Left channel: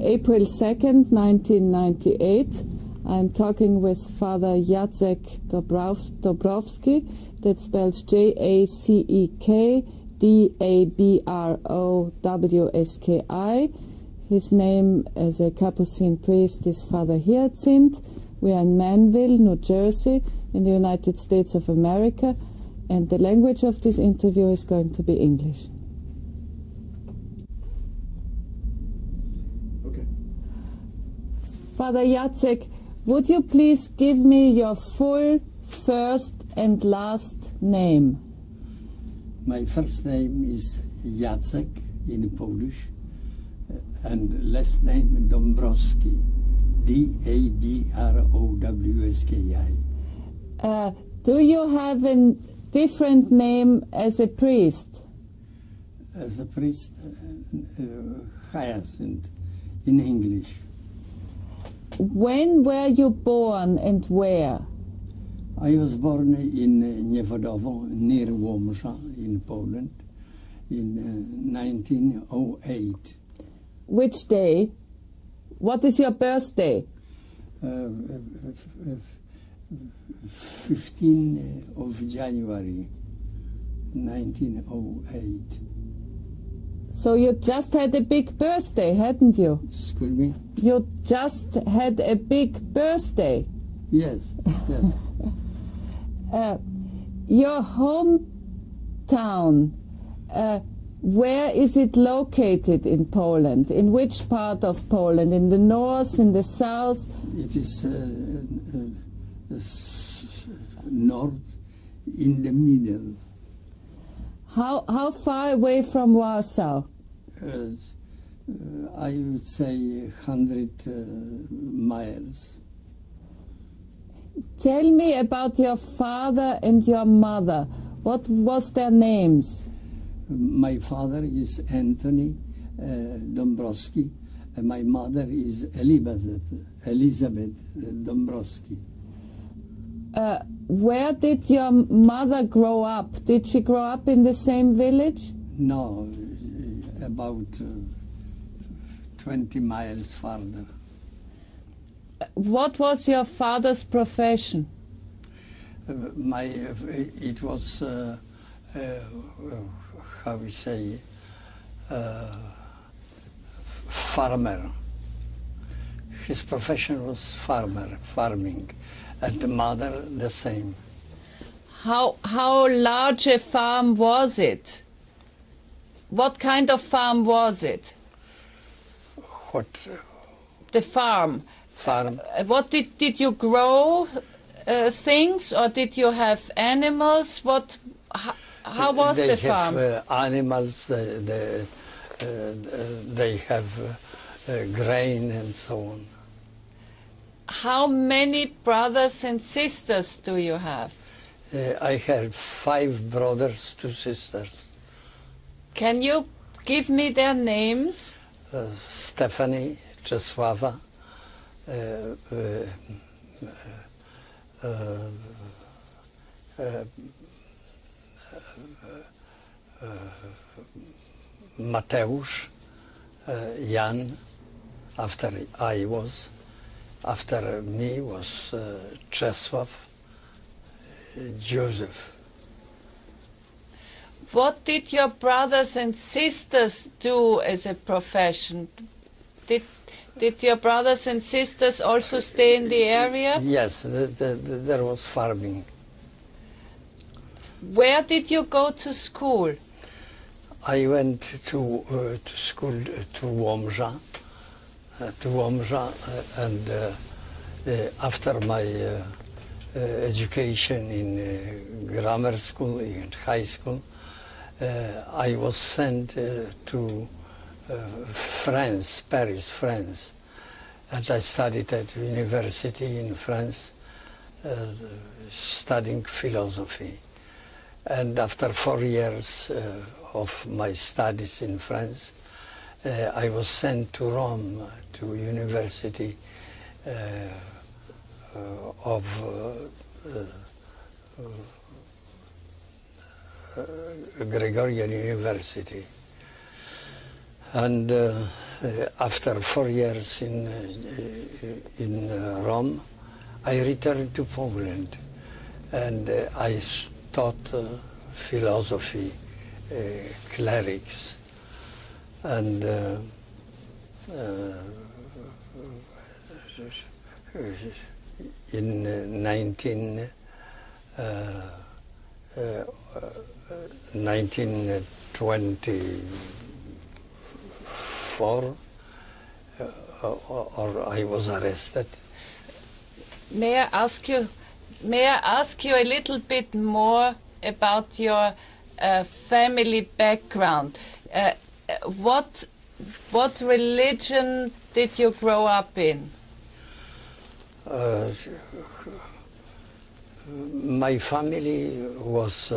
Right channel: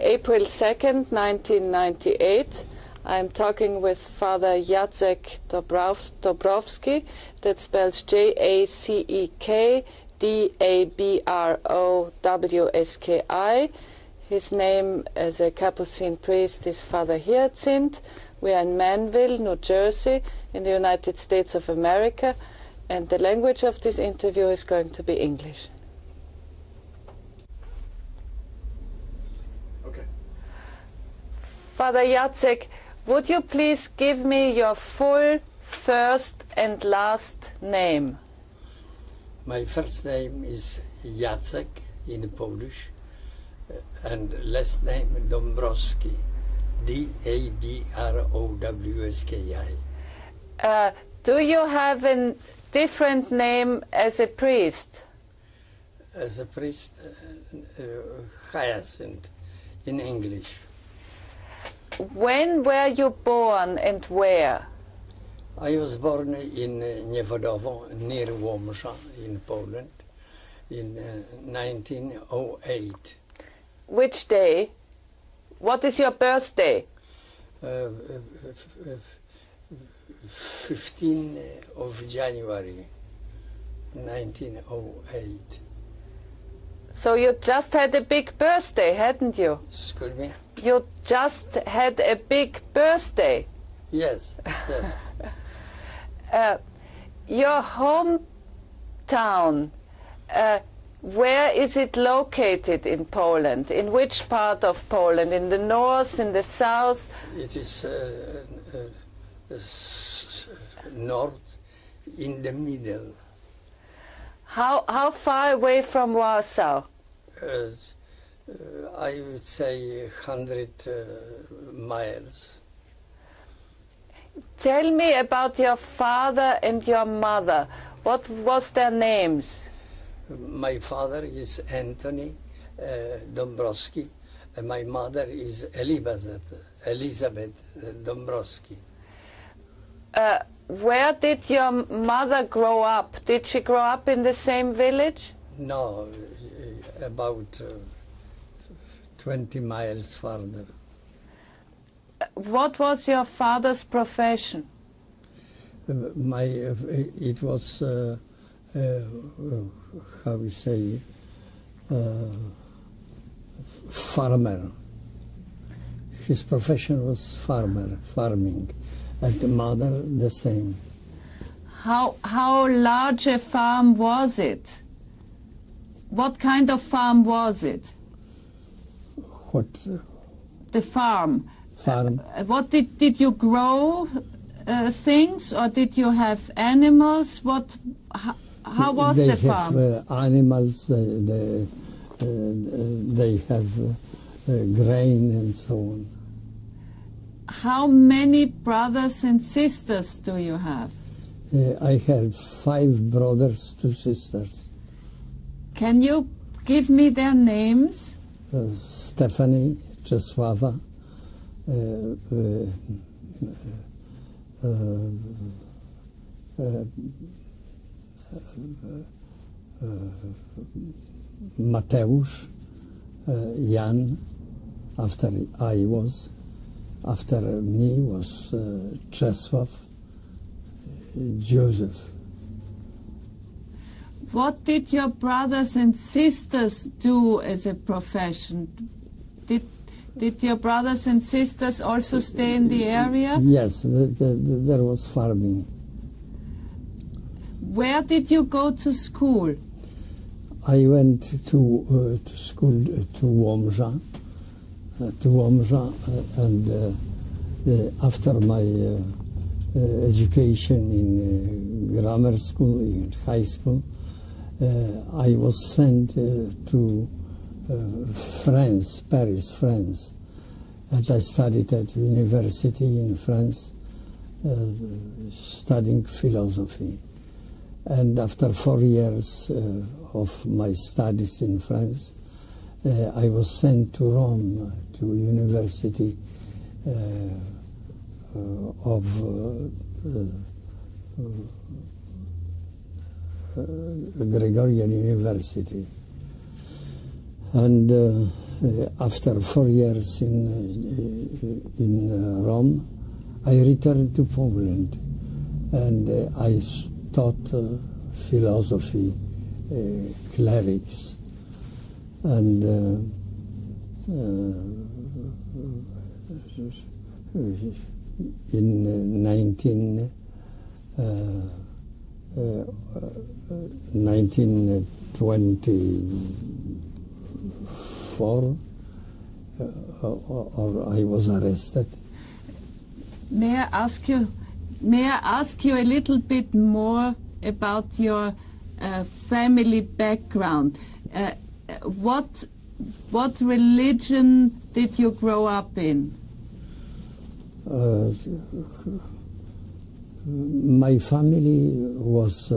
April 2nd, 1998. I'm talking with Father Jacek Dabrowski, that spells Jacek Dabrowski. His name as a Capuchin priest is Father Hyacinth. We are in Manville, New Jersey, in the United States of America, and the language of this interview is going to be English. Okay. Father Jacek, would you please give me your full first and last name? My first name is Jacek in Polish, and last name Dabrowski, Dabrowski. Do you have a different name as a priest? As a priest, Hyacinth in English. When were you born and where? I was born in Niewodowo, near Łomża in Poland, in 1908. Which day? What is your birthday? 15th of January, 1908. So you just had a big birthday, hadn't you? Excuse me? You just had a big birthday. Yes, yes. Your hometown, where is it located in Poland? In which part of Poland? In the north, in the south? It is north, in the middle. How far away from Warsaw? I would say 100 miles. Tell me about your father and your mother. What was their names? My father is Anthony Dabrowski, and my mother is Elizabeth Dabrowski. Where did your mother grow up? Did she grow up in the same village? No, about 20 miles farther. What was your father's profession? It was, how we say, farmer. His profession was farming, and the mother the same. How large a farm was it? What kind of farm was it? What? The farm. Farm. What did you grow things, or did you have animals? How was the farm? They have animals. They have grain and so on. How many brothers and sisters do you have? I have 5 brothers, 2 sisters. Can you give me their names? Stephanie, Czesława, Mateusz, Jan, after I was. After me was Czesław, Joseph. What did your brothers and sisters do as a profession? Did your brothers and sisters also stay in the area? Yes, there was farming. Where did you go to school? I went to school to Łomża, and after my education in grammar school, in high school, I was sent to France, Paris, France, and I studied at university in France, studying philosophy. And after 4 years of my studies in France, I was sent to Rome, to University of Gregorian University. And after 4 years in Rome, I returned to Poland, and I taught philosophy, clerics, and in 1924, or I was arrested. May I ask you a little bit more about your family background? What religion did you grow up in? My family was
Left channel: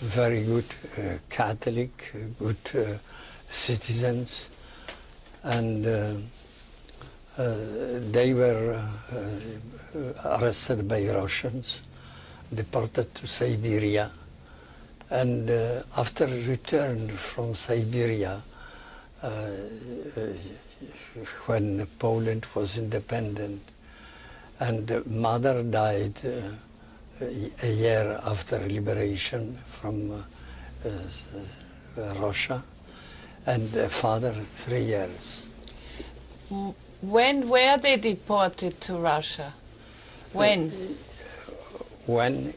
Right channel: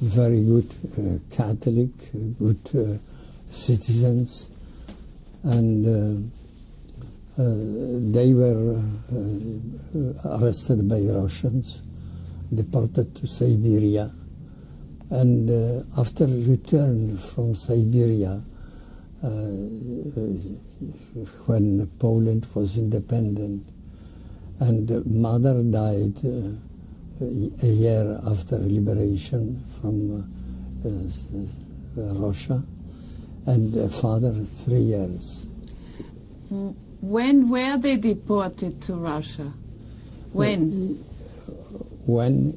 very good Catholic, good citizens, and they were arrested by Russians, deported to Siberia, and after return from Siberia, when Poland was independent, and mother died a year after liberation from Russia, and father 3 years. When were they deported to Russia? When? When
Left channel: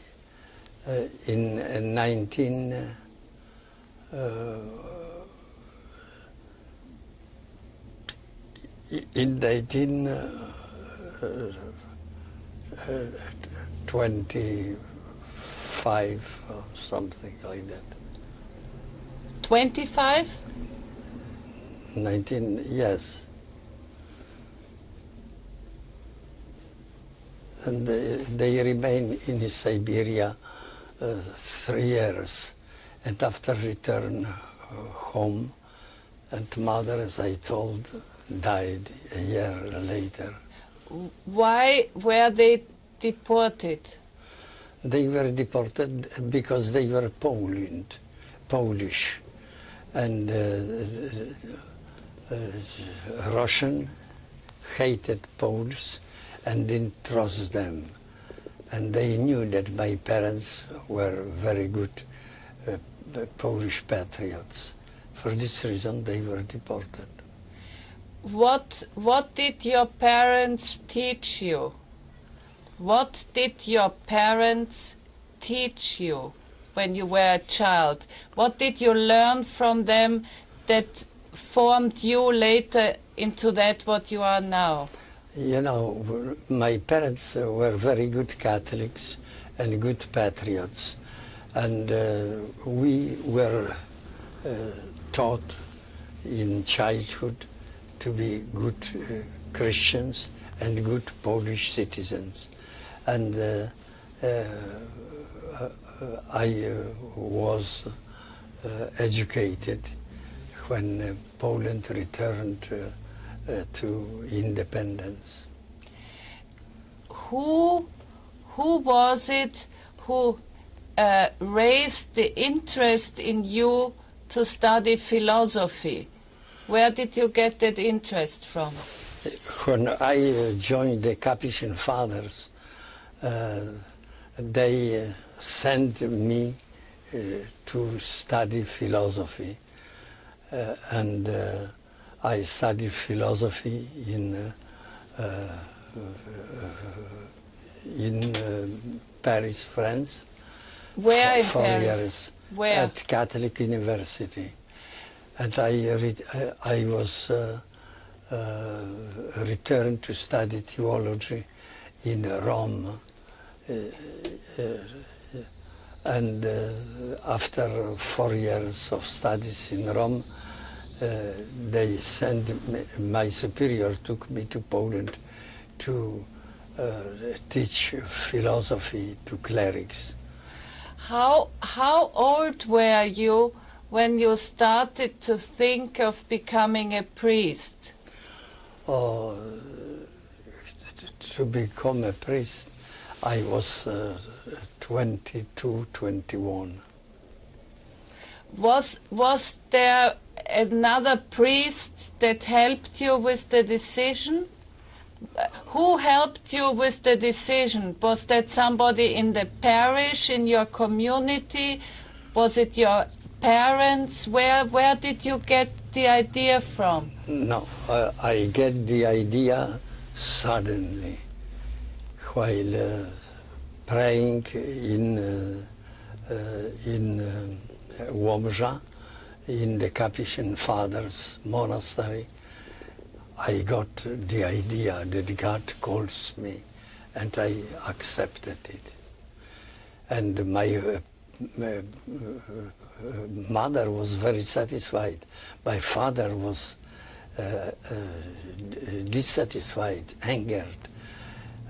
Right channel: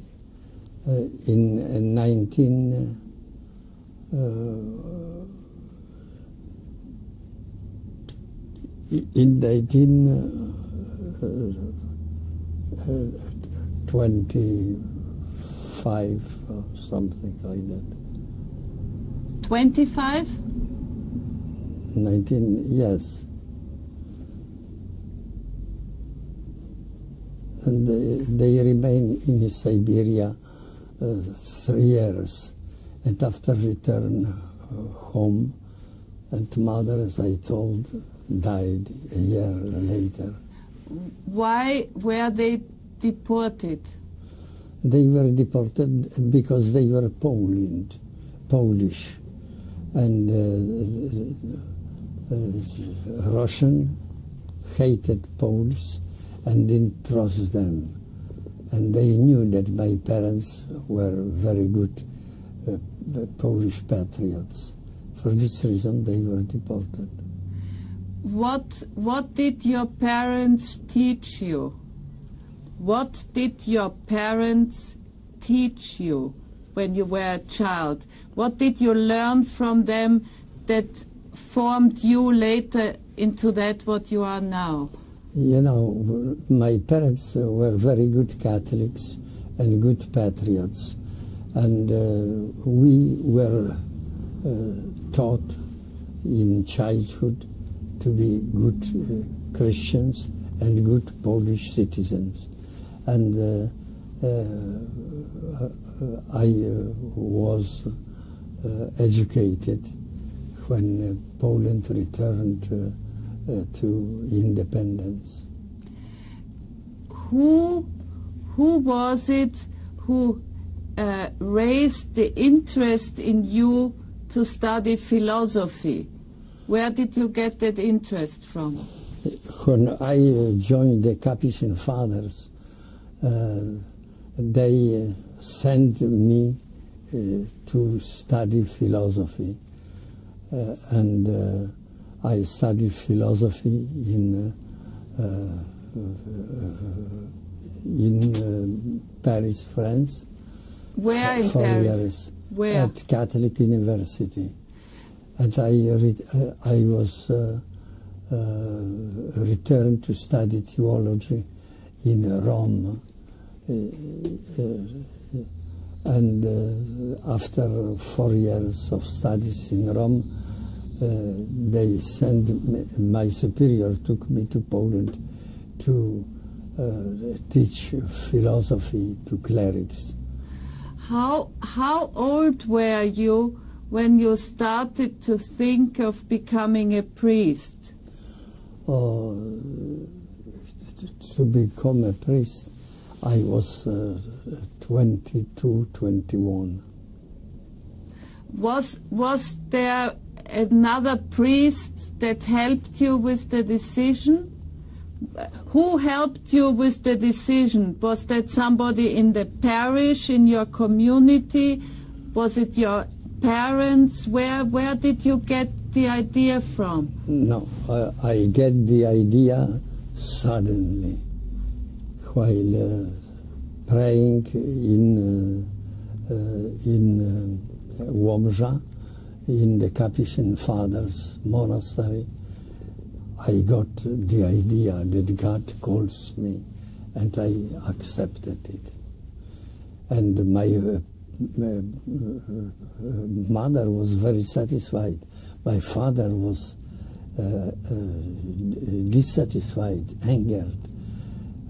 in 1925 or something like that. 25? 19, yes. And they remain in Siberia 3 years, and after return home, and mother, as I told, died a year later. Why were they deported? They were deported because they were Polish, and Russian hated Poles and didn't trust them. And they knew that my parents were very good Polish patriots. For this reason, they were deported. What did your parents teach you? What did your parents teach you when you were a child? What did you learn from them that formed you later into that what you are now? You know, my parents were very good Catholics and good patriots, and we were taught in childhood to be good Christians and good Polish citizens. And I was educated when Poland returned to independence. Who was it who raised the interest in you to study philosophy? Where did you get that interest from? When I joined the Capuchin Fathers, they sent me to study philosophy, and I studied philosophy in Paris, France. Where in 4 Paris? years. Where? At Catholic University. And I was returned to study theology in Rome. And after 4 years of studies in Rome, they sent my superior took me to Poland to teach philosophy to clerics. How old were you when you started to think of becoming a priest? To become a priest, I was 22, 21. Was there another priest that helped you with the decision? Who helped you with the decision? Was that somebody in the parish, in your community? Was it your parents? Where did you get the idea from? No, I get the idea suddenly while praying in Łomża, in the Capuchin Fathers Monastery. I got the idea that God calls me, and I accepted it. And my mother was very satisfied. My father was dissatisfied, angered,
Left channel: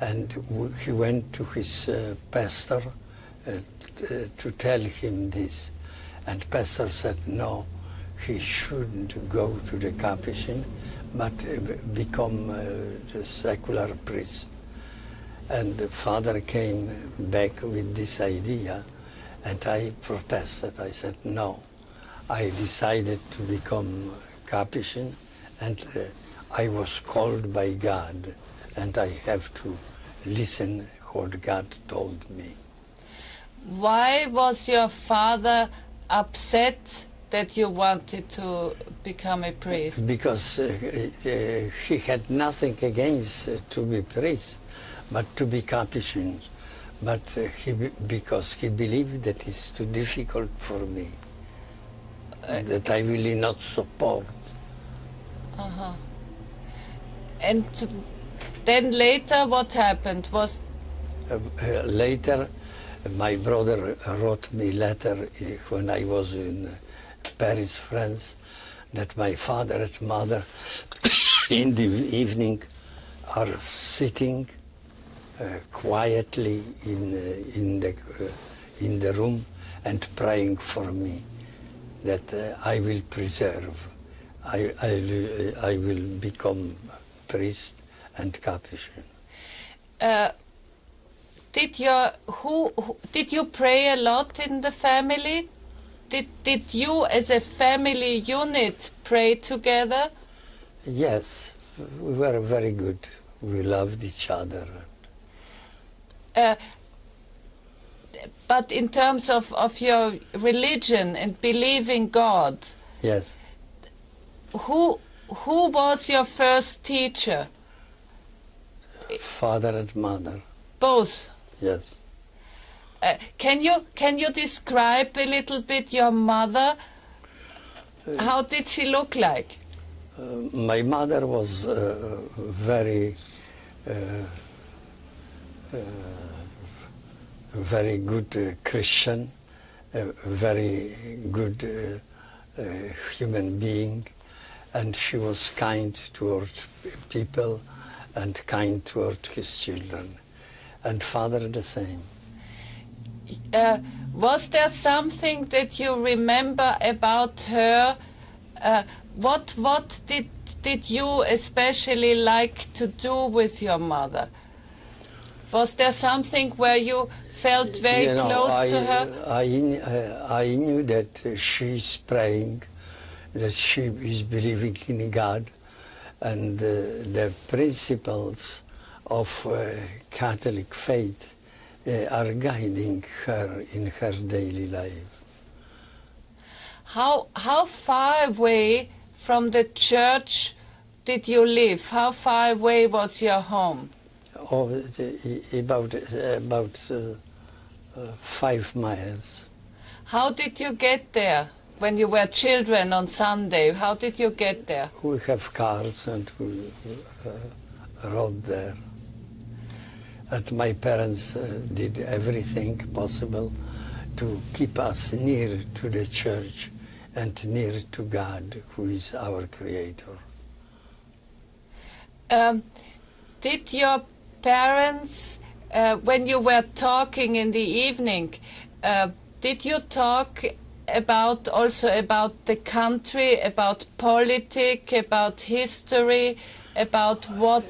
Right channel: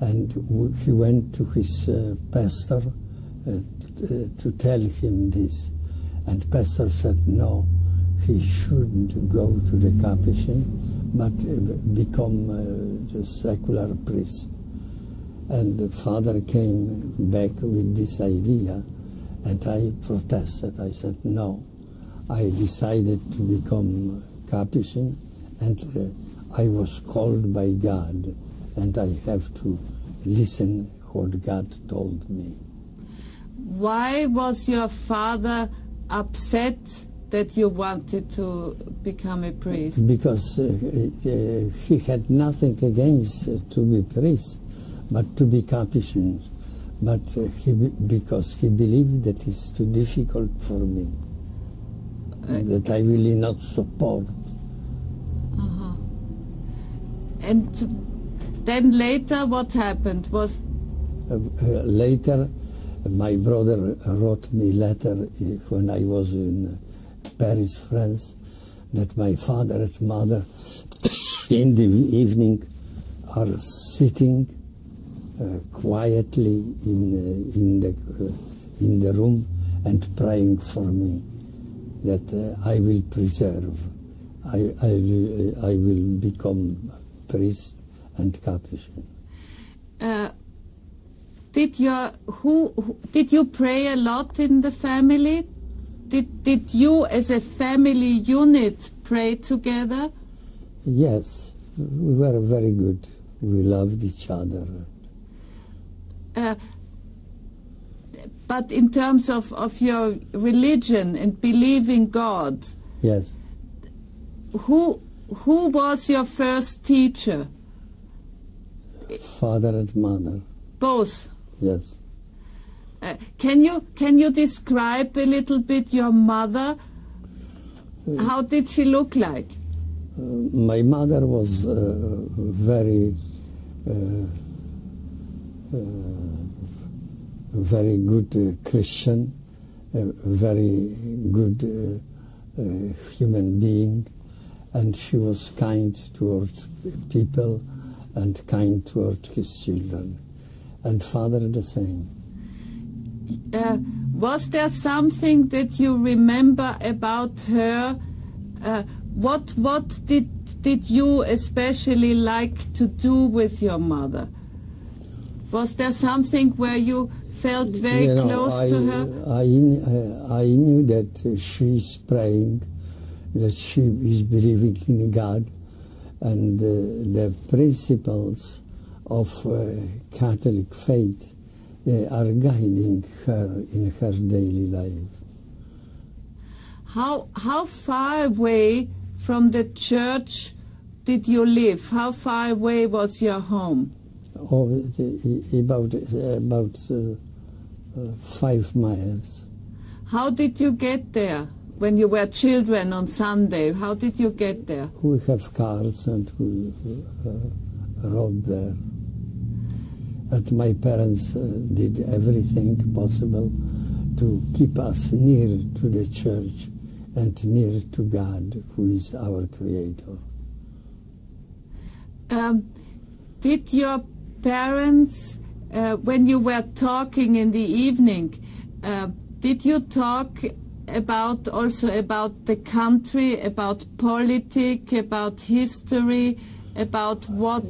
and he went to his pastor to tell him this. And pastor said, no, he shouldn't go to the Capuchin, but become a secular priest. And the father came back with this idea, and I protested. I said, no. I decided to become Capuchin, and I was called by God, and I have to listen what God told me. Why was your father upset that you wanted to become a priest? Because he had nothing against to be priest, but to be Capuchin. But because he believed that it's too difficult for me, that I will not support. And then later what happened? Was Later, my brother wrote me a letter when I was in Paris, France, that my father and mother in the evening are sitting quietly in the room and praying for me, that I will preserve, I will become priest and Capuchin. Did you pray a lot in the family? Did you, as a family unit, pray together? Yes, we were very good. We loved each other. But in terms of your religion and believing God, yes. Who was your first teacher? Father and mother. Both. Yes. Can you describe a little bit your mother? How did she look like? My mother was very good Christian, a very good human being, and she was kind towards people and kind towards his children. And father the same. Was there something that you remember about her? What did you especially like to do with your mother? Was there something where you felt very close to her? I knew that she is praying, that she is believing in God, and the principles of Catholic faith are guiding her in her daily life. How far away from the church did you live? How far away was your home? Oh, about 5 miles. How did you get there when you were children on Sunday? How did you get there? We have cars and we rode there. And my parents did everything possible to keep us near to the church and near to God, who is our Creator. Did your parents, when you were talking in the evening, did you talk also about the country, about politics, about history, about what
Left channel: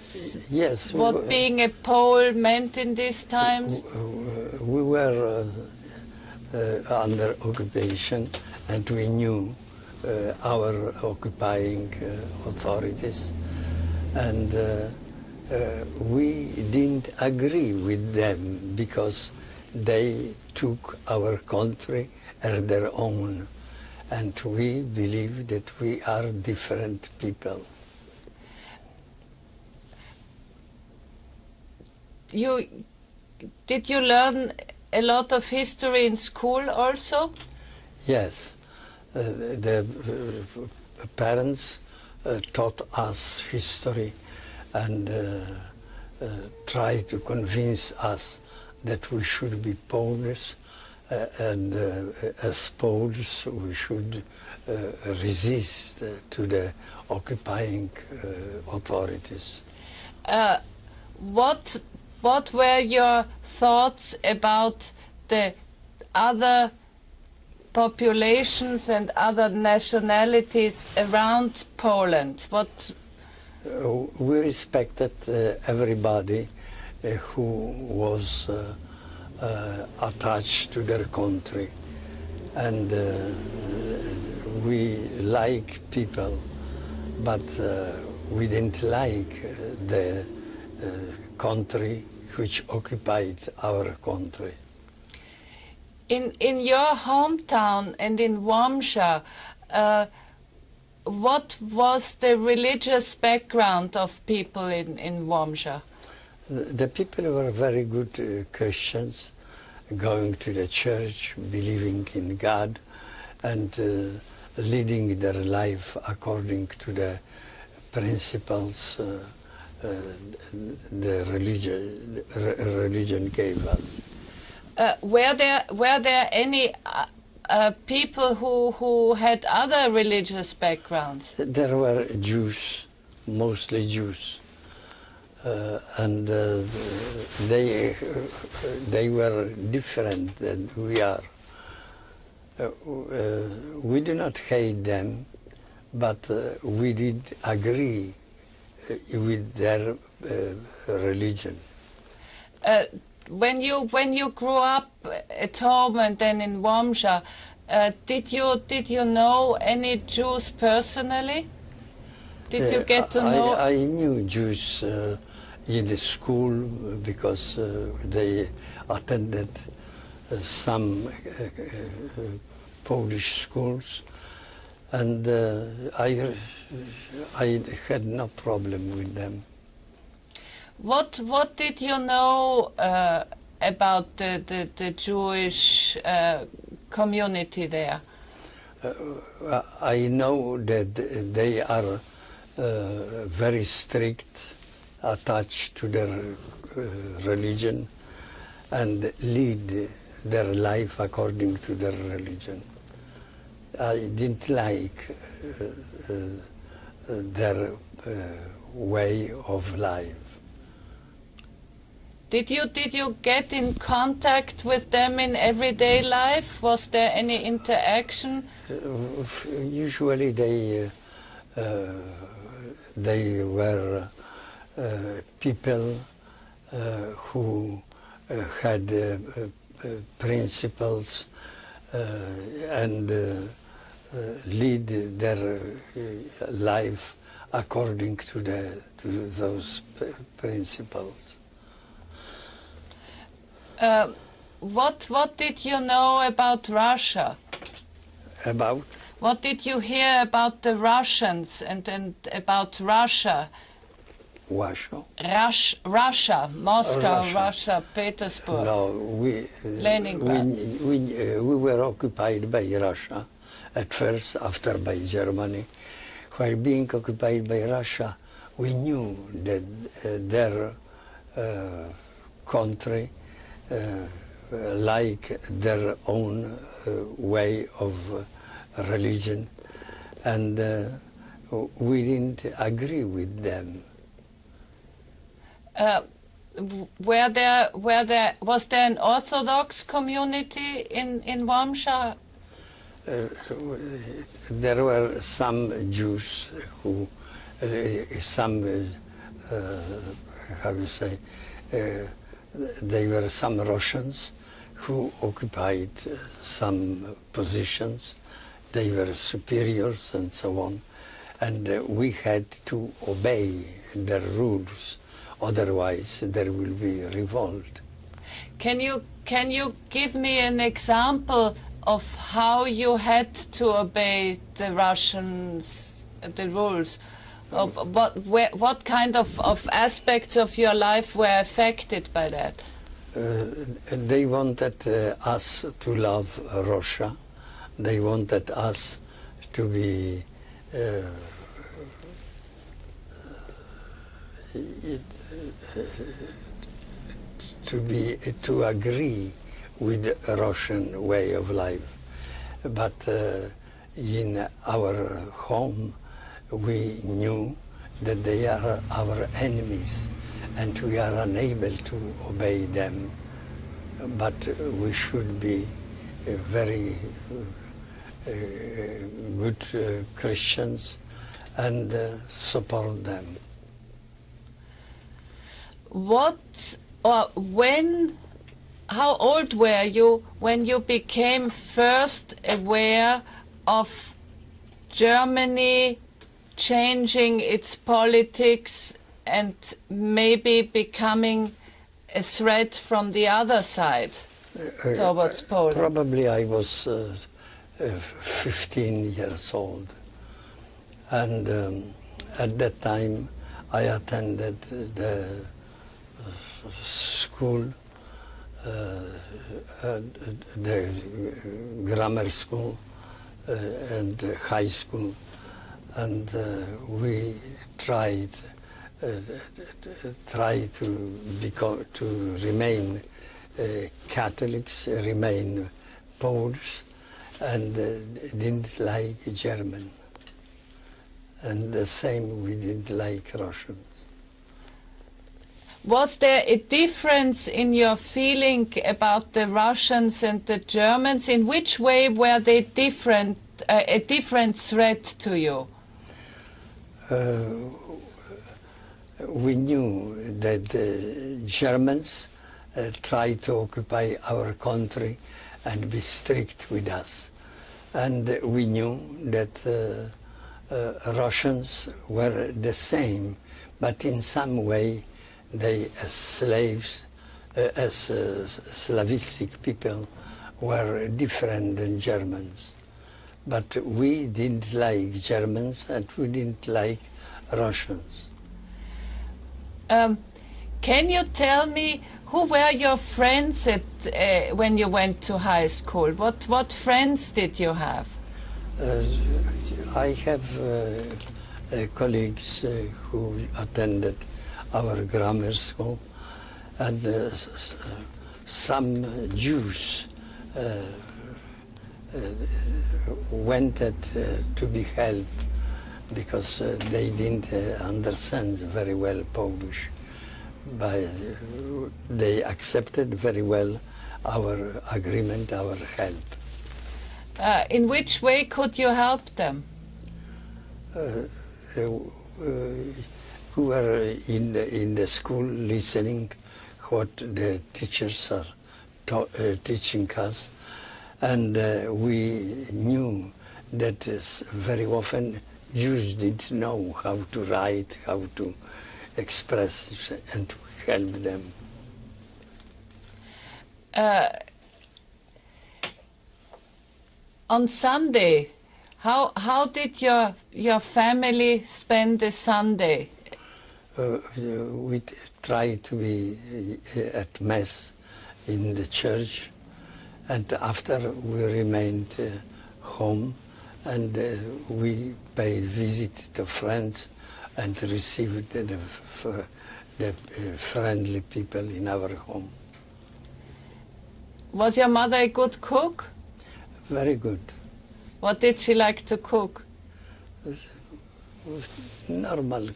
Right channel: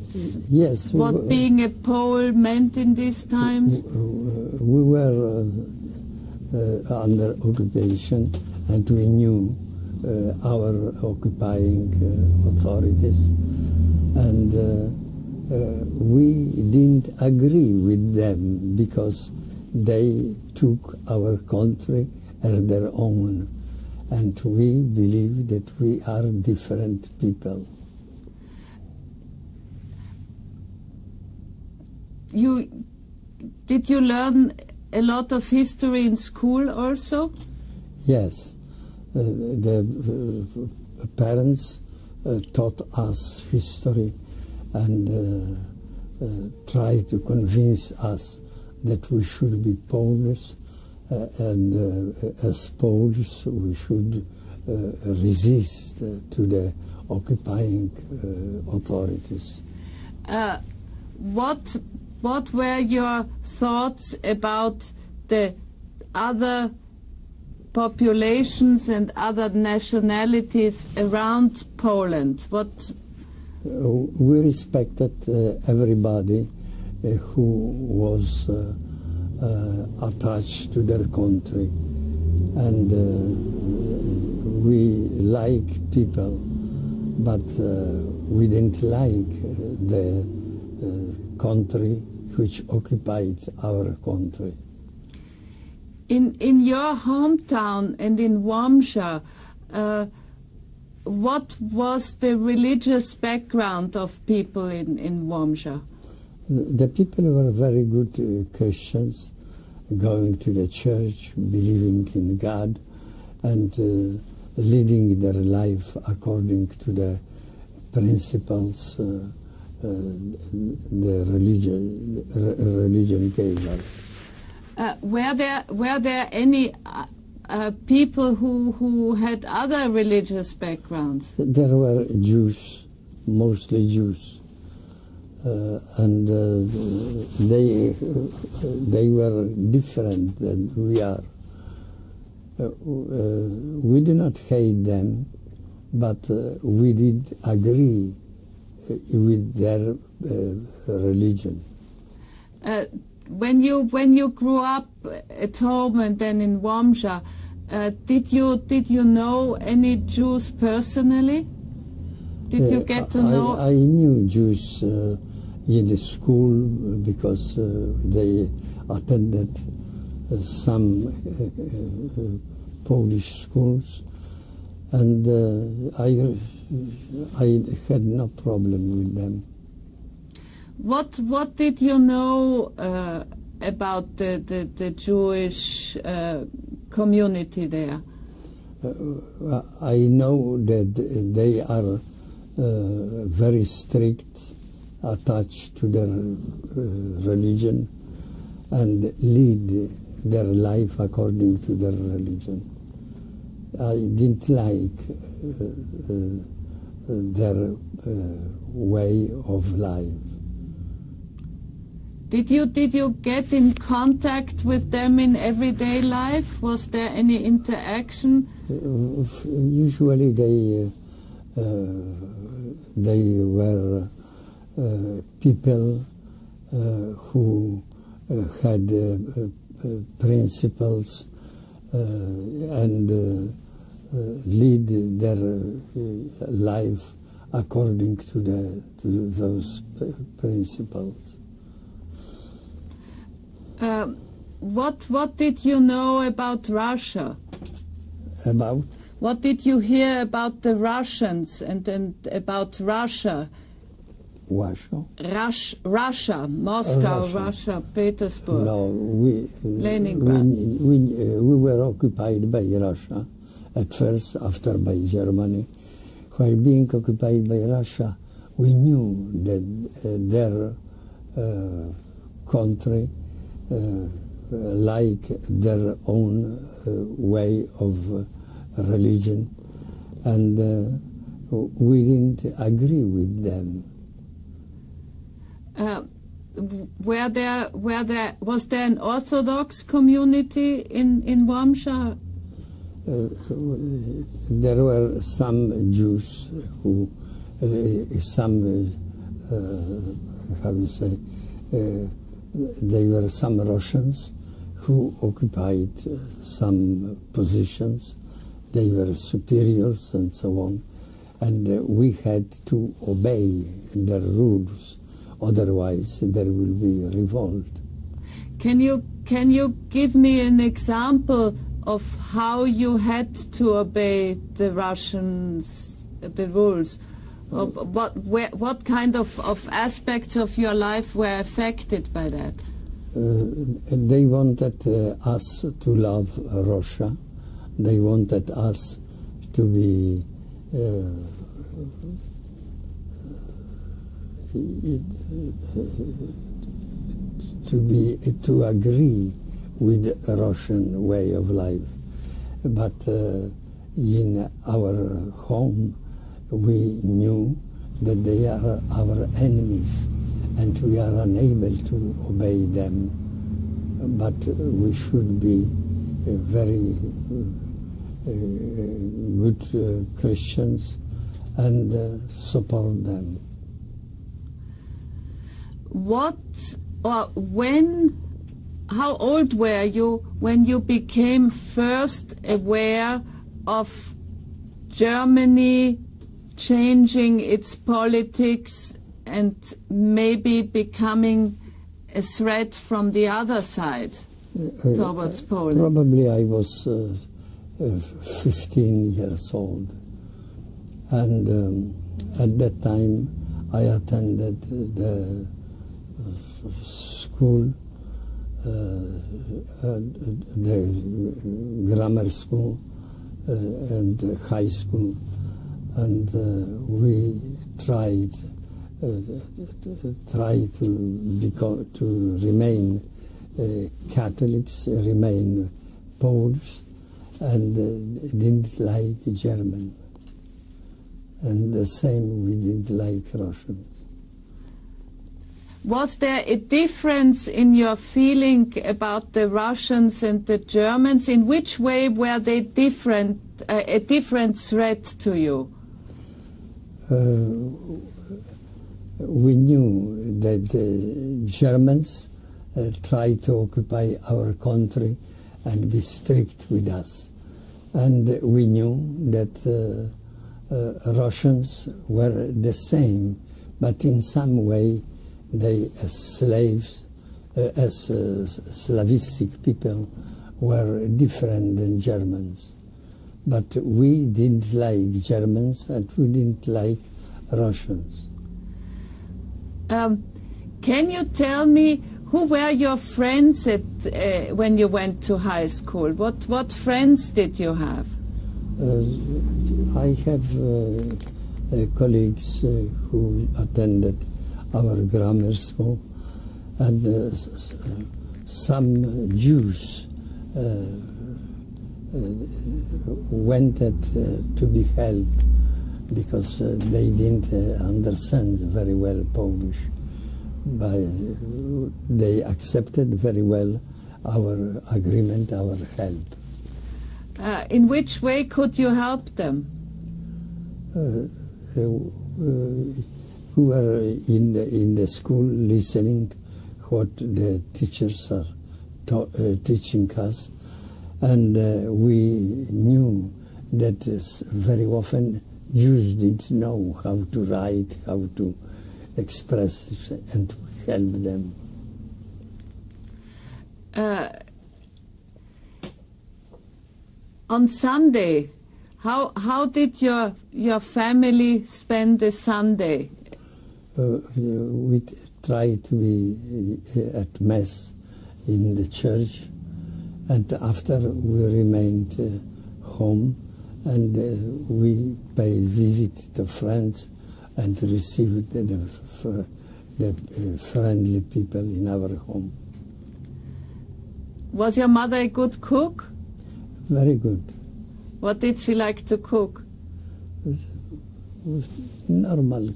being a Pole meant in these times? We were under occupation, and we knew our occupying authorities, and we didn't agree with them because they took our country as their own, and we believe that we are different people. Did you learn a lot of history in school also? Yes, the parents taught us history and tried to convince us that we should be Polish, and as Poles we should resist to the occupying authorities. What were your thoughts about the other populations and other nationalities around Poland? We respected everybody who was attached to their country, and we like people, but we didn't like the country which occupied our country. In your hometown and in Łomża, what was the religious background of people in Łomża? The people were very good Christians, going to the church, believing in God, and leading their life according to the principles the religion gave us. Were there any people who had other religious backgrounds? There were Jews, mostly Jews, and they were different than we are. We do not hate them, but we did agree with their religion. When you grew up at home and then in Łomża, did you know any Jews personally? Did you get to know? I knew Jews in the school because they attended some Polish schools, and I had no problem with them. What did you know about the Jewish community there? I know that they are very strict, attached to their religion, and lead their life according to their religion. I didn't like their way of life. Did you get in contact with them in everyday life? Was there any interaction? Usually they were people who had principles and lead their life according to those principles. What did you know about Russia? About? What did you hear about the Russians and about Russia? Russia? Russia, Moscow, Russia, Petersburg. No, Leningrad. We were occupied by Russia at first, after by Germany. While being occupied by Russia, we knew that their country like their own way of religion, and we didn't agree with them. Was there an Orthodox community in Łomża? There were some Jews who, some, how you say, there were some Russians who occupied some positions they were superiors and so on, and we had to obey their rules, otherwise there will be revolt. Can you give me an example of how you had to obey the Russians, the rules? What kind of aspects of your life were affected by that? They wanted us to love Russia. They wanted us to be to agree with the Russian way of life. But in our home, we knew that they are our enemies and we are unable to obey them. But we should be very good Christians and support them. How old were you when you became first aware of Germany changing its politics and maybe becoming a threat from the other side towards Poland? Probably I was 15 years old, and at that time I attended the school, the grammar school and high school, and we tried to remain Catholics, remain Poles, and didn't like German. And the same, we didn't like Russians. Was there a difference in your feeling about the Russians and the Germans? In which way were they different, a different threat to you? We knew that the Germans tried to occupy our country and be strict with us. And we knew that Russians were the same, but in some way they, as slaves, as Slavistic people, were different than Germans. But we didn't like Germans and we didn't like Russians. Can you tell me who were your friends when you went to high school? What friends did you have? I have colleagues who attended our grammar school, and some Jews wanted to be helped because they didn't understand very well Polish. But they accepted very well our agreement, our help. In which way could you help them? We were in the school listening what the teachers are teaching us, and we knew that very often Jews didn't know how to write, how to express, and we help them. On Sunday, how did your family spend the Sunday? We tried to be at Mass in the church, and after we remained home, and we paid visit to friends and received the friendly people in our home. Was your mother a good cook? Very good. What did she like to cook? Normal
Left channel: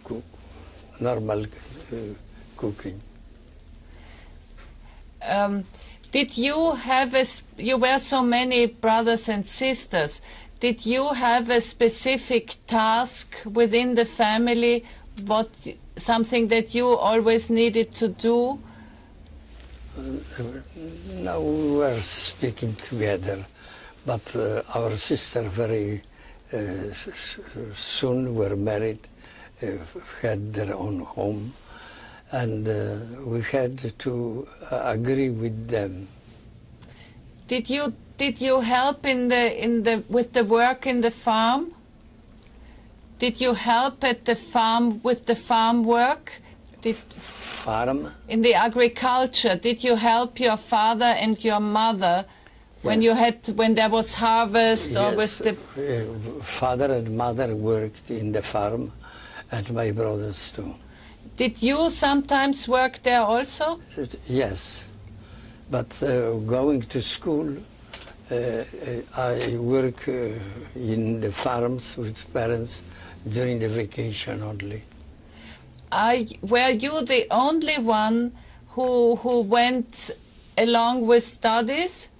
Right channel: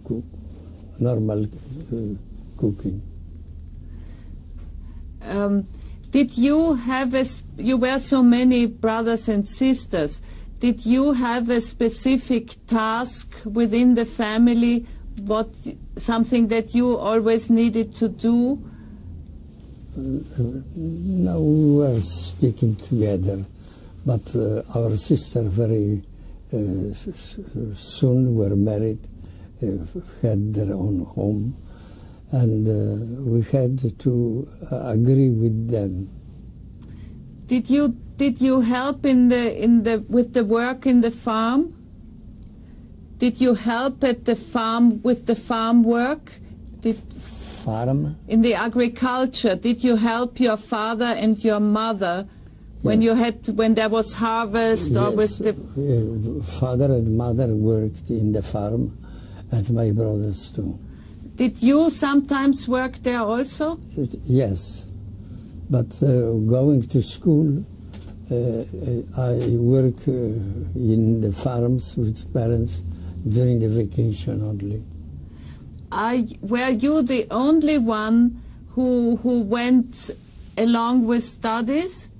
cooking. Did you have you were so many brothers and sisters, did you have a specific task within the family, something that you always needed to do? No, we were speaking together. But our sister very soon were married, had their own home, and we had to agree with them. Did you help with the work in the farm? Did you help at the farm with the farm work? Farm? In the agriculture, did you help your father and your mother when there was harvest? Yes, or with the father and mother worked in the farm, and my brothers too. Did you sometimes work there also? Yes, but going to school, I work in the farms with parents during the vacation only. Were you the only one who went along with studies?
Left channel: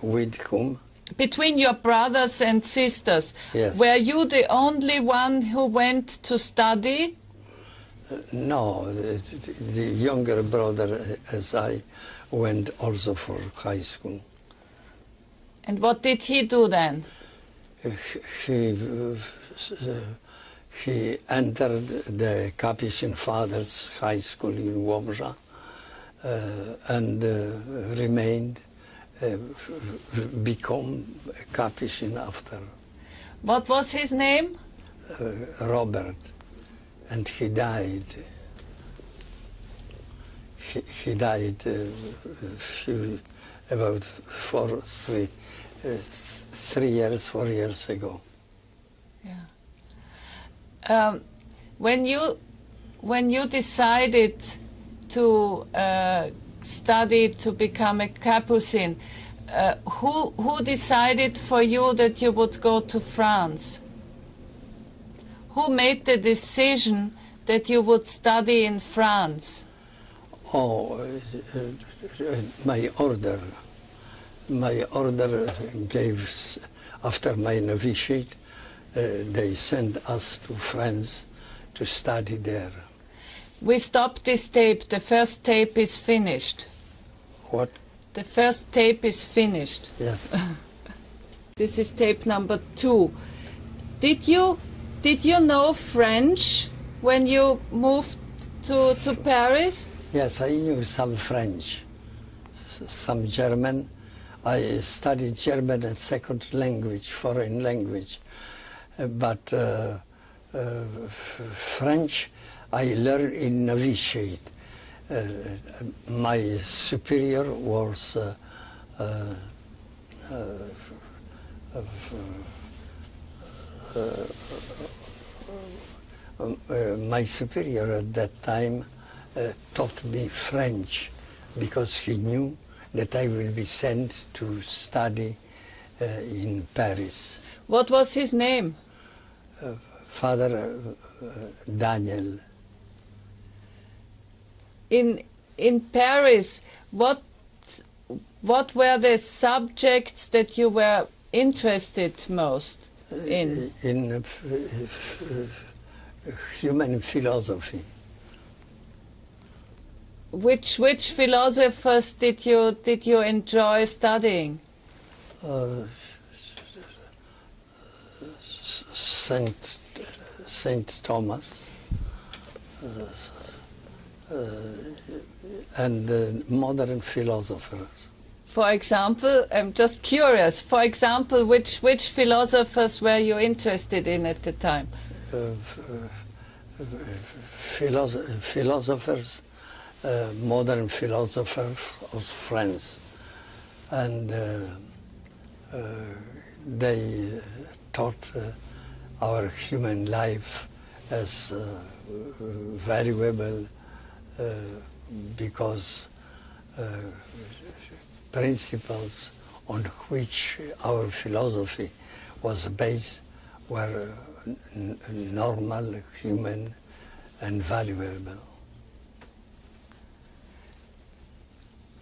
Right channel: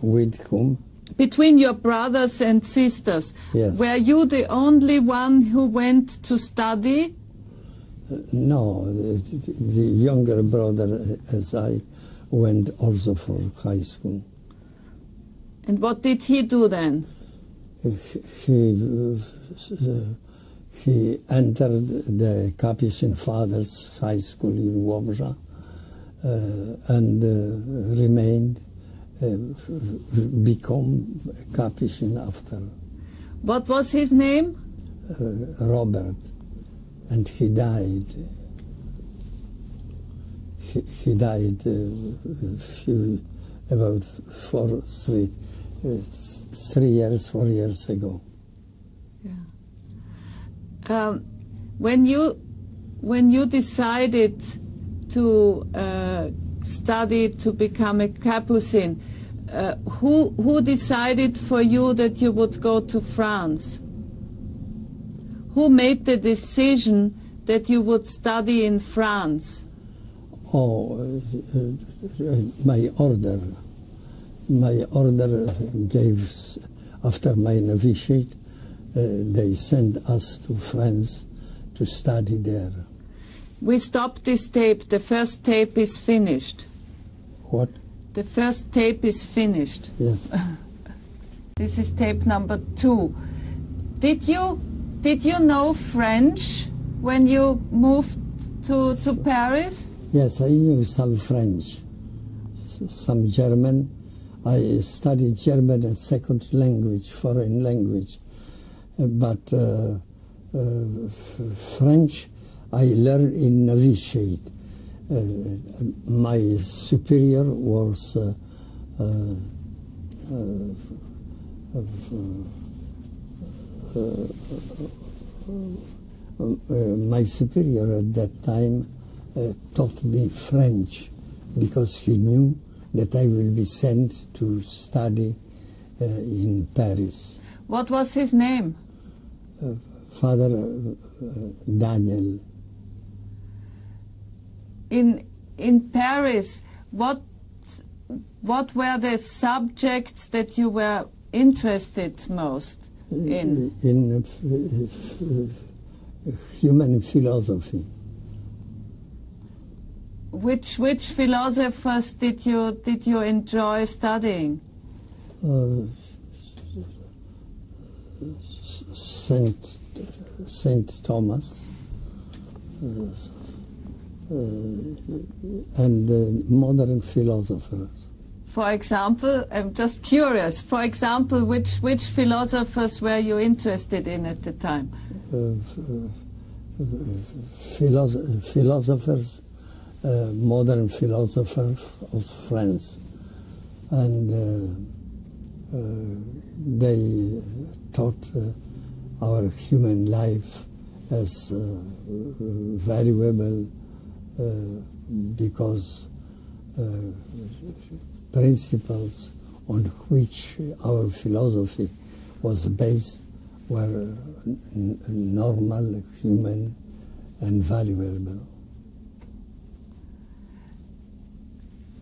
With whom? Between your brothers and sisters. Yes. Were you the only one who went to study? No, the younger brother as I went also for high school. And what did he do then? He entered the Capuchin Fathers High School in Łomża and remained, become a Capuchin after. What was his name? Robert, and he died. He died about 4 years ago. Yeah. When you decided to study to become a Capuchin, who decided for you that you would go to France? Who made the decision that you would study in France? Oh, my order. My order gave, after my novitiate, they sent us to France to study there. We stopped this tape. The first tape is finished. What? The first tape is finished. Yes. This is tape number 2. Did you know French when you moved to Paris? Yes, I knew some French, some German. I studied German as second language, foreign language. But French I learned in novitiate. My superior was my superior at that time taught me French because he knew that I will be sent to study in Paris. What was his name? Father Daniel. In Paris, what were the subjects that you were interested most in? In human philosophy. Which philosophers did you enjoy studying? Saint Thomas and modern philosophers. For example, I'm just curious. For example, which philosophers were you interested in at the time? Philosophers, modern philosophers of France, and they taught our human life as valuable because principles on which our philosophy was based were normal, human, and valuable.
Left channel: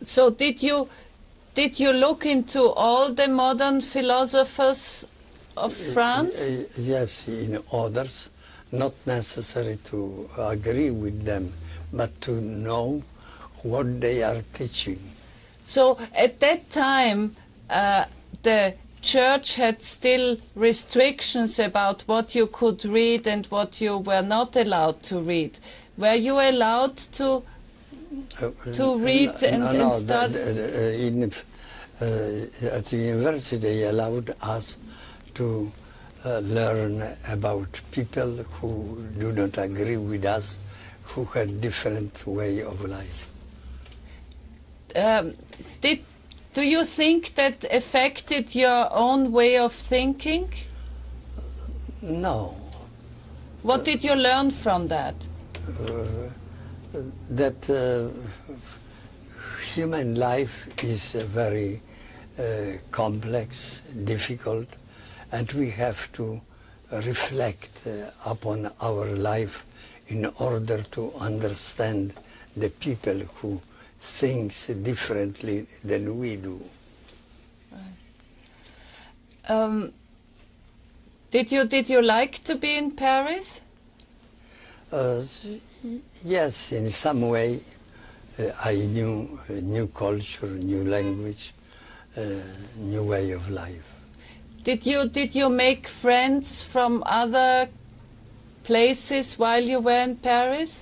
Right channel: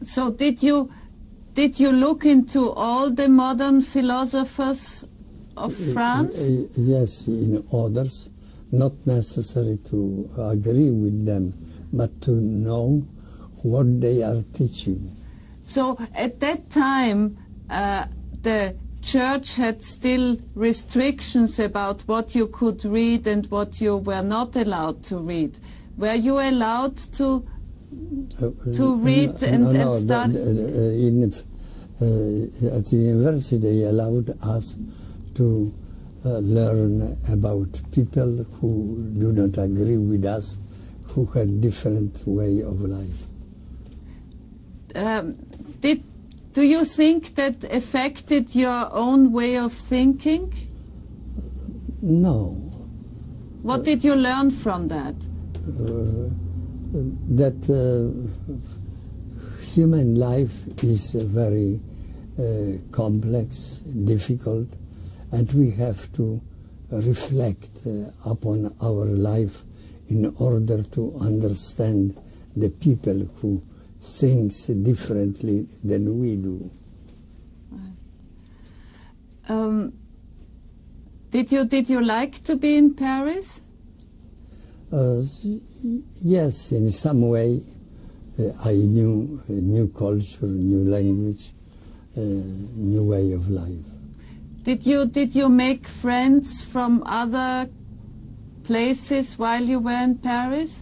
So did you look into all the modern philosophers of France? Yes, in others, not necessary to agree with them, but to know what they are teaching. So at that time, the church had still restrictions about what you could read and what you were not allowed to read. Were you allowed to read and study? At the university, they allowed us to learn about people who do not agree with us, who had different way of life. Do you think that affected your own way of thinking? No. What did you learn from that? That human life is very complex, difficult, and we have to reflect upon our life in order to understand the people who think differently than we do. Did you like to be in Paris? Yes, in some way. I knew new culture, new language, new way of life. Did you make friends from other places while you were in Paris?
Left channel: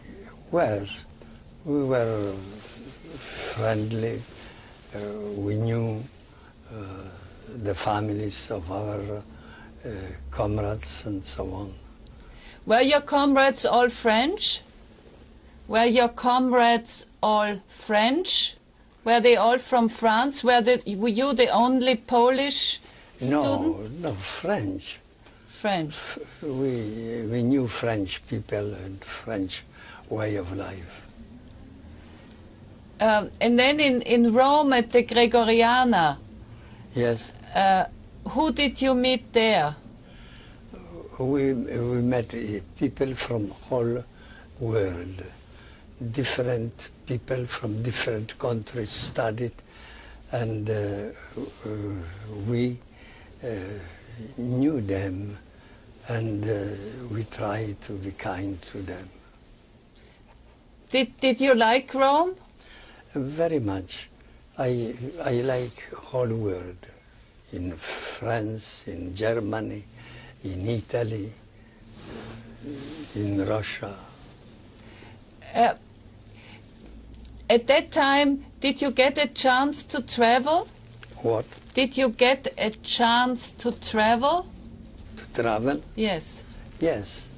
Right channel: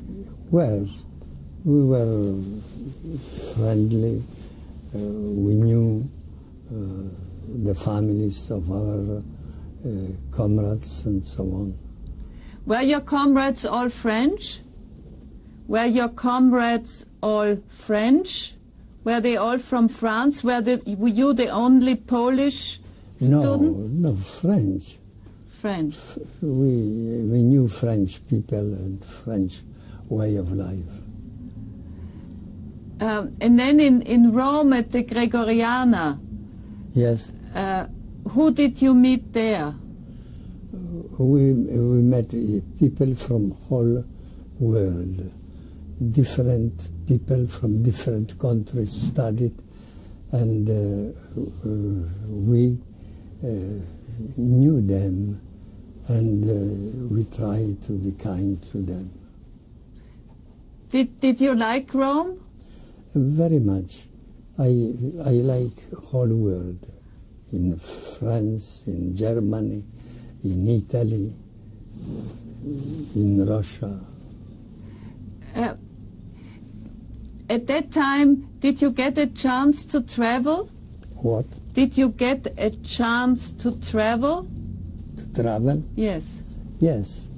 Well, we were friendly. We knew the families of our comrades and so on. Were your comrades all French? Were your comrades all French? Were they all from France? Were you the only Polish student? No, French. French. We knew French people and French way of life. And then in Rome at the Gregoriana, yes. Who did you meet there? We met people from whole world. Different people from different countries studied, and we knew them, and we tried to be kind to them. Did you like Rome? Very much. I like whole world. In France, in Germany, in Italy, in Russia. At that time, did you get a chance to travel? What? Did you get a chance to travel? To travel? Yes. Yes.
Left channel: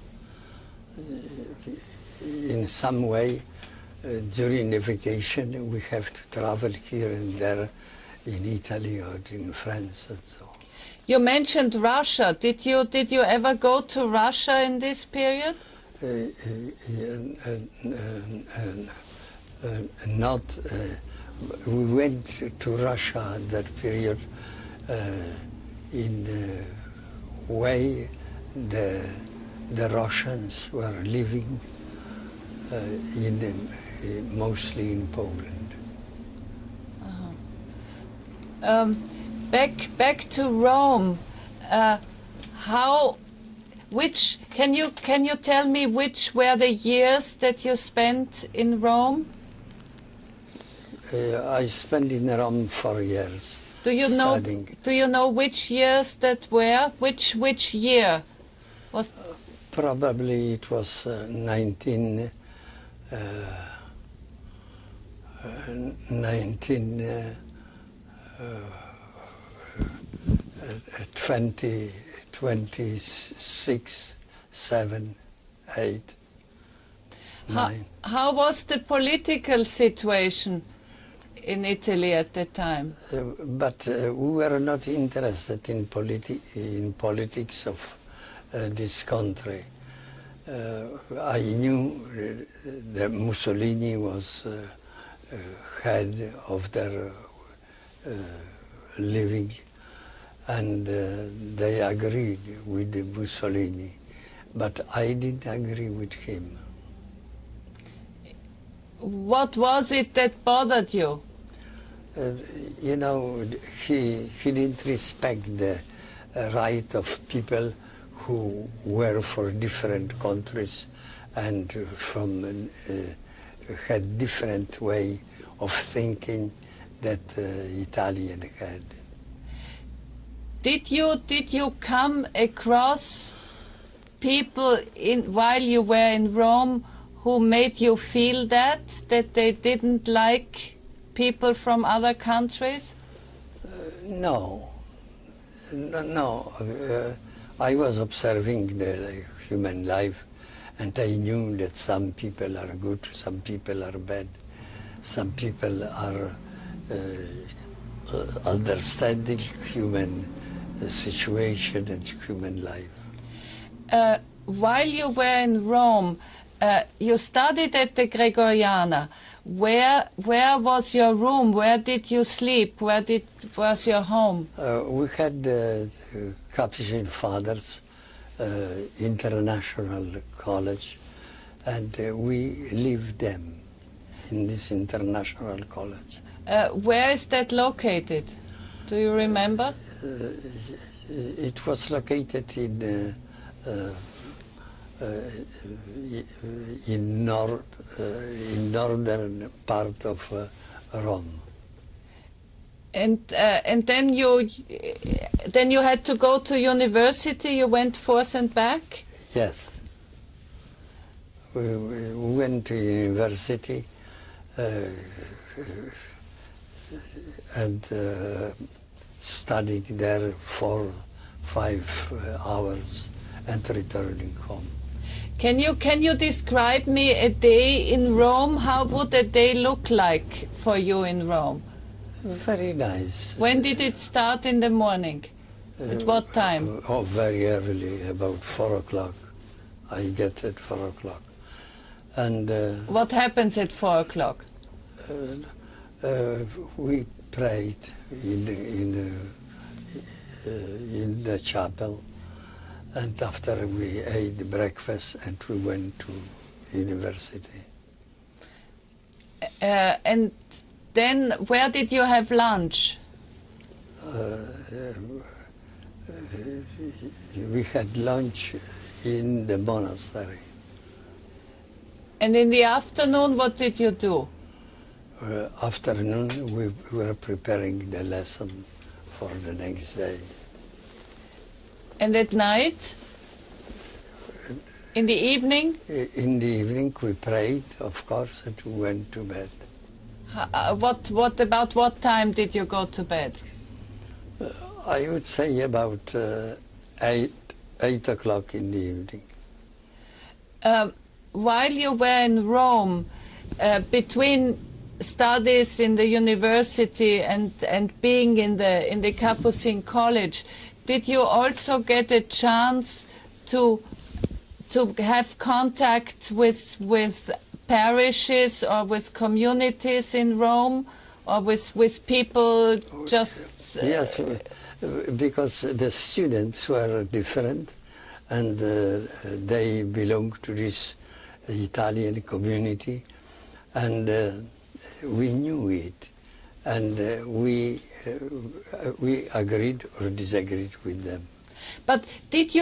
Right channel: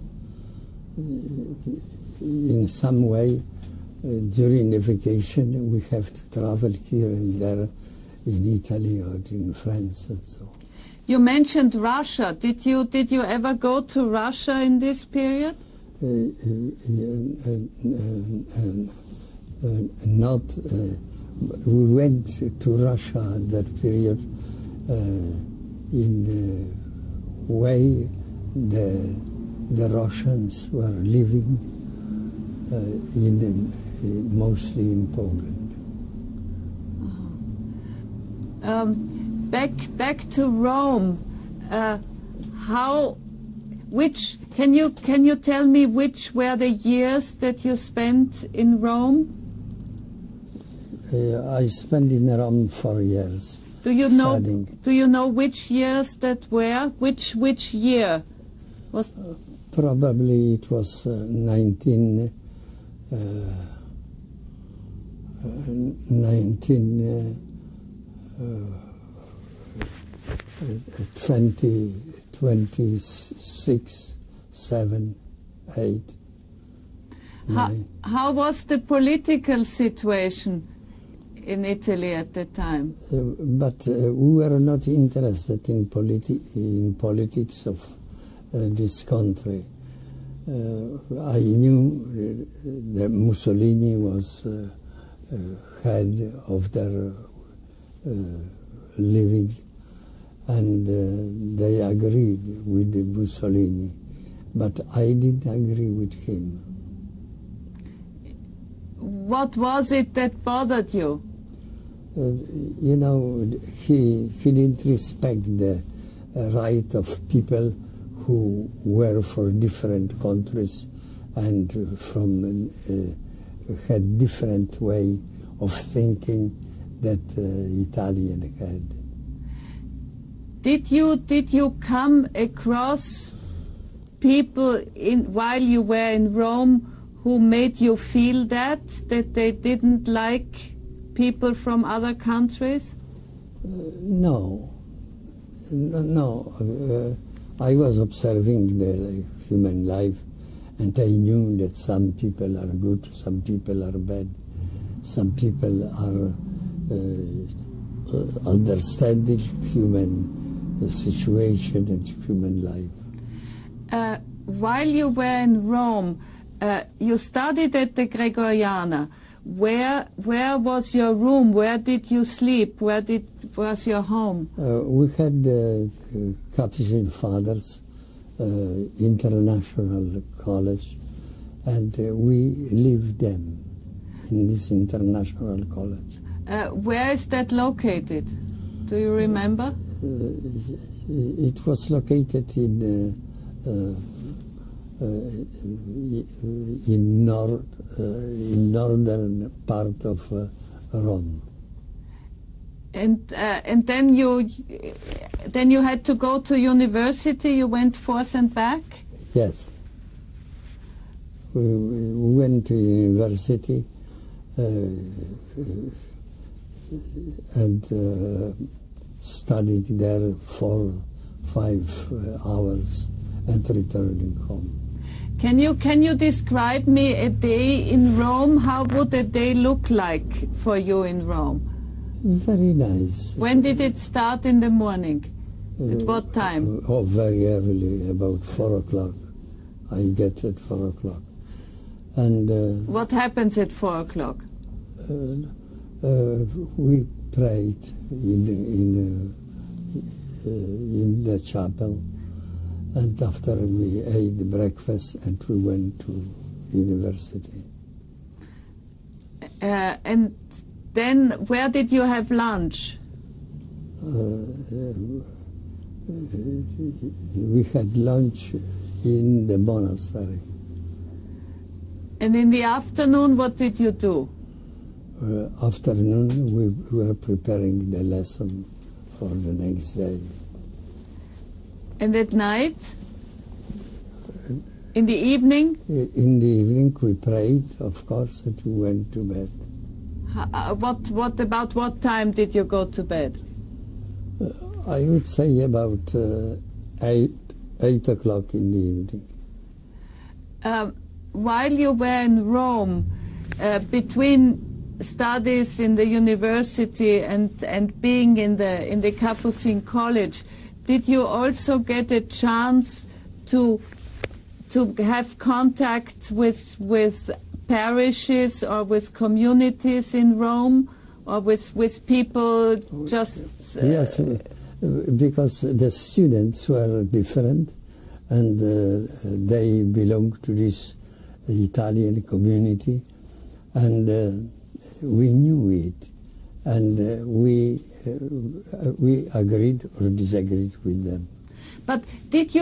In some way, during the vacation, we have to travel here and there in Italy or in France and so on. You mentioned Russia. Did you ever go to Russia in this period? Not. We went to Russia at that period in the way the Russians were living mostly in Poland. Back to Rome. Can you tell me which were the years that you spent in Rome? I spent in Rome 4 years. Do you studying. know which years that were? Which year was? Probably it was 20 26, 7, 8, 9. How was the political situation in Italy at that time? But we were not interested in politics of this country. I knew that Mussolini was head of their living, and they agreed with Mussolini, but I didn't agree with him. What was it that bothered you? You know, he didn't respect the right of people who were for different countries and had different way of thinking that Italian had. Did you come across people while you were in Rome who made you feel that they didn't like people from other countries? No. I was observing the human life, and I knew that some people are good, some people are bad, some people are understanding human situation and human life. While you were in Rome, you studied at the Gregoriana. Where was your room? Where did you sleep? Where was your home? We had Capuchin Fathers International College, and we lived them in this international college. Where is that located? Do you remember? It was located in northern part of Rome. And then you had to go to university. You went forth and back. Yes, we went to university and studied there 4-5 hours and returning home. Can you describe me a day in Rome? How would a day look like for you in Rome? Very nice. When did it start in the morning? At what time? Oh, very early, about 4 o'clock. I get at 4 o'clock. And what happens at 4 o'clock? We prayed in the chapel, and after we ate breakfast, and we went to university. And then where did you have lunch? We had lunch in the monastery. And in the afternoon, what did you do? Afternoon, we were preparing the lesson for the next day. And at night? In the evening? In the evening, we prayed, of course, and we went to bed. About what time did you go to bed? I would say about 8 o'clock in the evening. While you were in Rome, between studies in the university and being in the Capuchin College, did you also get a chance to have contact with parishes or with communities in Rome, or with people just... Yes, because the students were different, and they belonged to this Italian community, and we knew it, and we agreed or disagreed with them. But did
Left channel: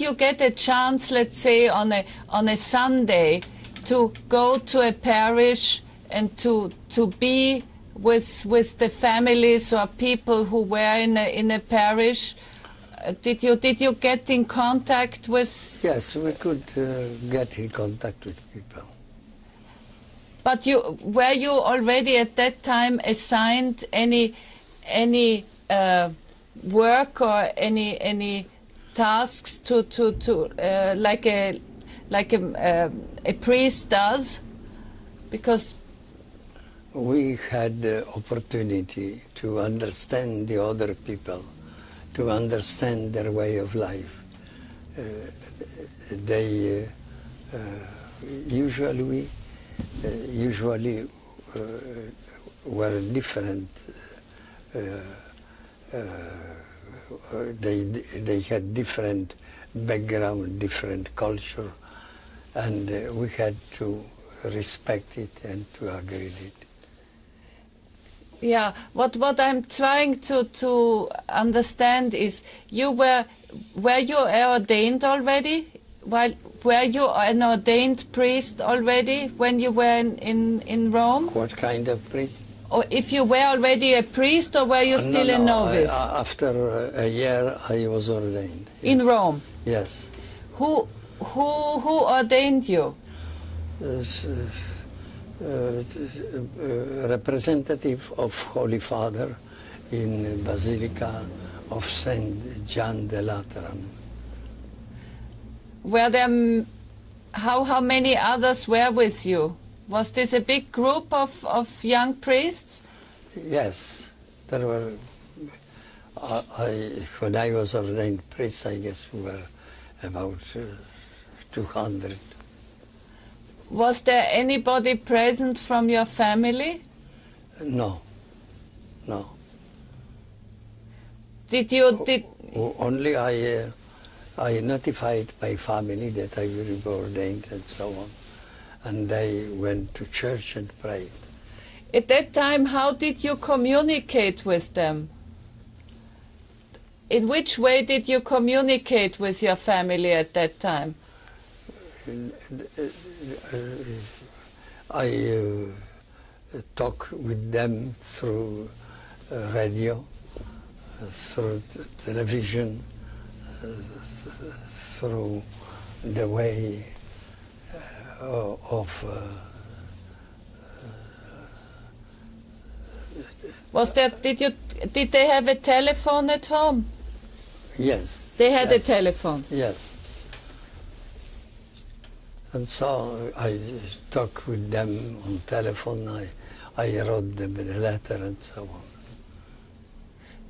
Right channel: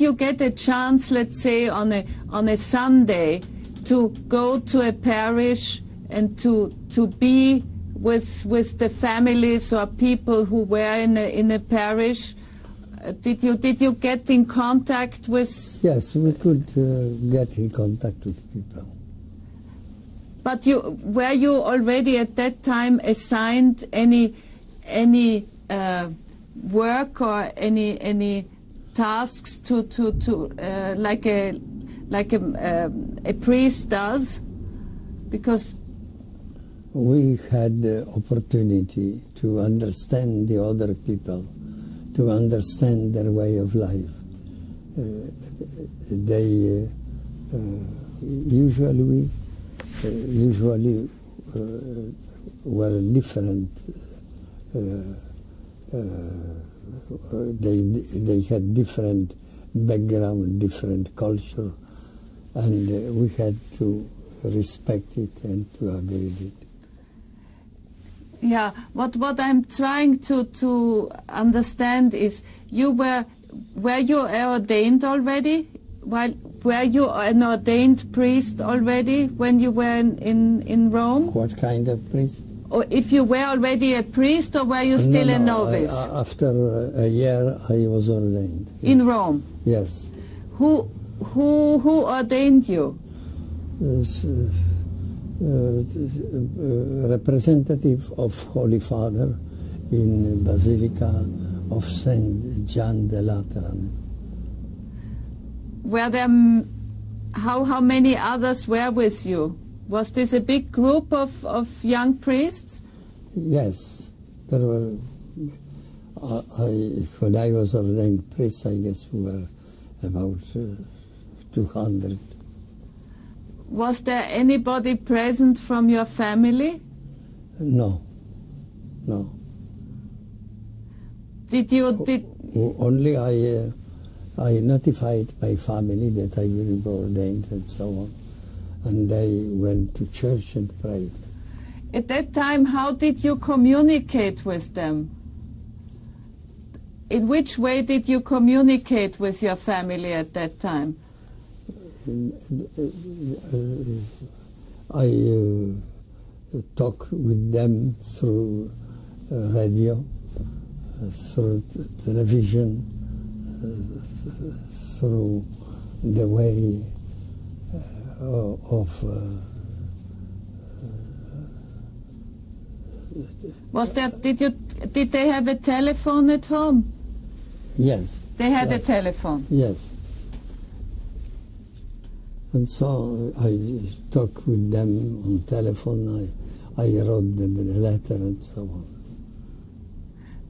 you get a chance, let's say on a Sunday, to go to a parish and to be with the families or people who were in a parish? Did you get in contact with? Yes, we could get in contact with people. But were you already at that time assigned any work or any tasks to like a priest does? Because we had the opportunity to understand the other people, to understand their way of life. They usually were different. They had different background, different culture, and we had to respect it and to agree with it. Yeah, what I'm trying to understand is, were you ordained already? Were you an ordained priest already when you were in Rome? What kind of priest? Or if you were already a priest, or were you still a novice? After a year, I was ordained. Yes. In Rome? Yes. Who ordained you? Representative of Holy Father in Basilica of Saint John the Lateran. Were there, how many others were with you? Was this a big group of young priests? Yes, there were. When I was ordained priest, I guess we were about 200. Was there anybody present from your family? No, no. Did you? Only I notified my family that I will be ordained and so on. And I went to church and prayed. At that time, how did you communicate with them? In which way did you communicate with your family at that time? I talk with them through radio, through television, through the way of Was there? Did they have a telephone at home? Yes. They had yes. a telephone. Yes. And so I talk with them on telephone. I wrote them a letter and so on.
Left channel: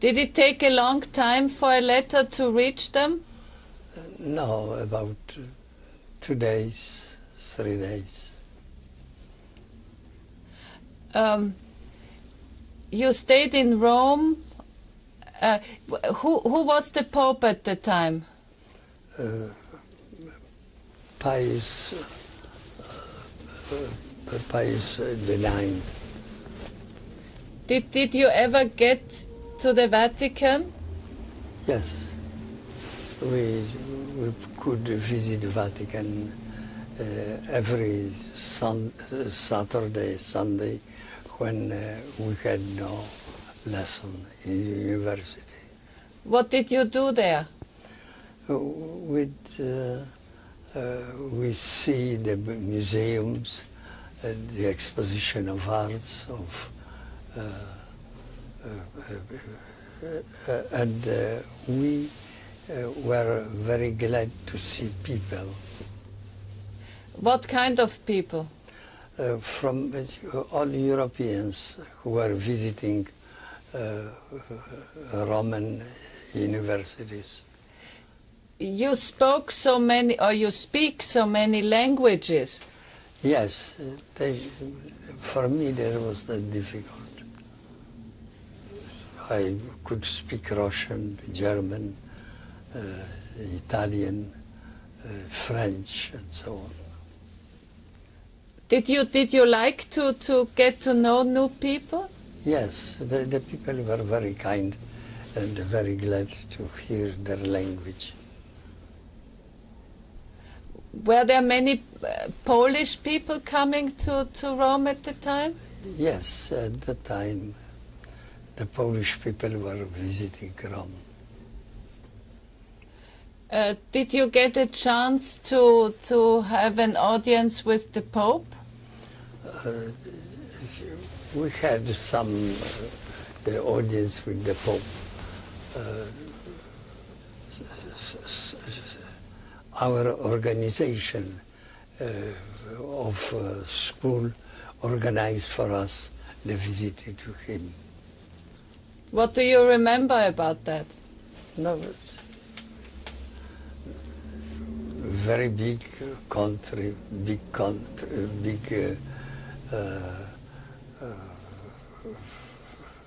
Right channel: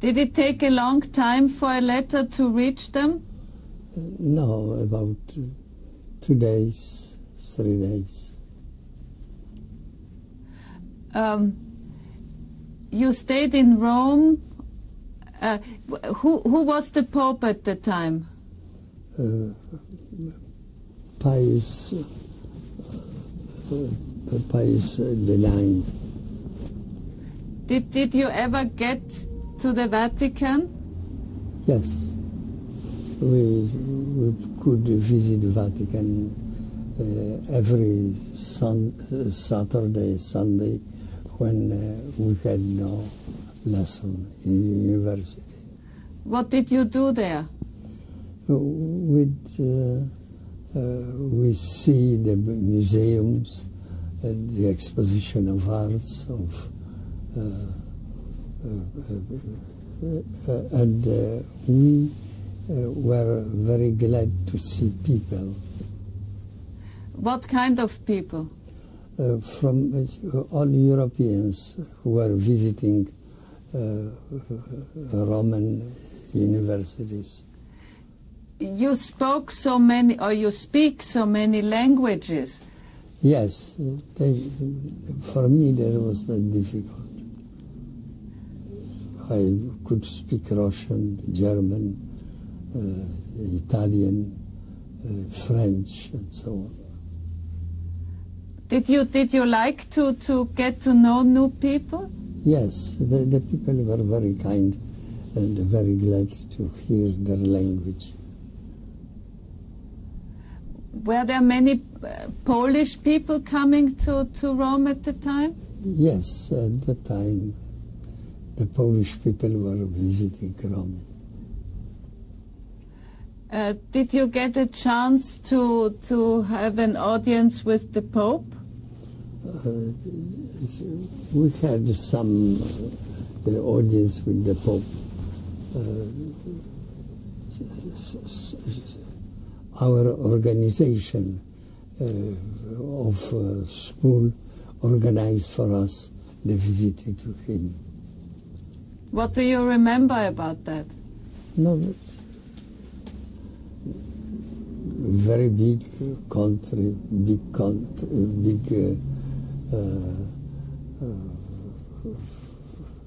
Did it take a long time for a letter to reach them? No, about 2 days, 3 days. You stayed in Rome. Who was the Pope at the time? Pius the Ninth. Did you ever get to the Vatican? Yes, we could visit the Vatican every Saturday, Sunday, when we had no lesson in university. What did you do there? We see the museums, the exposition of arts, and we were very glad to see people. What kind of people? From all Europeans who were visiting Roman universities. You spoke so many, or you speak so many languages. Yes, for me that was not difficult. I could speak Russian, German, Italian, French, and so on. Did you like to get to know new people? Yes, the people were very kind and very glad to hear their language. Were there many Polish people coming to Rome at the time? Yes, at the time the Polish people were visiting Rome. Did you get a chance to have an audience with the Pope? We had some audience with the Pope. Our organization of school organized for us the visit to him. What do you remember about that? No, very big country, big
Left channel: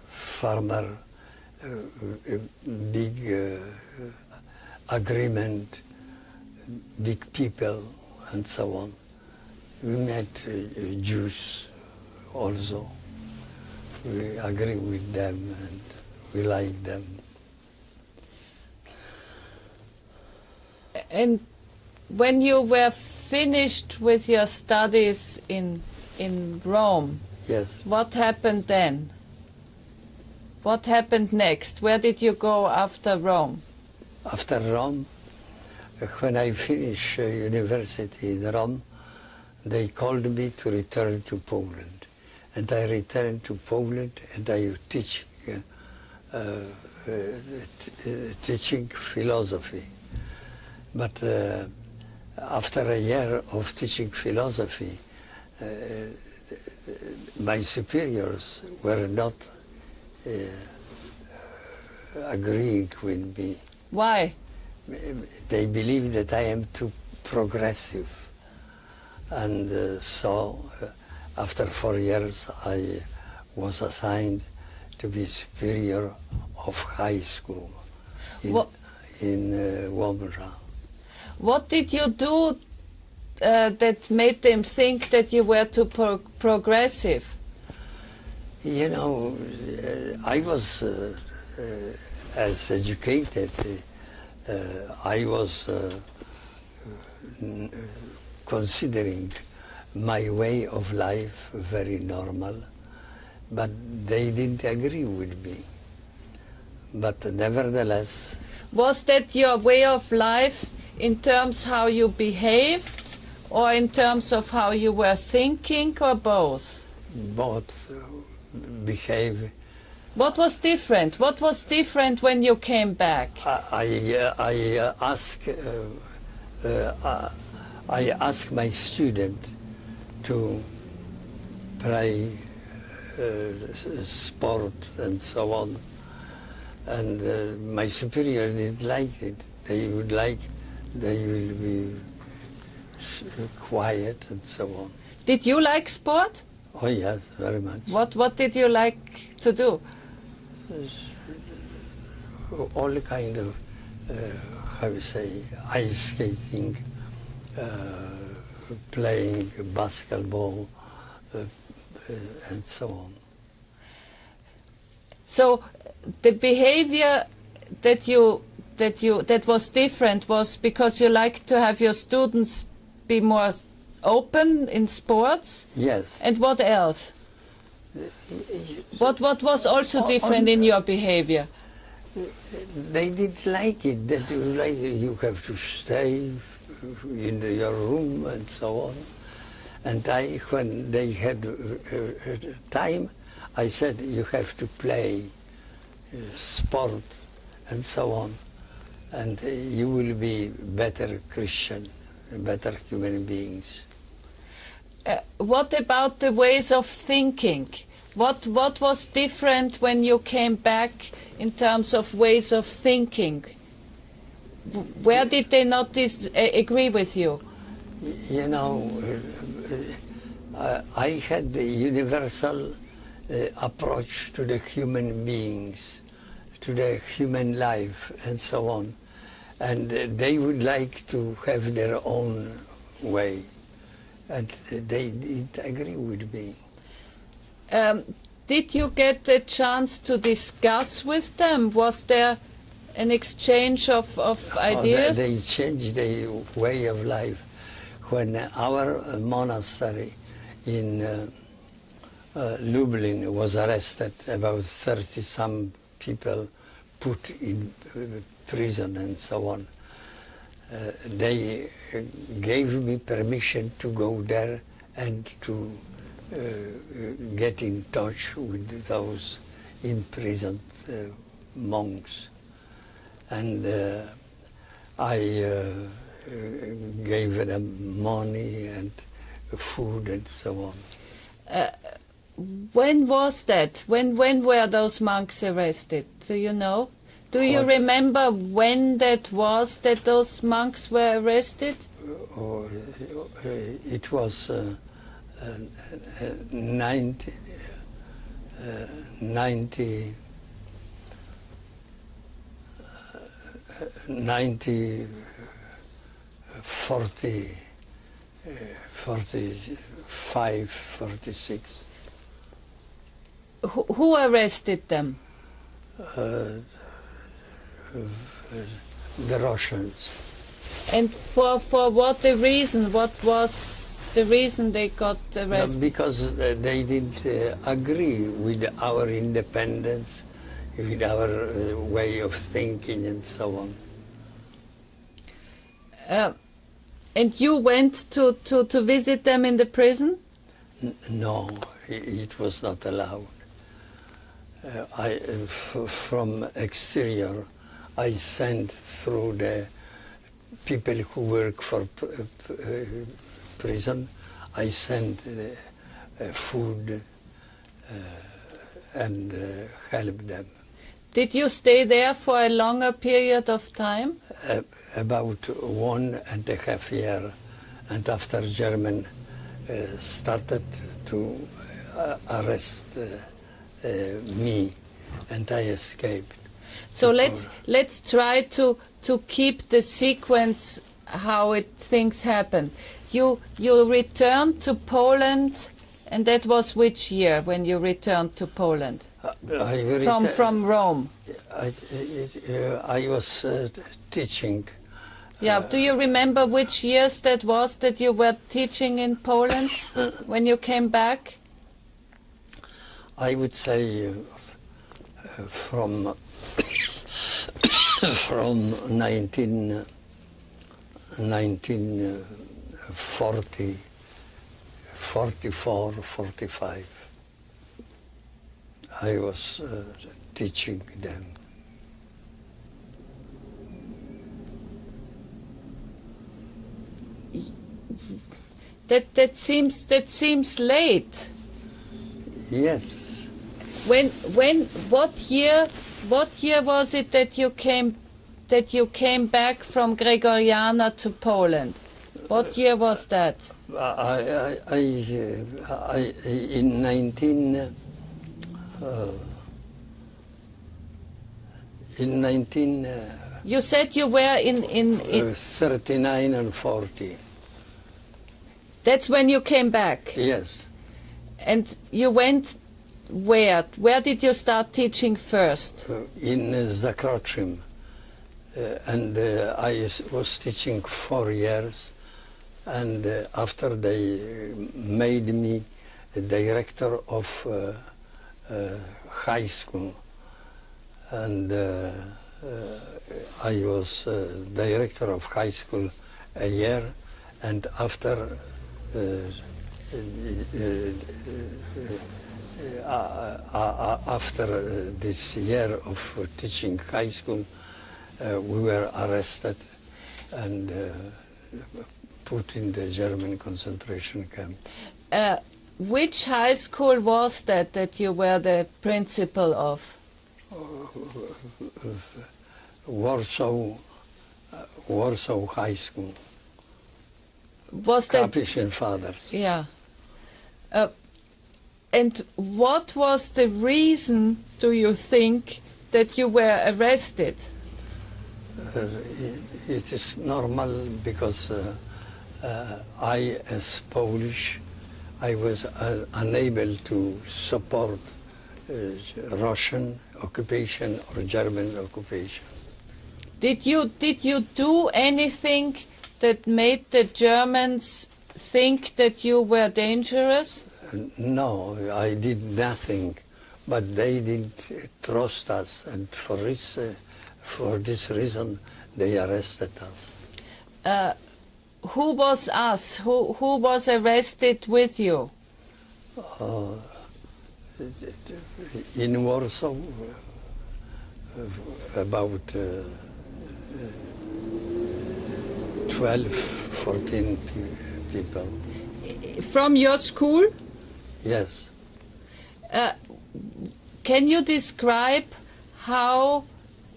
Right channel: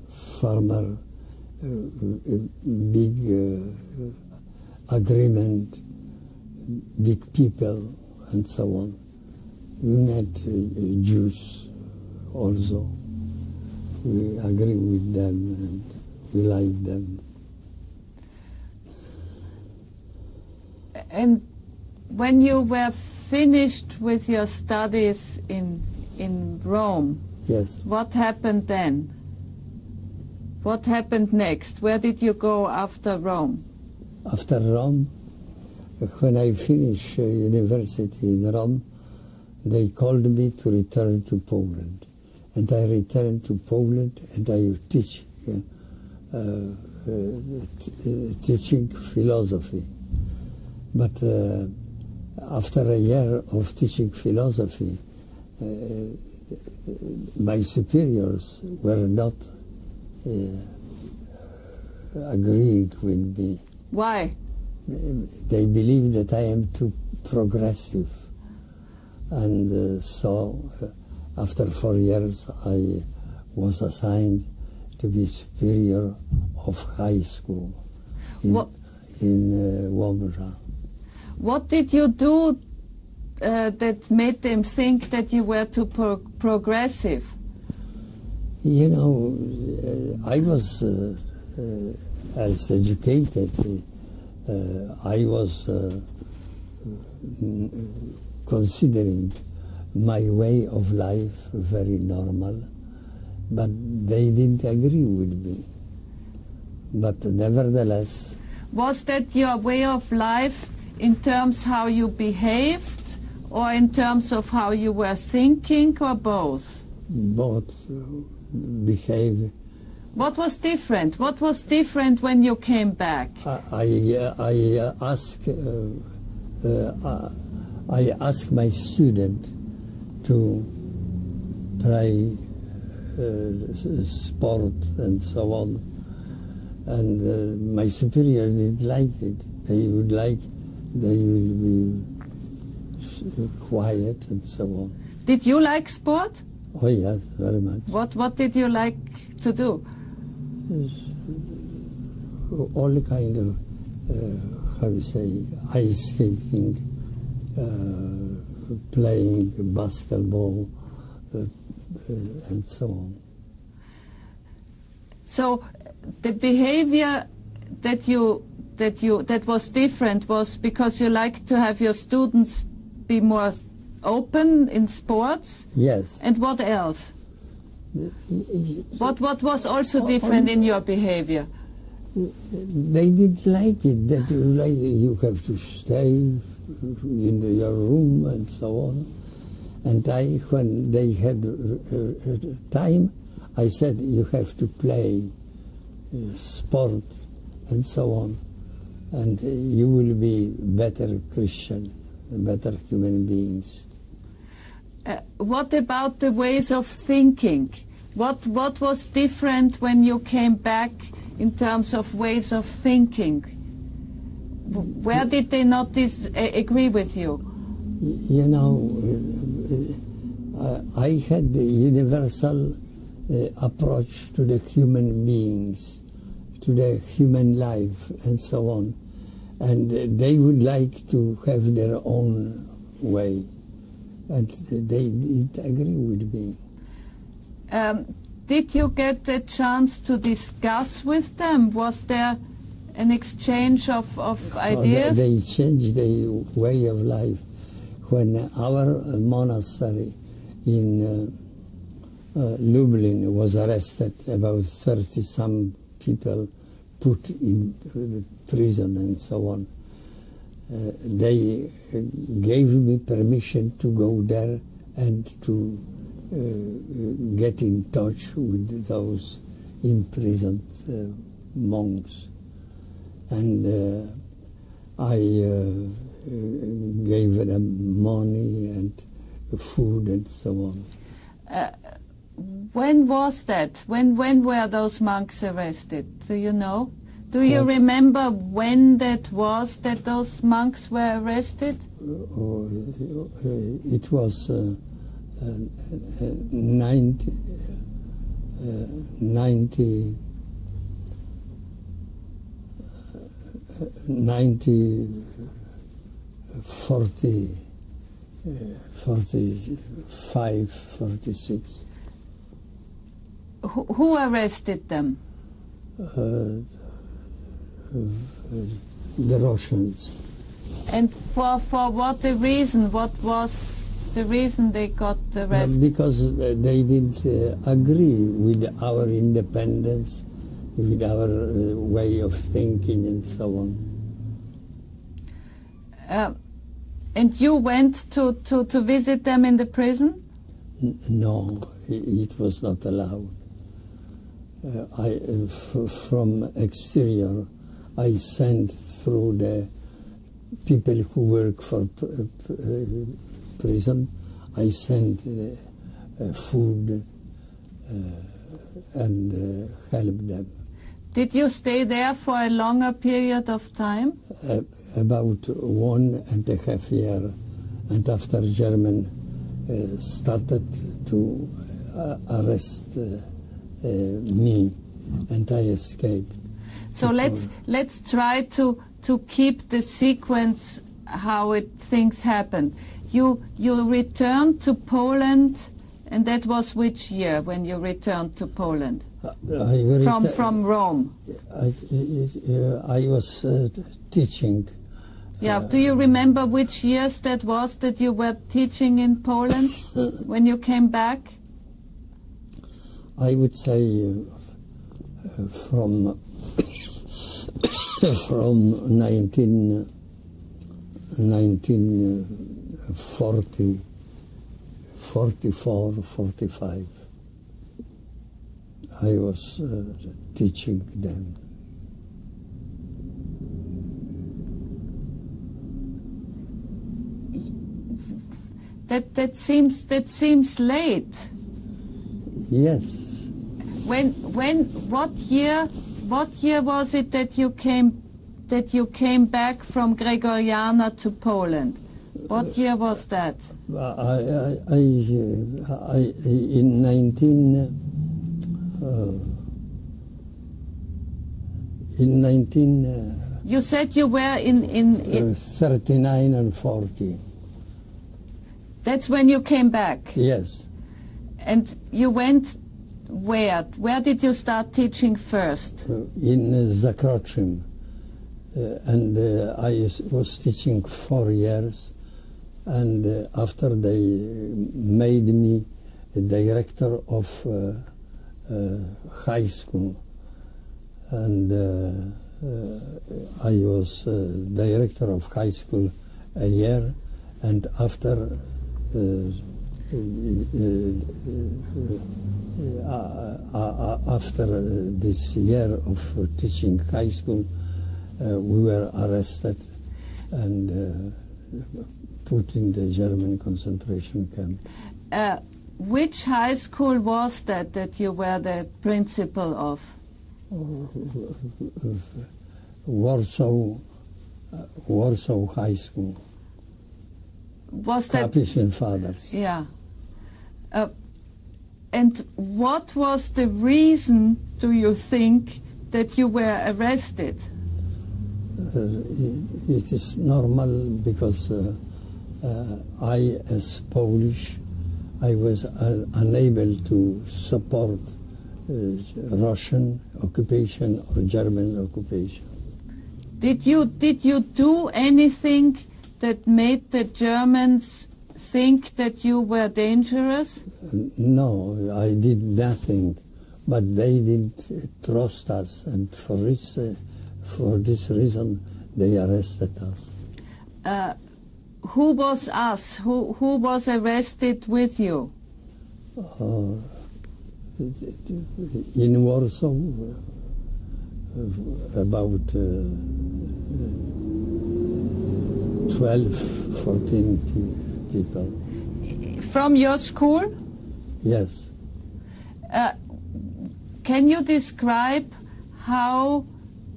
farmer, big agreement, big people, and so on. We met Jews also. We agree with them and we like them. And when you were finished with your studies in Rome, Yes. What happened then? What happened next? Where did you go after Rome? After Rome, when I finished university in Rome, they called me to return to Poland. And I returned to Poland and I teach teaching philosophy. But after a year of teaching philosophy, my superiors were not agreeing with me. Why? They believe that I am too progressive. And so after 4 years I was assigned to be superior of high school in Łomża. What did you do that made them think that you were too progressive? You know, I was as educated. I was considering my way of life very normal, but they didn't agree with me. But nevertheless... Was that your way of life in terms how you behaved, or in terms of how you were thinking, or both? Both behave. What was different? What was different when you came back? I asked my student to play sport and so on, and my superior didn't like it. They will be quiet and so on. Did you like sport? Oh yes, very much. What did you like to do? All kind of, how you say, ice skating, playing basketball, and so on. So the behavior that was different was because you liked to have your students be more open in sports? Yes. And what else? What was also different in your behavior? They didn't like it, that you have to stay in your room and so on. And when they had time, I said, you have to play sport and so on. And you will be better Christian, better human beings. What about the ways of thinking? What was different when you came back in terms of ways of thinking? Where did they not agree with you? You know, I had the universal approach to the human beings, to the human life and so on. And they would like to have their own way. And they didn't agree with me. Did you get a chance to discuss with them? Was there an exchange of ideas? They changed their way of life. When our monastery in Lublin was arrested, about 30-some people put in prison and so on. They gave me permission to go there and to get in touch with those imprisoned monks. And I gave them money and food and so on. When was that? When were those monks arrested? Do you know? Do you remember when that was that those monks were arrested? It was 1940, 45, 46. Who arrested them? The Russians. And for what the reason? What was the reason they got arrested? Because they didn't agree with our independence, with our way of thinking and so on. And you went to visit them in the prison? No, it was not allowed. From exterior, I sent through the people who work for prison, I sent food and help them. Did you stay there for a longer period of time? About 1.5 years, and after German started to arrest me, and I escaped. So let's try to keep the sequence how things happened. You returned to Poland, and that was which year when you returned to Poland? From Rome. I was teaching. Yeah. Do you remember which years that was that you were teaching in Poland when you came back? I would say from 1940, 44, 45. I was teaching them. That seems late. Yes. What year was it that you came back from Gregoriana to Poland? What year was that? In 19 You said you were in 39 and 40. That's when you came back? Yes. And you went where? Where did you start teaching first? In Zakroczym. And I was teaching 4 years. And after they made me the director of high school. And I was director of high school a year. And after this year of teaching high school, we were arrested and put in the German concentration camp. Which high school was that you were the principal of? Warsaw High School. Was that Capuchin Fathers? Yeah. And what was the reason, do you think, that you were arrested? It is normal because I, as Polish, I was unable to support Russian occupation or German occupation. Did you do anything that made the Germans think that you were dangerous? No, I did nothing, but they didn't trust us, and for this reason they arrested us. Who was us? Who was arrested with you? In Warsaw, about 12, 14 people. From your school? Yes. Can you describe how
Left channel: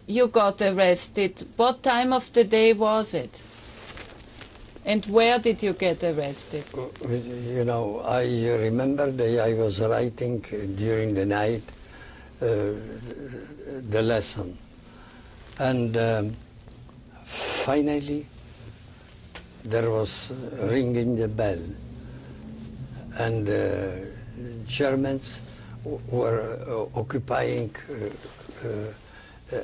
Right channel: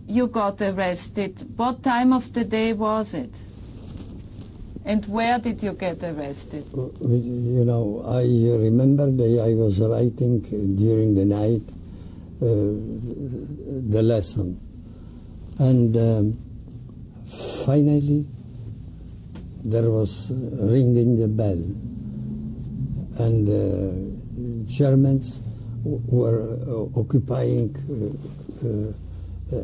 you got arrested? What time of the day was it? And where did you get arrested? You know, I remember that I was writing during the night the lesson. And finally, there was ringing the bell. And Germans were occupying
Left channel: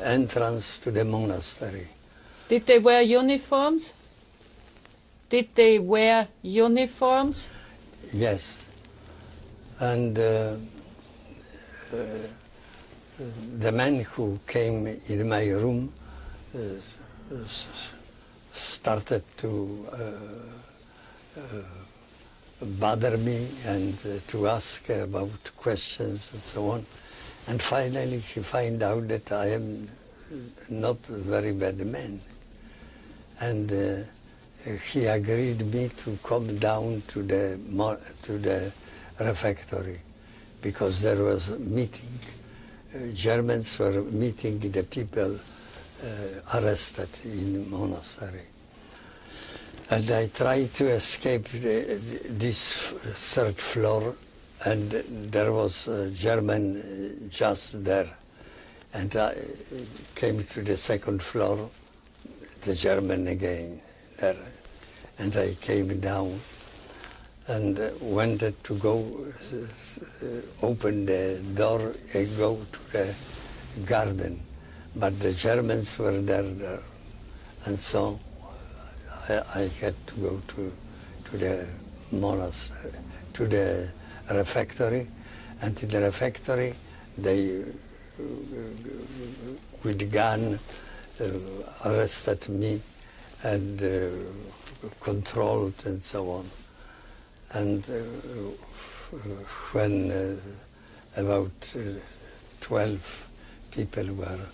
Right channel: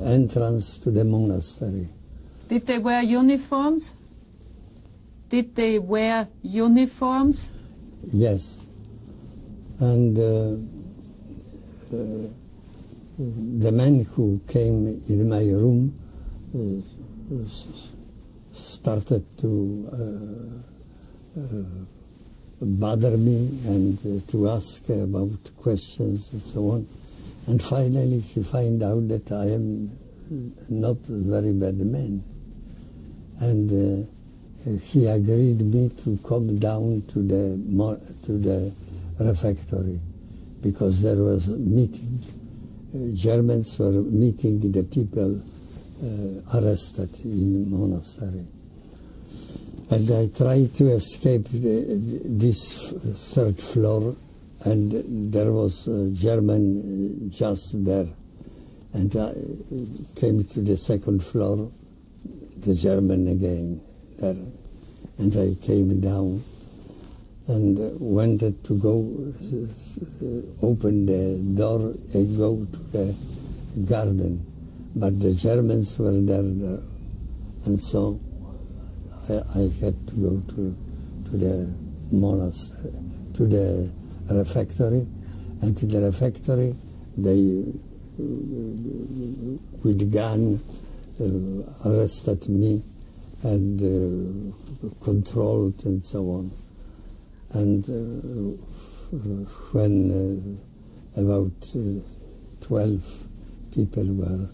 entrance to the monastery. Did they wear uniforms? Did they wear uniforms? Yes. And the man who came in my room started to bother me and to ask about questions and so on. And finally he found out that I am not a very bad man. And he agreed me to come down to the refectory because there was a meeting. Germans were meeting the people arrested in monastery. And I tried to escape this third floor, and there was a German just there. And I came to the second floor, the German again there. And I came down and wanted to go open the door and go to the garden. But the Germans were there. And so I had to go to the monastery, to the refectory. And in the refectory, they, with gun, arrested me and controlled and so on. And when about 12 people were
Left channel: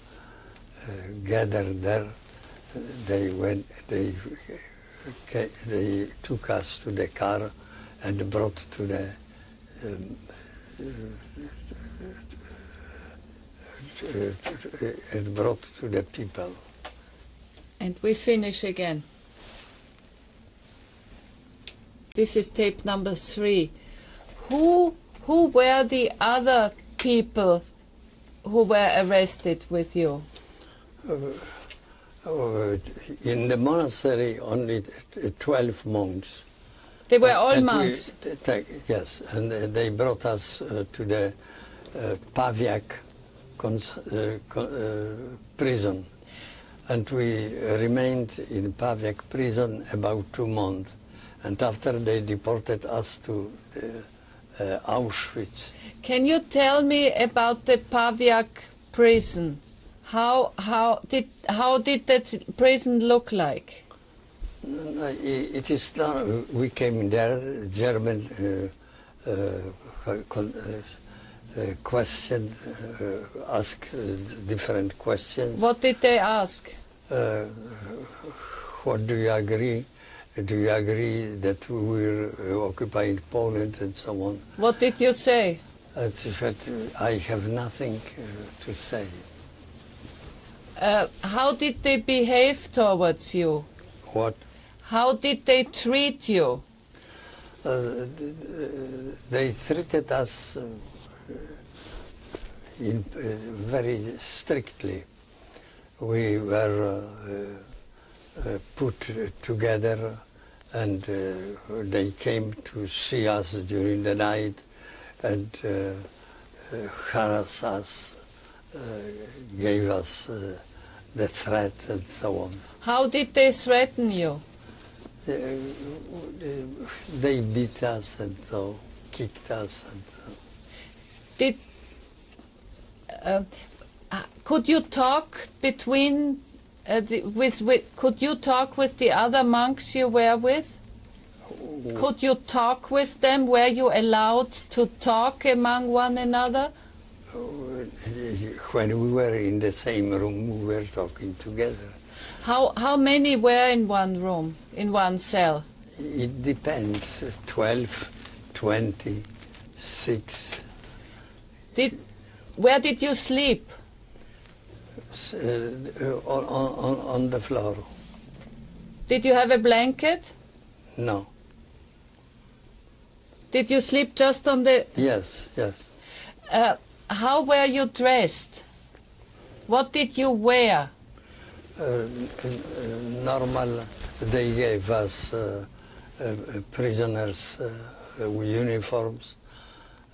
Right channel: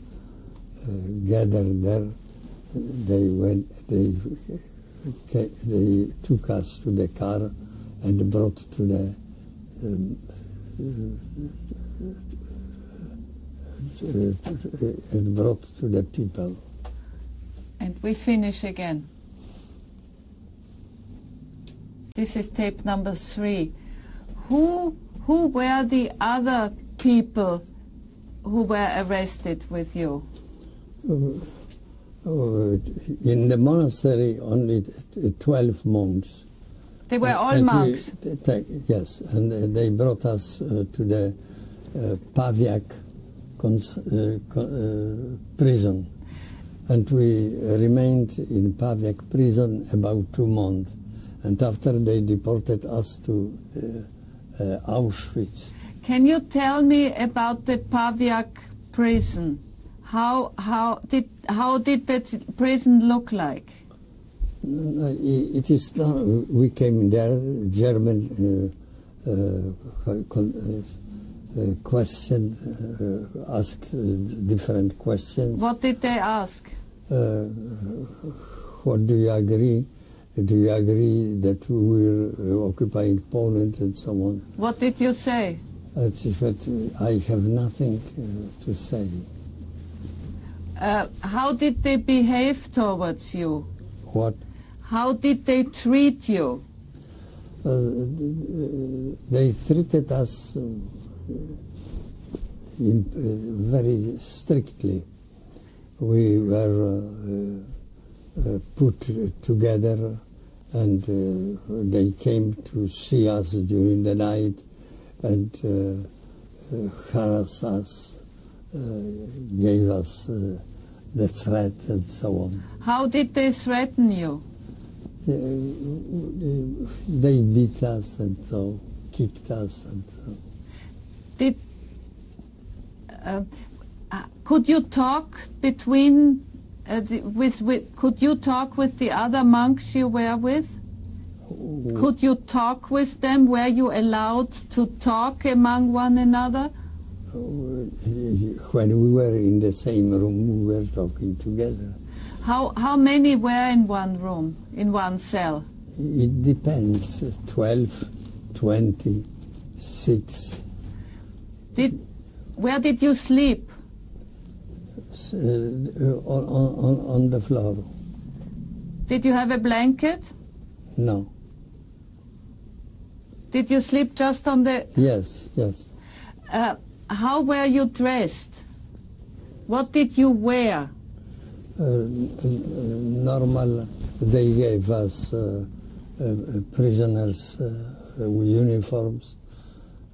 gathered there, they took us to the car and brought to the people. And we finish again. This is tape number 3. Who were the other people who were arrested with you? In the monastery, only 12 monks. They were all monks? Yes, and they brought us to the Pawiak prison. And we remained in Pawiak prison about 2 months. And after they deported us to Auschwitz. Can you tell me about the Pawiak prison? How did that prison look like? It is done. We came there. German question, ask different questions. What did they ask? What do you agree? Do you agree that we will occupy Poland and so on? What did you say? I said, I have nothing to say. How did they behave towards you? What? How did they treat you? They treated us very strictly. We were put together, and they came to see us during the night and harass us, gave us the threat and so on. How did they threaten you? They beat us and so kicked us and so. Could you talk between could you talk with the other monks you were with? Could you talk with them? Were you allowed to talk among one another? When we were in the same room, we were talking together. How many were in one room, in one cell? It depends, 12, 20, 6. Where did you sleep? On the floor. Did you have a blanket? No. Did you sleep just on the... Yes, yes. How were you dressed? What did you wear? Normal, they gave us prisoners uniforms,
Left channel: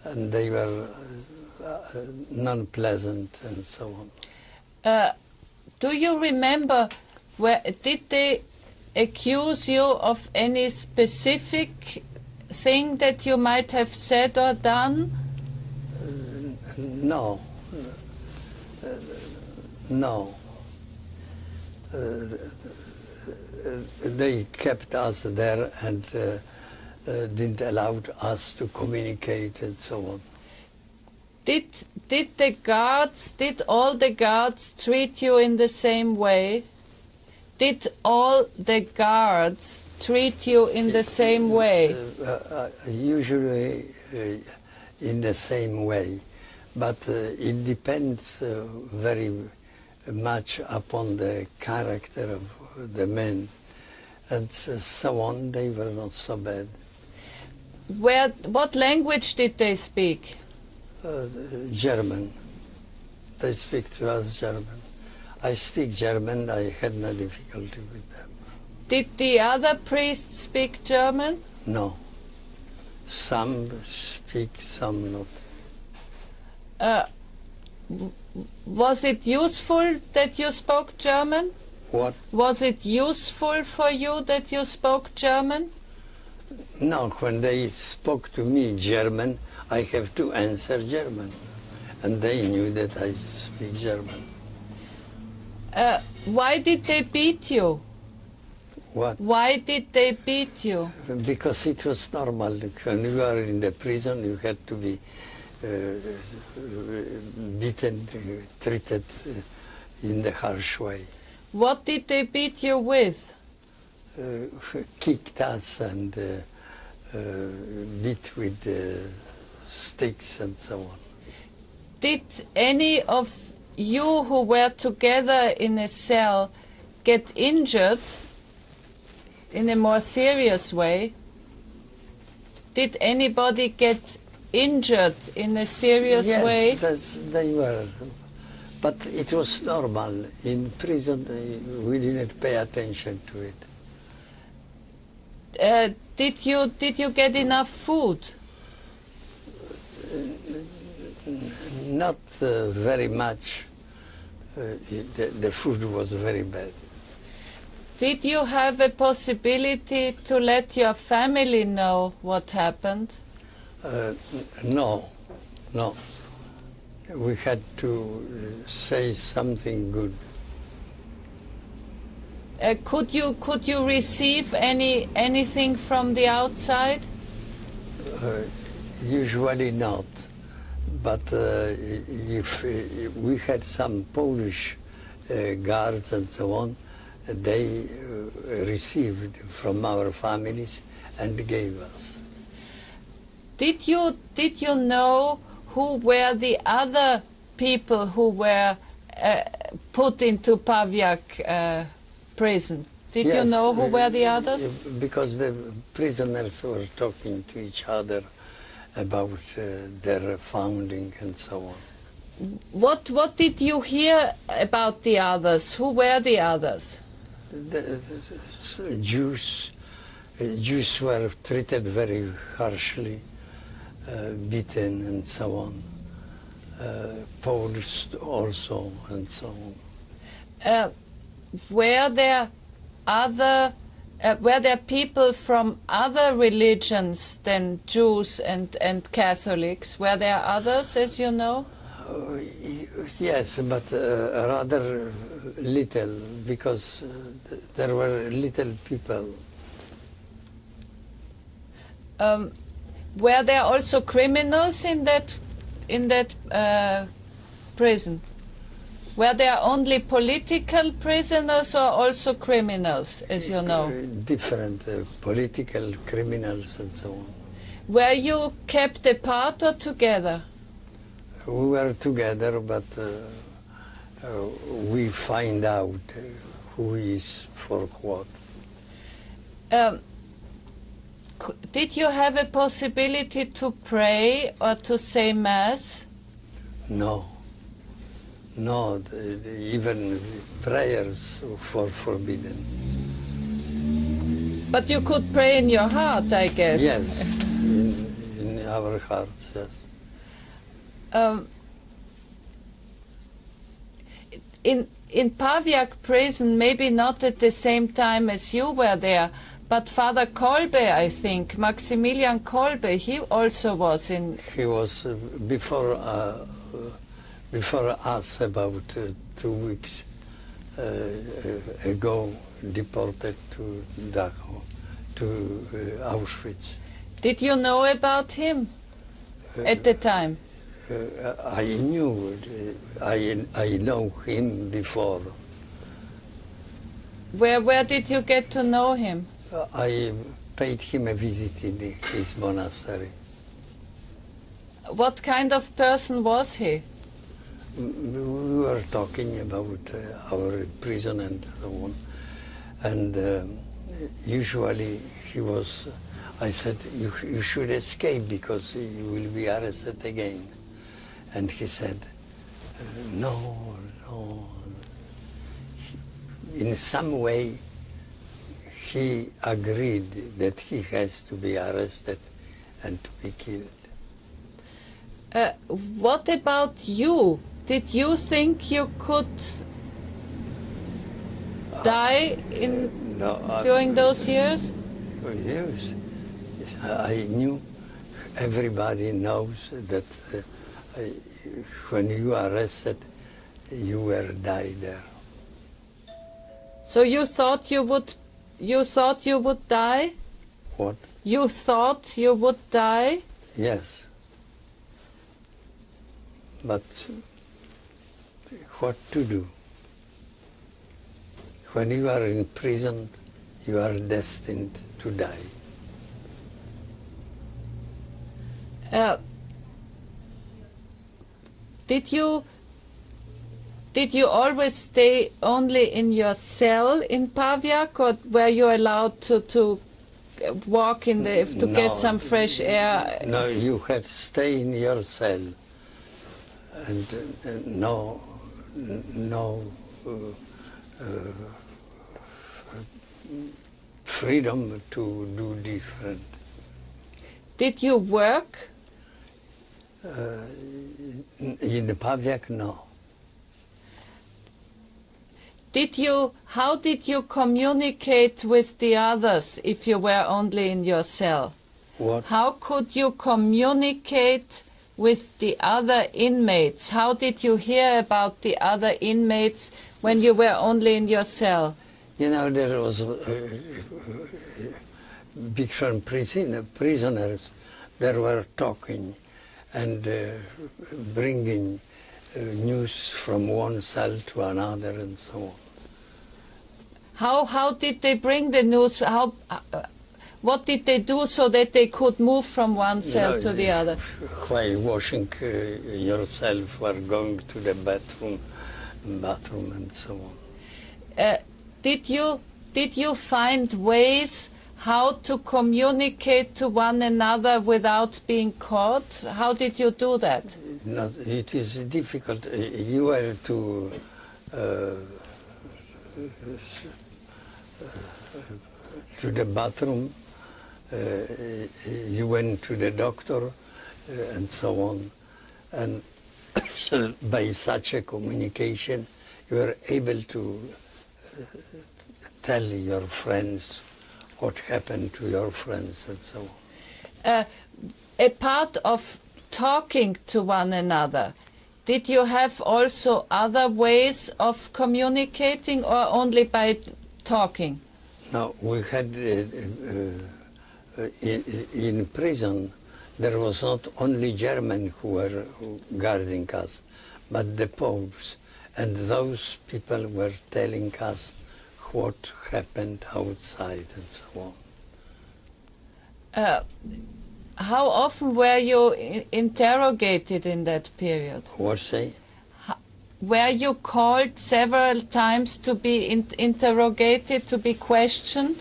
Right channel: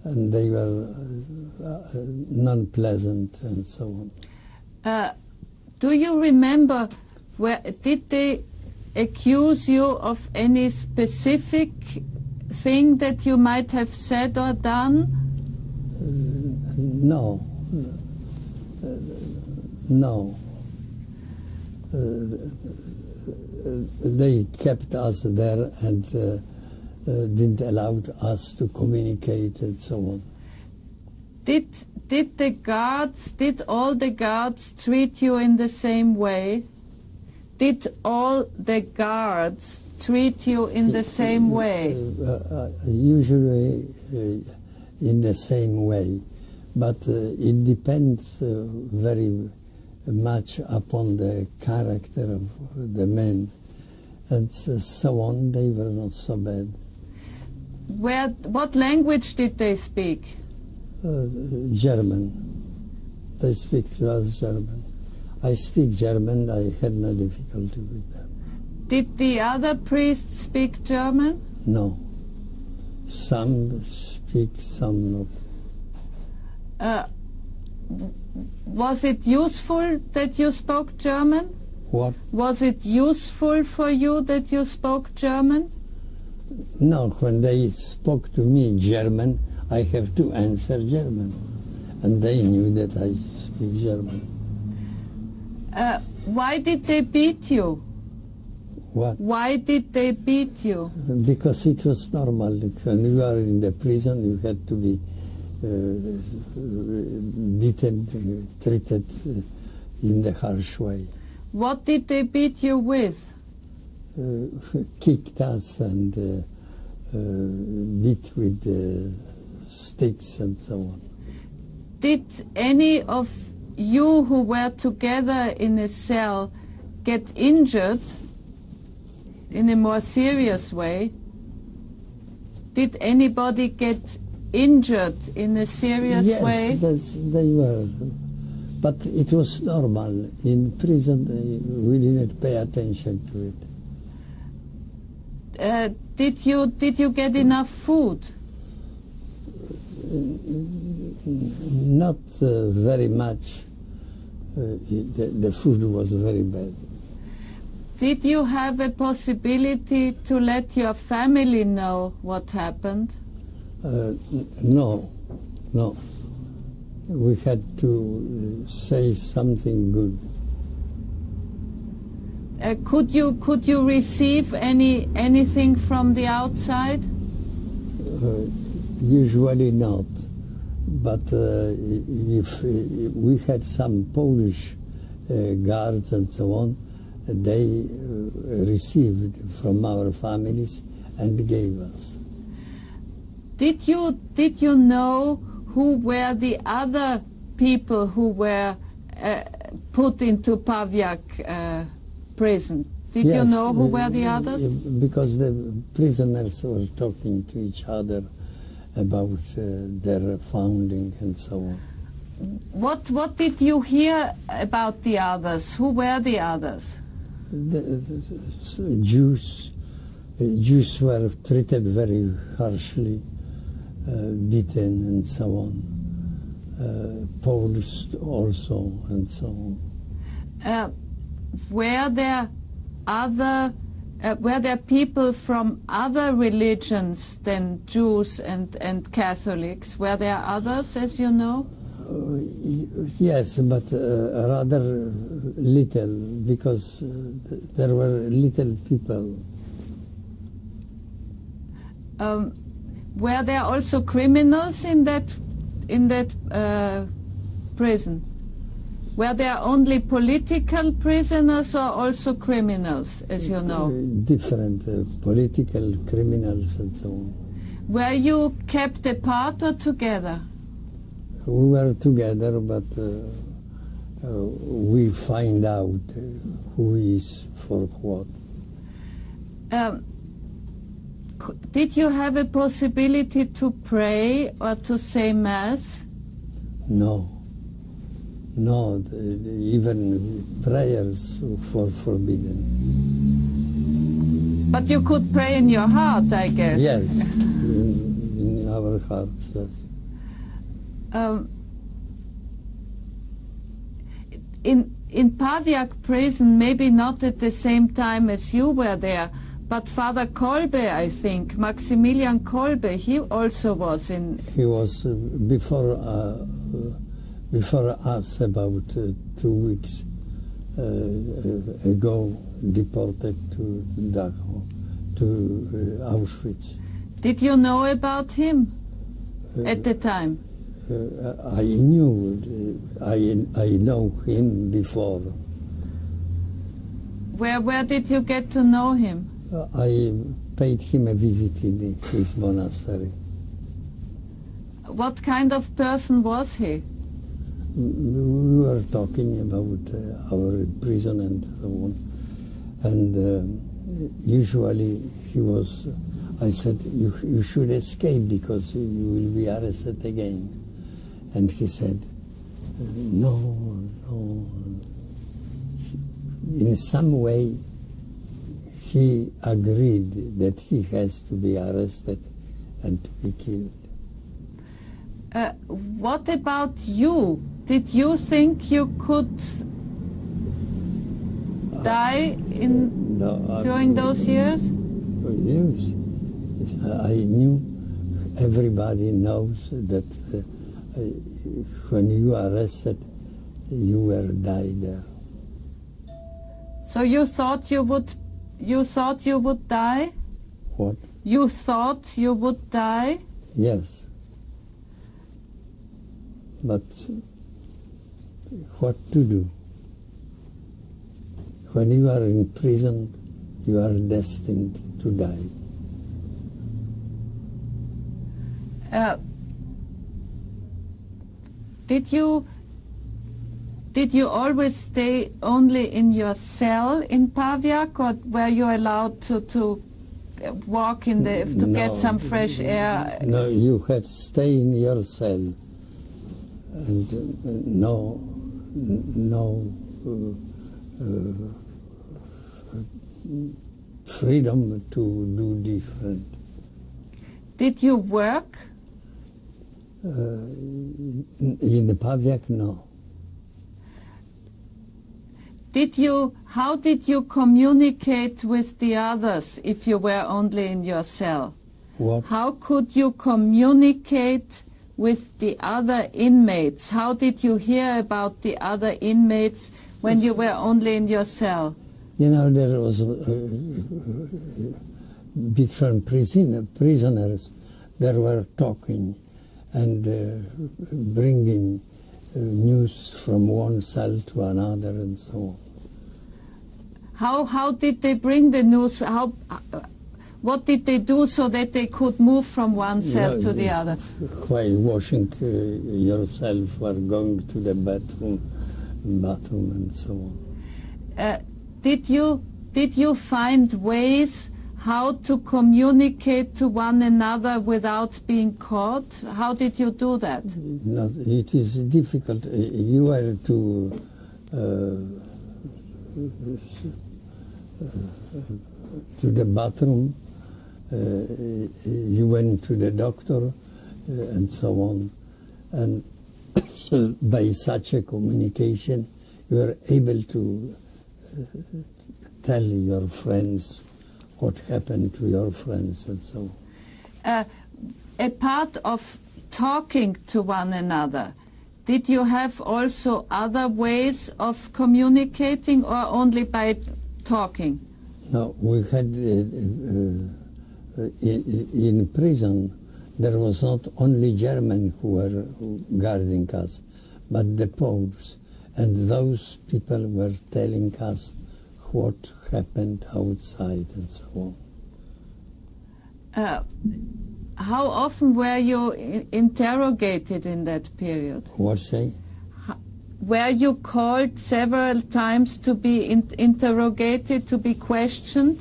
and they were non-pleasant and so on. Do you remember, did they accuse you of any specific thing that you might have said or done? No. No. They kept us there and didn't allow us to communicate and so on. Did all the guards treat you in the same way? Did all the guards treat you in the same way? Usually in the same way, but it depends very much upon the character of the men, and so on. They were not so bad. What language did they speak? German. They speak to us German. I speak German. I had no difficulty with them. Did the other priests speak German? No. Some speak, some not. Was it useful that you spoke German? What? Was it useful for you that you spoke German? No, when they spoke to me German, I have to answer German. And they knew that I speak German. Why did they beat you? What? Why did they beat you? Because it was normal. When you are in the prison, you had to be beaten, treated in the harsh way. What did they beat you with? Kicked us and beat with sticks and so on. Did any of you who were together in a cell get injured in a more serious way? Did anybody get injured in a serious way? Yes, they were. But it was normal. In prison, we didn't pay attention to it. Did you get enough food? Not very much. The food was very bad. Did you have a possibility to let your family know what happened? No. We had to say something good. Could you receive anything from the outside? Usually not. But if we had some Polish guards and so on, they received from our families and gave us. Did you know who were the other people who were put into Pawiak prison? Did Yes, you know who were the others? Because the prisoners were talking to each other about their founding and so on. What did you hear about the others? Who were the others? The Jews were treated very harshly, beaten and so on. Poles also and so on. Were there people from other religions than Jews and Catholics? Were there others, as you know? Yes, but rather little, because there were little people. Were there also criminals in that prison? Were there only political prisoners or also criminals, as you know? Different political criminals and so on. Were you kept apart or together? We were together, but we find out who is for what. Did you have a possibility to pray or to say Mass? No. No, even prayers were forbidden. But you could pray in your heart, I guess. Yes, in our hearts, yes. in Paviak prison, maybe not at the same time as you were there, but Father Kolbe, I think, Maximilian Kolbe, he also was in... He was before us about 2 weeks ago deported to Dachau, to Auschwitz. Did you know about him at the time? I knew, I know him before. Where did you get to know him? I paid him a visit in his monastery. What kind of person was he? We were talking about our prison and so on. And usually he was, I said, you should escape because you will be arrested again. And he said, no. In some way, he agreed that he has to be arrested and to be killed. What about you? Did you think you could die during those years? Yes. I knew, everybody knows that when you are arrested, you will die there. So you thought you would die? What? You thought you would die? Yes. But what to do? When you are in prison, you are destined to die. Did you always stay only in your cell in Paviak, or were you allowed to walk in to get some fresh air? No, you had to stay in your cell, and no freedom to do different. Did you work? In the Paviak, no. How did you communicate with the others if you were only in your cell? What? How could you communicate with the other inmates? How did you hear about the other inmates when you were only in your cell? You know, there was different prisoners that were talking and bringing news from one cell to another and so on. How did they bring the news? What did they do so that they could move from one cell to the other? While washing yourself or going to the bathroom and so on. Did you find ways how to communicate to one another without being caught? How did you do that? No, it is difficult. You were to the bathroom, you went to the doctor, and so on. And by such a communication, you were able to tell your friends what happened to your friends and so on. A part of talking to one another, did you have also other ways of communicating or only by talking? No, we had, in prison, there was not only Germans who were guarding us, but the Poles. And those people were telling us what happened outside and so on. How often were you interrogated in that period? What say? Were you called several times to be interrogated, to be questioned?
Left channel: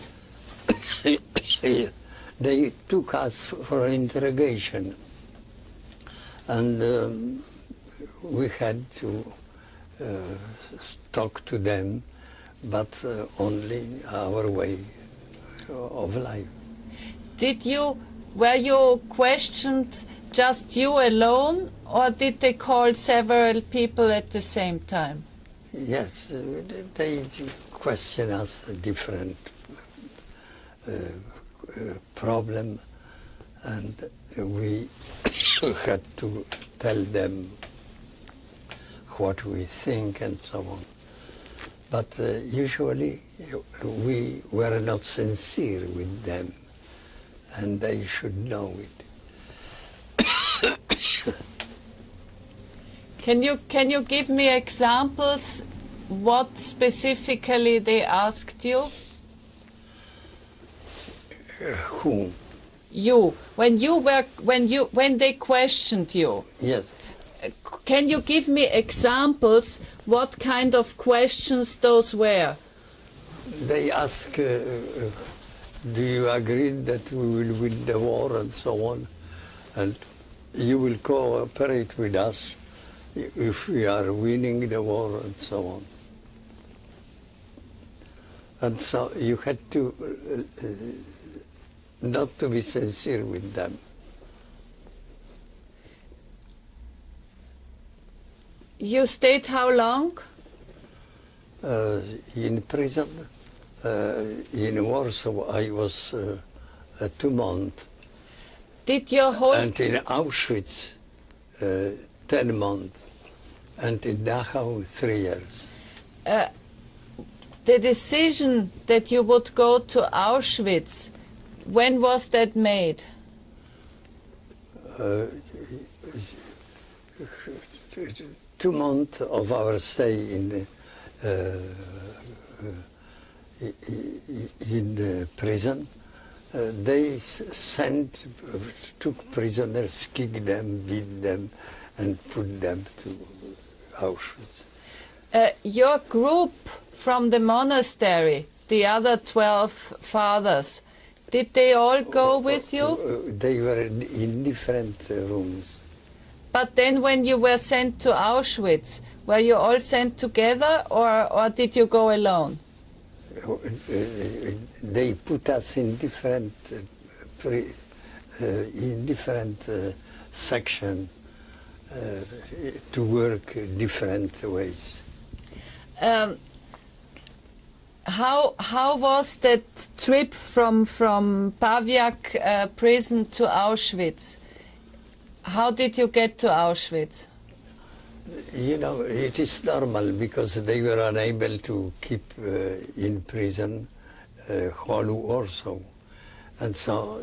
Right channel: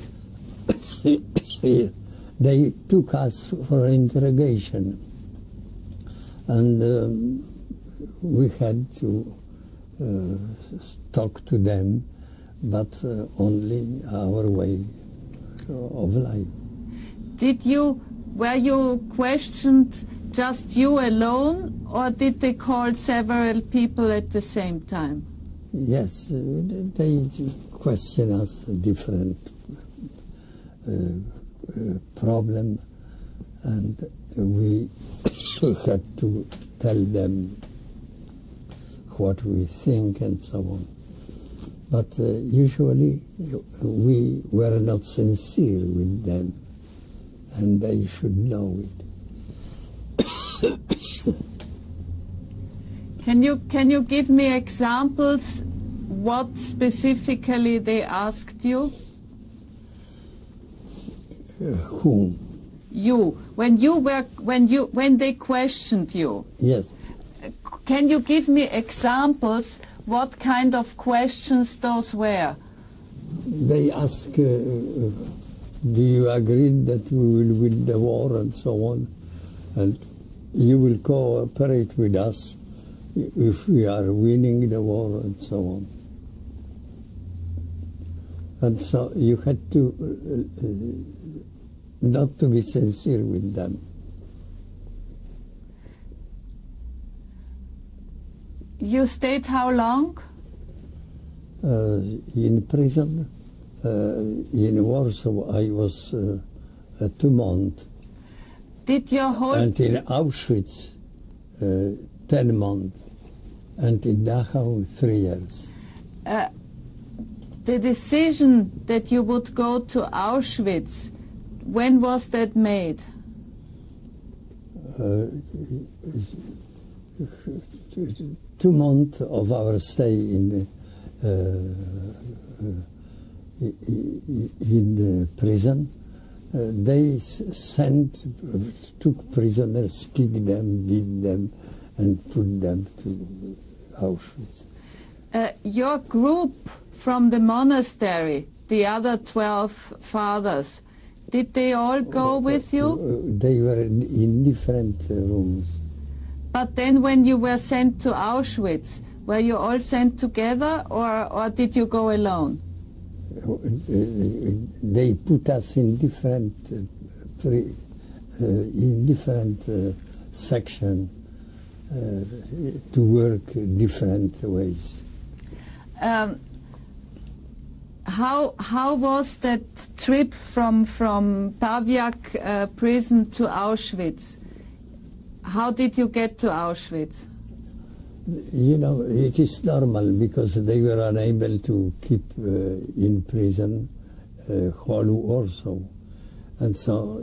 They took us for interrogation, and we had to talk to them, but only our way of life. Were you questioned just you alone, or did they call several people at the same time? Yes, they question us a different problem, and we had to tell them what we think and so on. But usually we were not sincere with them, and they should know it. Can you give me examples? What specifically they asked you? Whom? You. When they questioned you. Yes. Can you give me examples? What kind of questions those were? They ask, do you agree that we will win the war and so on, and you will cooperate with us if we are winning the war and so on. And so you had to not to be sincere with them. You stayed how long? In prison, in Warsaw, I was 2 months. Did your whole... And in Auschwitz, 10 months. And in Dachau, 3 years. The decision that you would go to Auschwitz, when was that made? 2 months of our stay in the prison, they took prisoners, kicked them, beat them, and put them to Auschwitz. Your group from the monastery, the other 12 fathers, did they all go with you? They were in different rooms. But then when you were sent to Auschwitz, were you all sent together, or did you go alone? They put us in different section to work different ways. How was that trip from Pawiak prison to Auschwitz? How did you get to Auschwitz? You know, it is normal because they were unable to keep in prison whole Warsaw. And so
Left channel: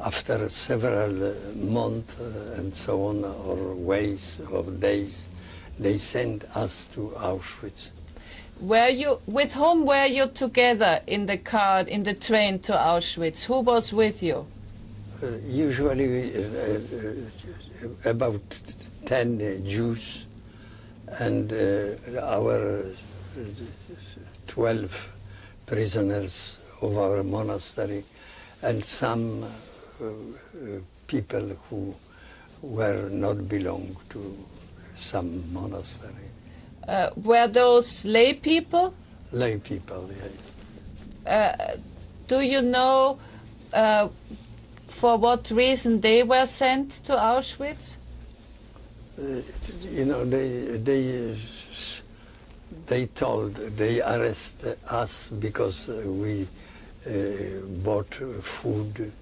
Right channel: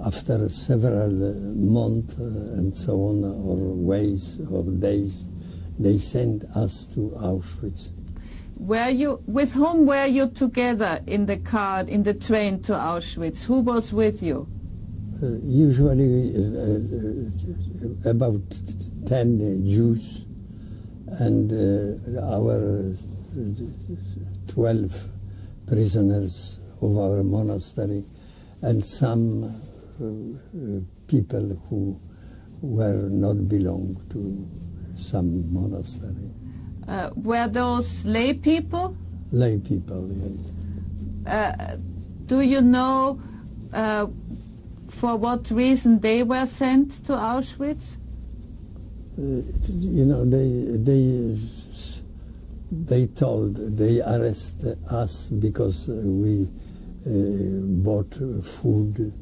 after several months and so on, or ways or days, they sent us to Auschwitz. With whom were you together in the car, in the train to Auschwitz? Who was with you? Usually about 10 Jews and our 12 prisoners of our monastery, and some people who were not belong to some monastery. Were those lay people? Lay people, yes. Do you know for what reason they were sent to Auschwitz? You know, they arrested us because we bought food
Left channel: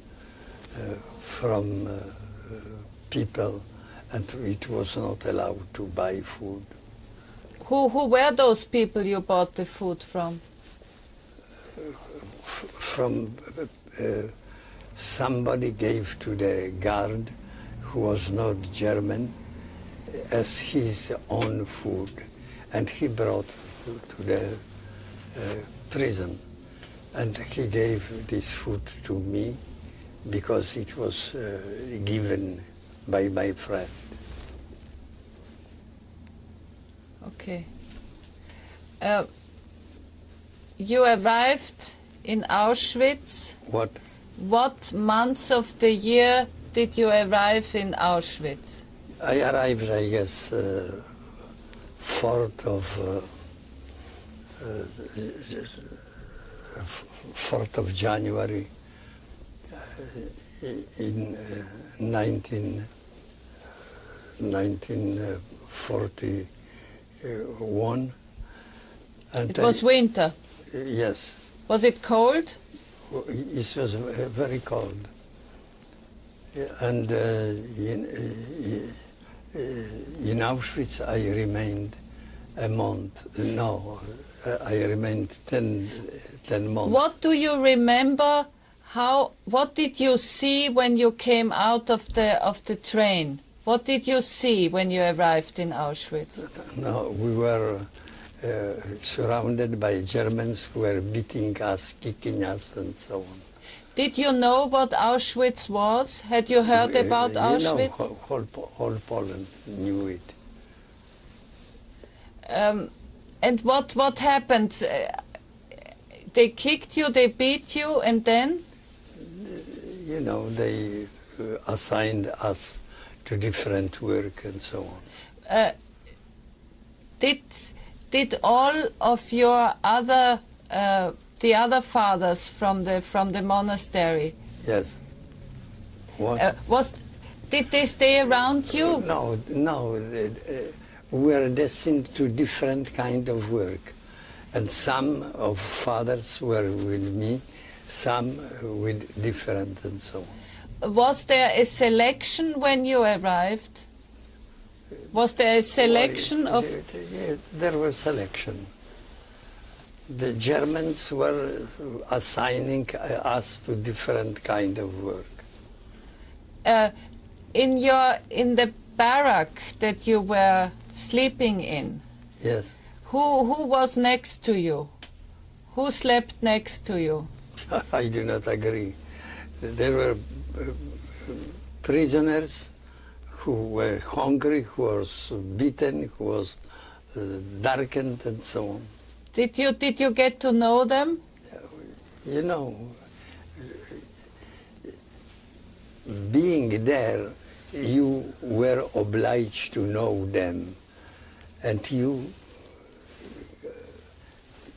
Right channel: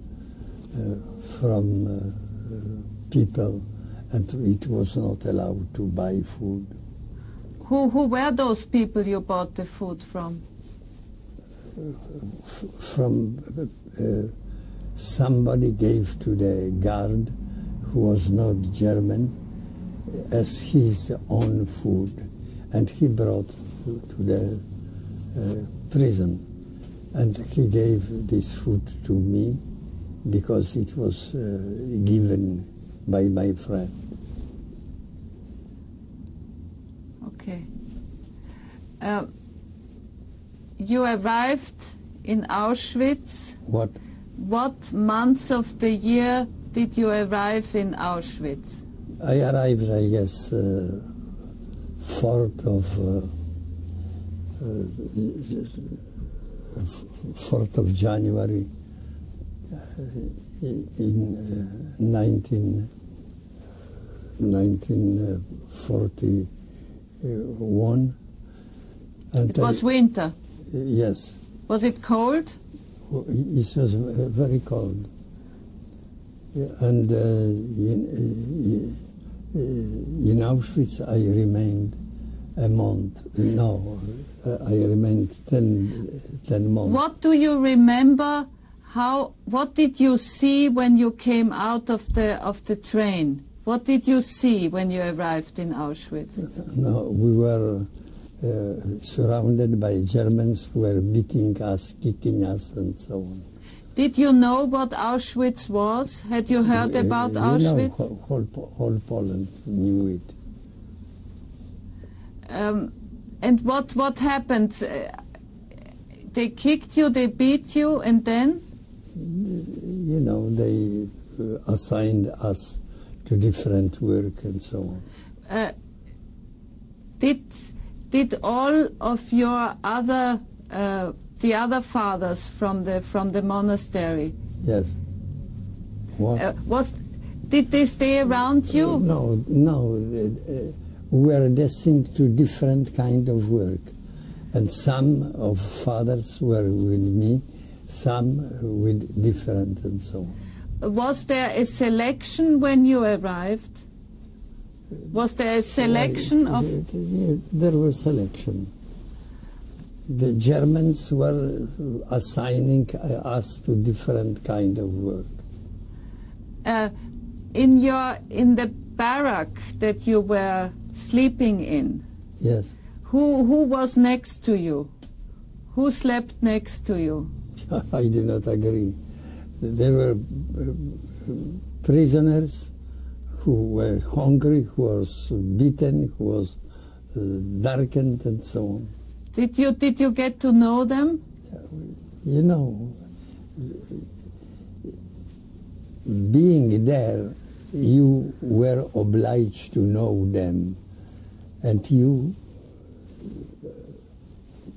from people, and it was not allowed to buy food. Who were those people you bought the food from? From somebody gave to the guard, who was not German, as his own food, and he brought to the prison, and he gave this food to me because it was given by my friend. Okay. You arrived in Auschwitz. What? What months of the year did you arrive in Auschwitz? I arrived, I guess, 4th of January in 1945. 1941. And it was winter. Yes. Was it cold? It was very cold. And in Auschwitz I remained a month. No, I remained 10 months. What do you remember? What did you see when you came out of the train? What did you see when you arrived in Auschwitz? No, we were surrounded by Germans who were beating us, kicking us, and so on. Did you know what Auschwitz was? Had you heard about Auschwitz? You know, whole Poland knew it. And what happened? They kicked you, they beat you, and then? You know, they assigned us to different work and so on. Did all of your the other fathers from the monastery? Yes. What? Did they stay around you? No. We were destined to different kind of work, and some of fathers were with me, some with different, and so on. Was there a selection when you arrived? Was there a selection of? There was selection. The Germans were assigning us to different kind of work. In the barrack that you were sleeping in. Yes. Who was next to you? Who slept next to you? I do not agree. There were prisoners who were hungry, who was beaten, who was darkened, and so on. Did you get to know them? You know, being there, you were obliged to know them, and you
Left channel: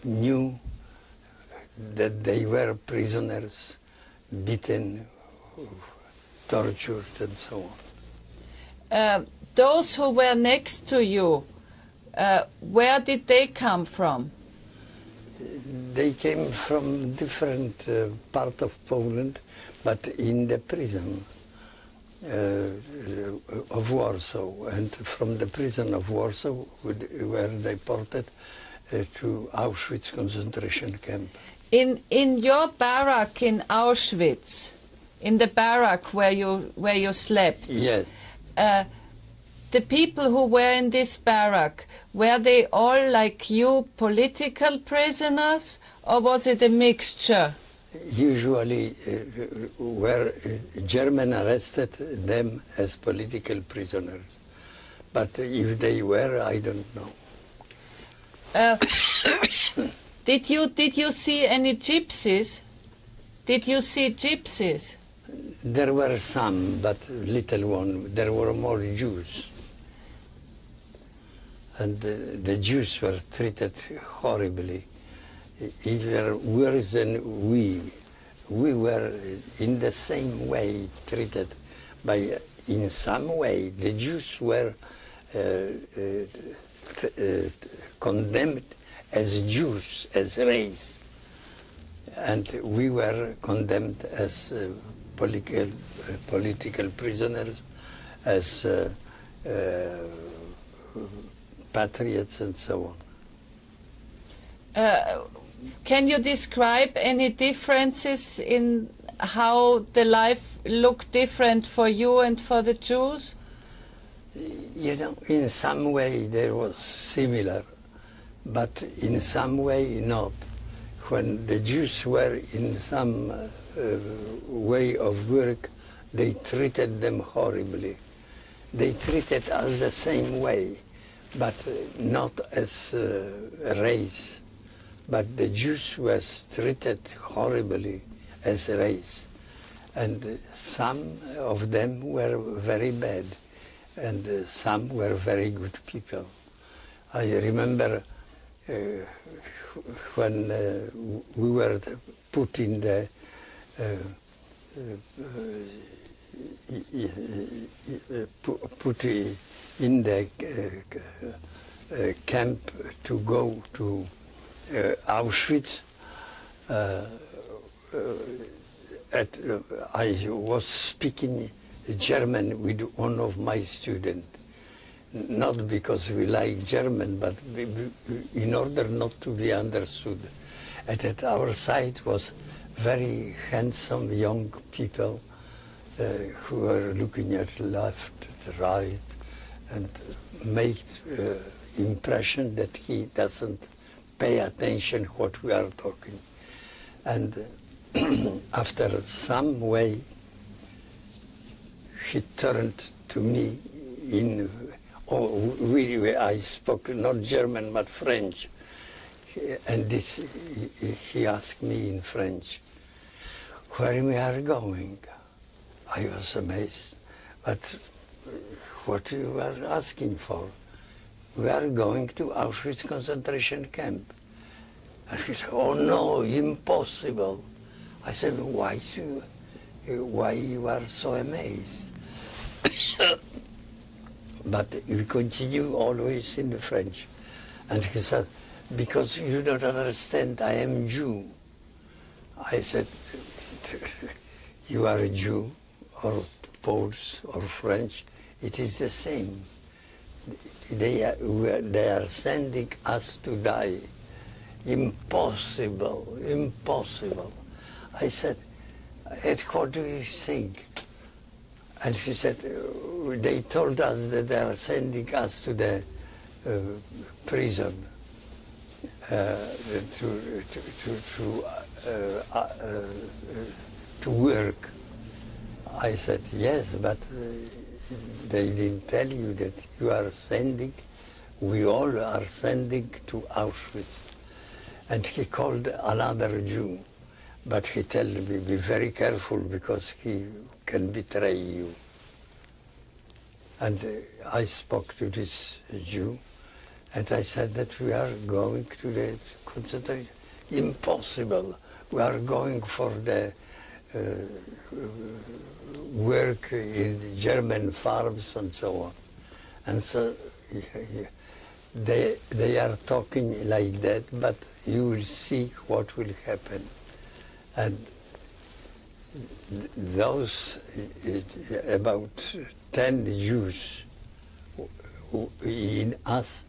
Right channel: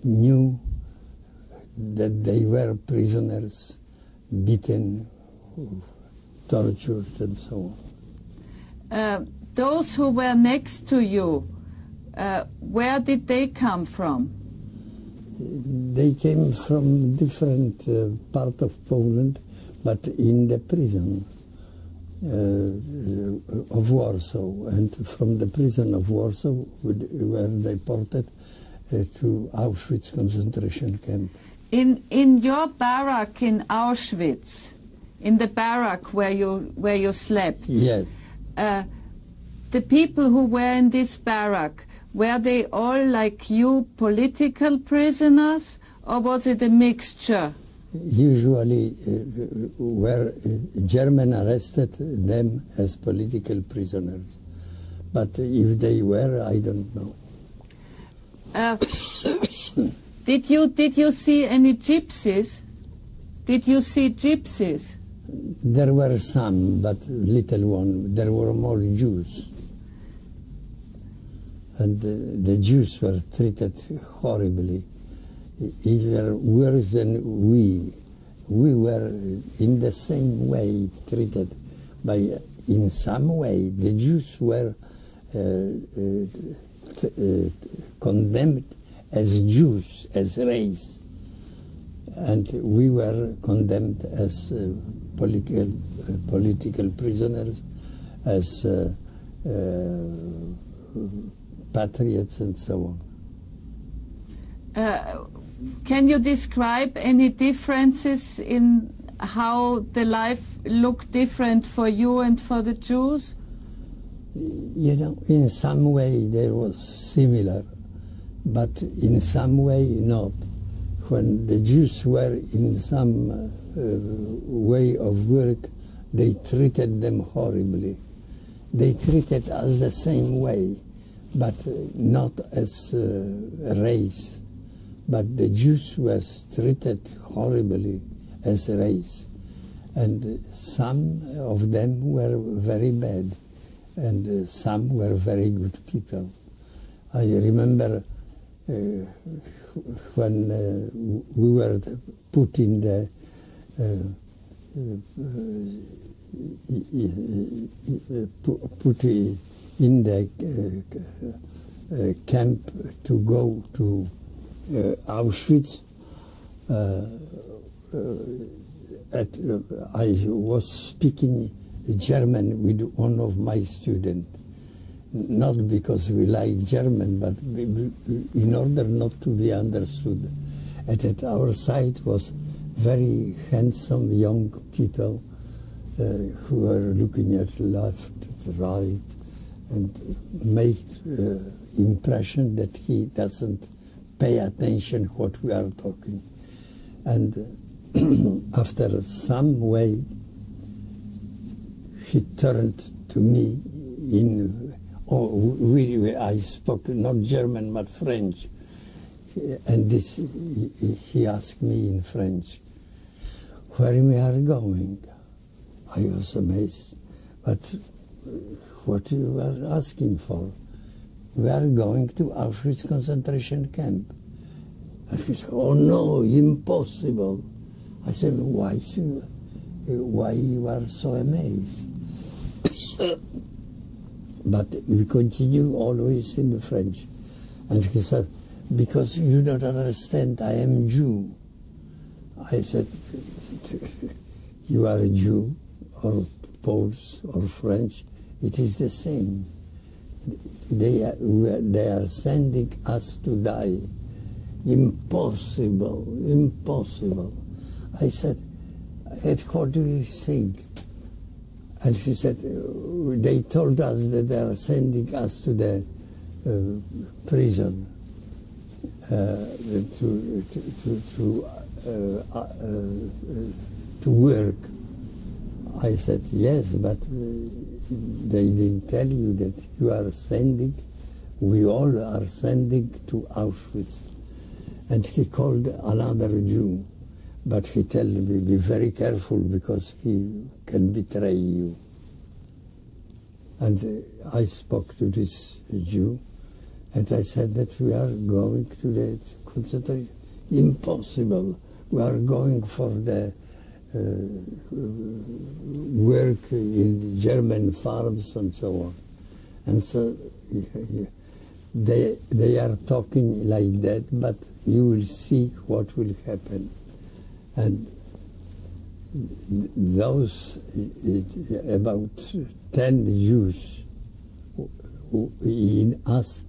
knew that they were prisoners, beaten, tortured, and so on. Those who were next to you, where did they come from? They came from different part of Poland, but in the prison of Warsaw. And from the prison of Warsaw, we were deported to Auschwitz concentration camp. In your barrack in Auschwitz, in the barrack where you slept. Yes. The people who were in this barrack, were they all like you, political prisoners, or was it a mixture? Usually, where German arrested them as political prisoners, but if they were, I don't know. Did you see any gypsies? Did you see gypsies? There were some, but little one. There were more Jews. And the Jews were treated horribly. Even worse than we. We were in the same way treated. In some way, the Jews were condemned as Jews, as race. And we were condemned as political prisoners, as patriots, and so on. Can you describe any differences in how the life looked different for you and for the Jews? You know, in some way there was similar, but in some way not. When the Jews were in some way of work, they treated them horribly. They treated us the same way, but not as a race. But the Jews was treated horribly as a race. And some of them were very bad, and some were very good people. I remember when we were put in the put in the camp to go to Auschwitz. I was speaking German with one of my students, not because we like German, but in order not to be understood. And at our side was very handsome young people who were looking at left, right, and made impression that he doesn't pay attention what we are talking. And after some way, he turned to me in, I spoke not German but French. And this, he asked me in French, where we are going? I was amazed, but what you are asking for? We are going to Auschwitz concentration camp. And he said, oh no, impossible. I said, why you are so amazed? But we continue always in the French. And he said, because you don't understand, I am Jew. I said, you are a Jew, or Poles, or French, it is the same. They are sending us to die. Impossible, impossible. I said, and what do you think? And he said, they told us that they are sending us to the prison to work. I said, yes, but they didn't tell you that you are sending, we all are sending to Auschwitz. And he called another Jew, but he told me, be very careful because he can betray you. And I spoke to this Jew, and I said that we are going to the concentration. Impossible. We are going for the work in German farms and so on. And so they are talking like that, but you will see what will happen. And those about 10 Jews in us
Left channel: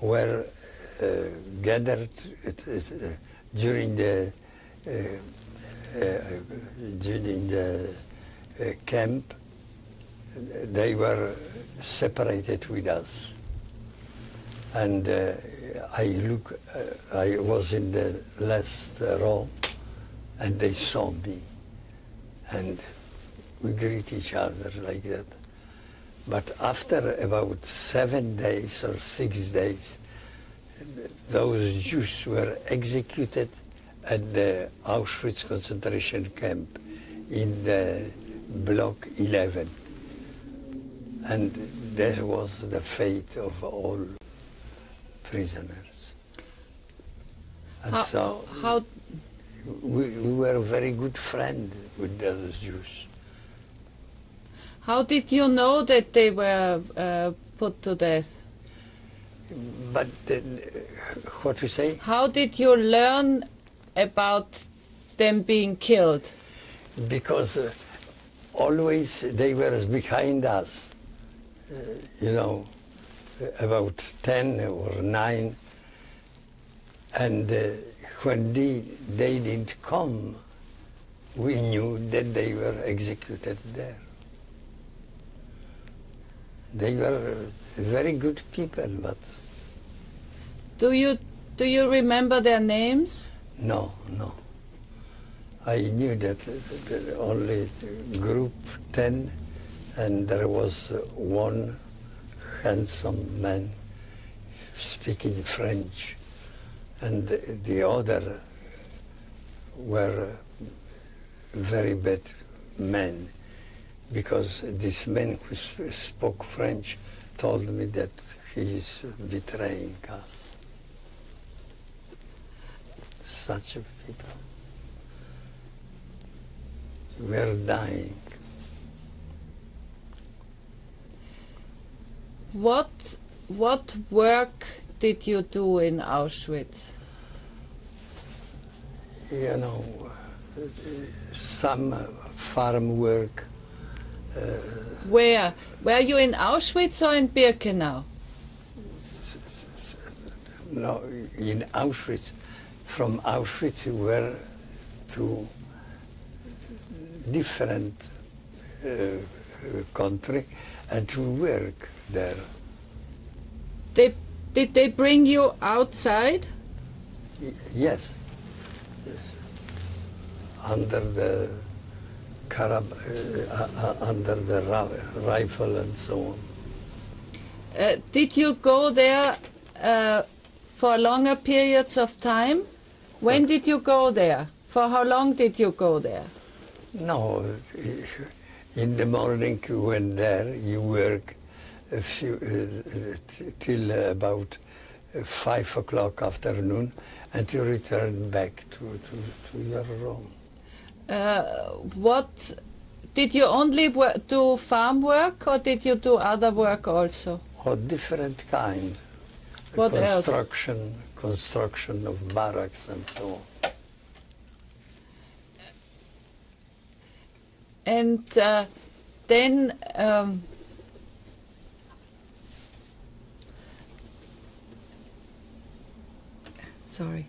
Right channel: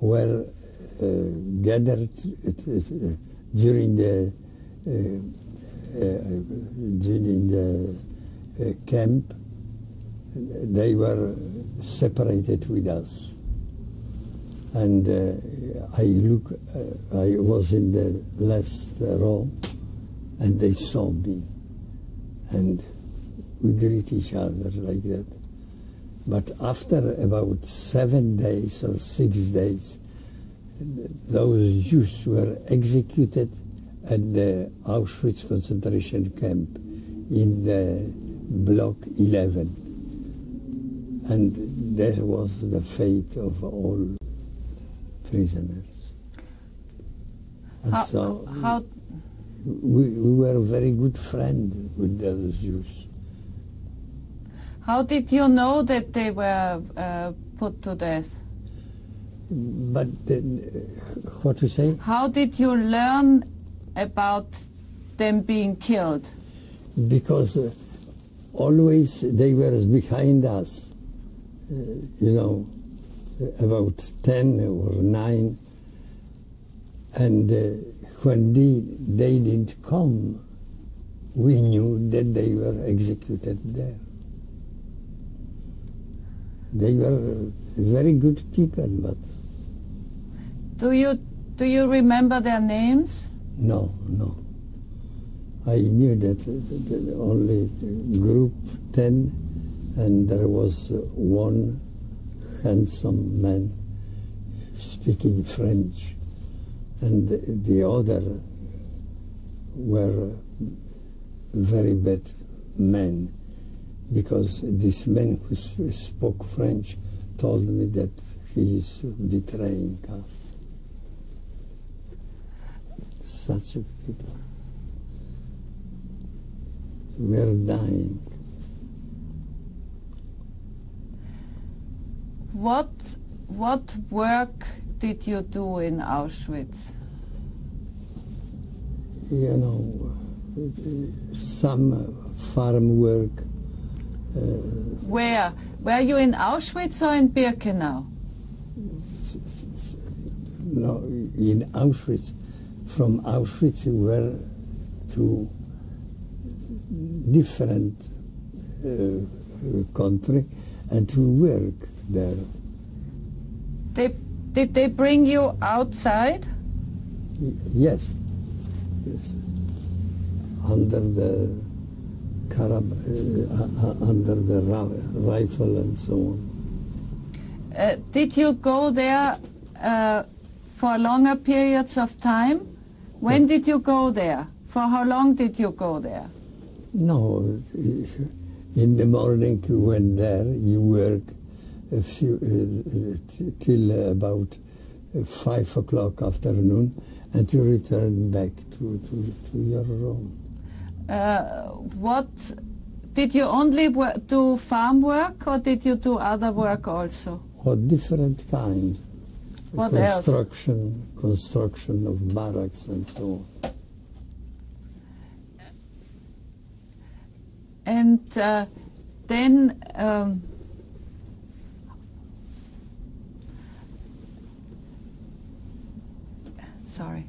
were gathered during the camp. They were separated with us. And I was in the last row, and they saw me. And we greet each other like that. But after about 7 days or 6 days, those Jews were executed at the Auschwitz concentration camp in the block 11. And that was the fate of all prisoners. And so we were very good friends with those Jews. How did you know that they were put to death? But what you say? How did you learn about them being killed? Because always they were behind us, about 10 or 9. And when they didn't come, we knew that they were executed there. They were very good people, but... Do you remember their names? No. I knew that only group 10, and there was one handsome man speaking French, and the other were very bad men, because this man who spoke French told me that he is betraying us. Such people. We are dying. what work did you do in Auschwitz? You know, some farm work. Where? Were you in Auschwitz or in Birkenau? No, in Auschwitz. From Auschwitz we were to different country and to work there. Did they bring you outside? Yes. Yes. Under the rifle and so on. Did you go there for longer periods of time? When did you go there? For how long did you go there? No, in the morning you went there, you work till about 5 o'clock afternoon, and you return back to your room. What did you only do farm work, or did you do other work also? Oh, different kind. What Construction of barracks and so on. And then sorry.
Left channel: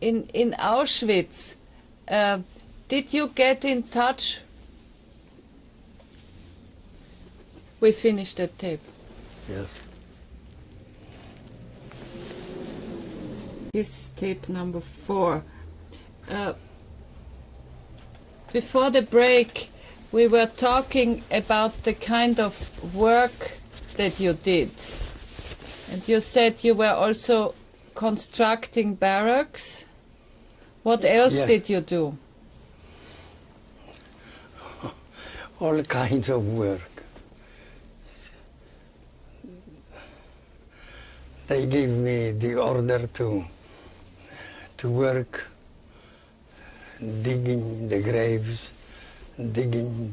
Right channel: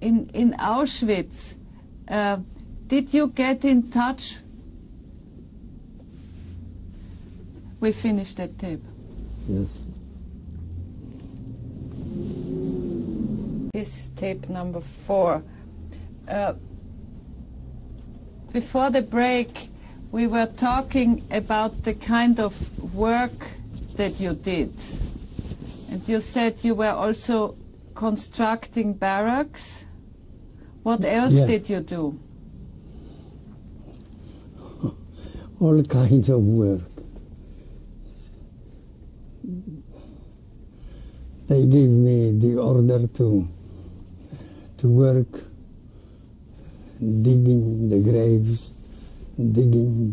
In Auschwitz, did you get in touch? We finished that tape. Yes. This is tape number 4. Before the break, we were talking about the kind of work that you did. And you said you were also constructing barracks. What else did you do? All kinds of work. They gave me the order to work, digging the graves, digging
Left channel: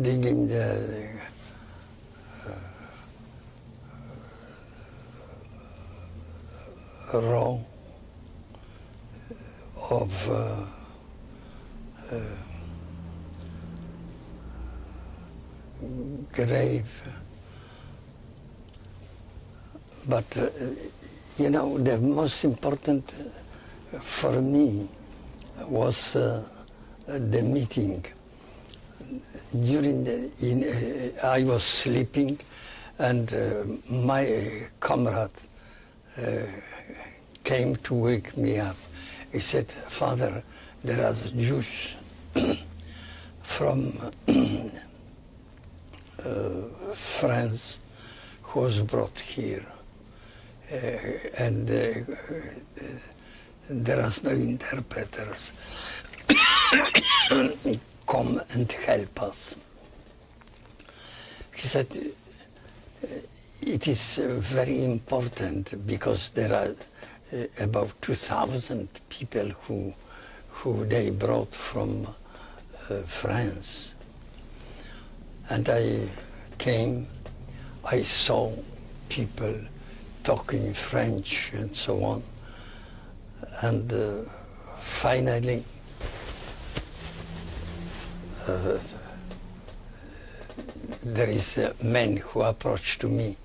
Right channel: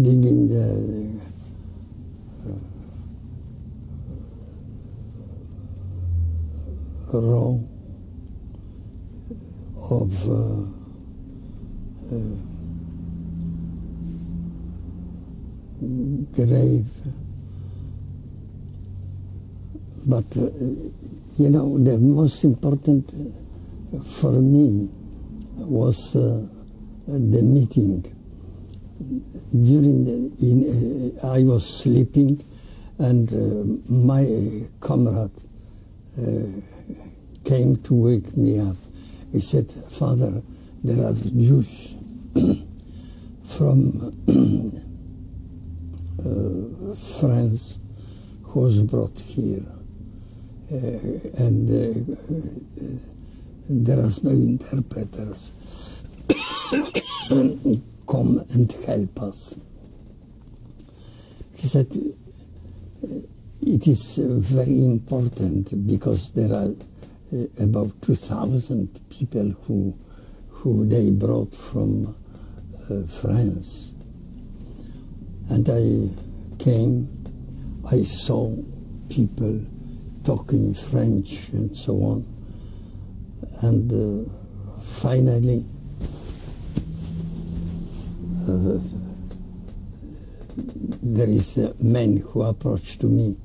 digging the row of grave. But, you know, the most important for me was the meeting. I was sleeping, and my comrade came to wake me up. He said, "Father, there are Jews from France who was brought here, and there are no interpreters. Come and help us." He said, "It is very important because there are about 2,000 people who they brought from France." And I came, I saw people talking French and so on. And finally, there is a man who approached to me,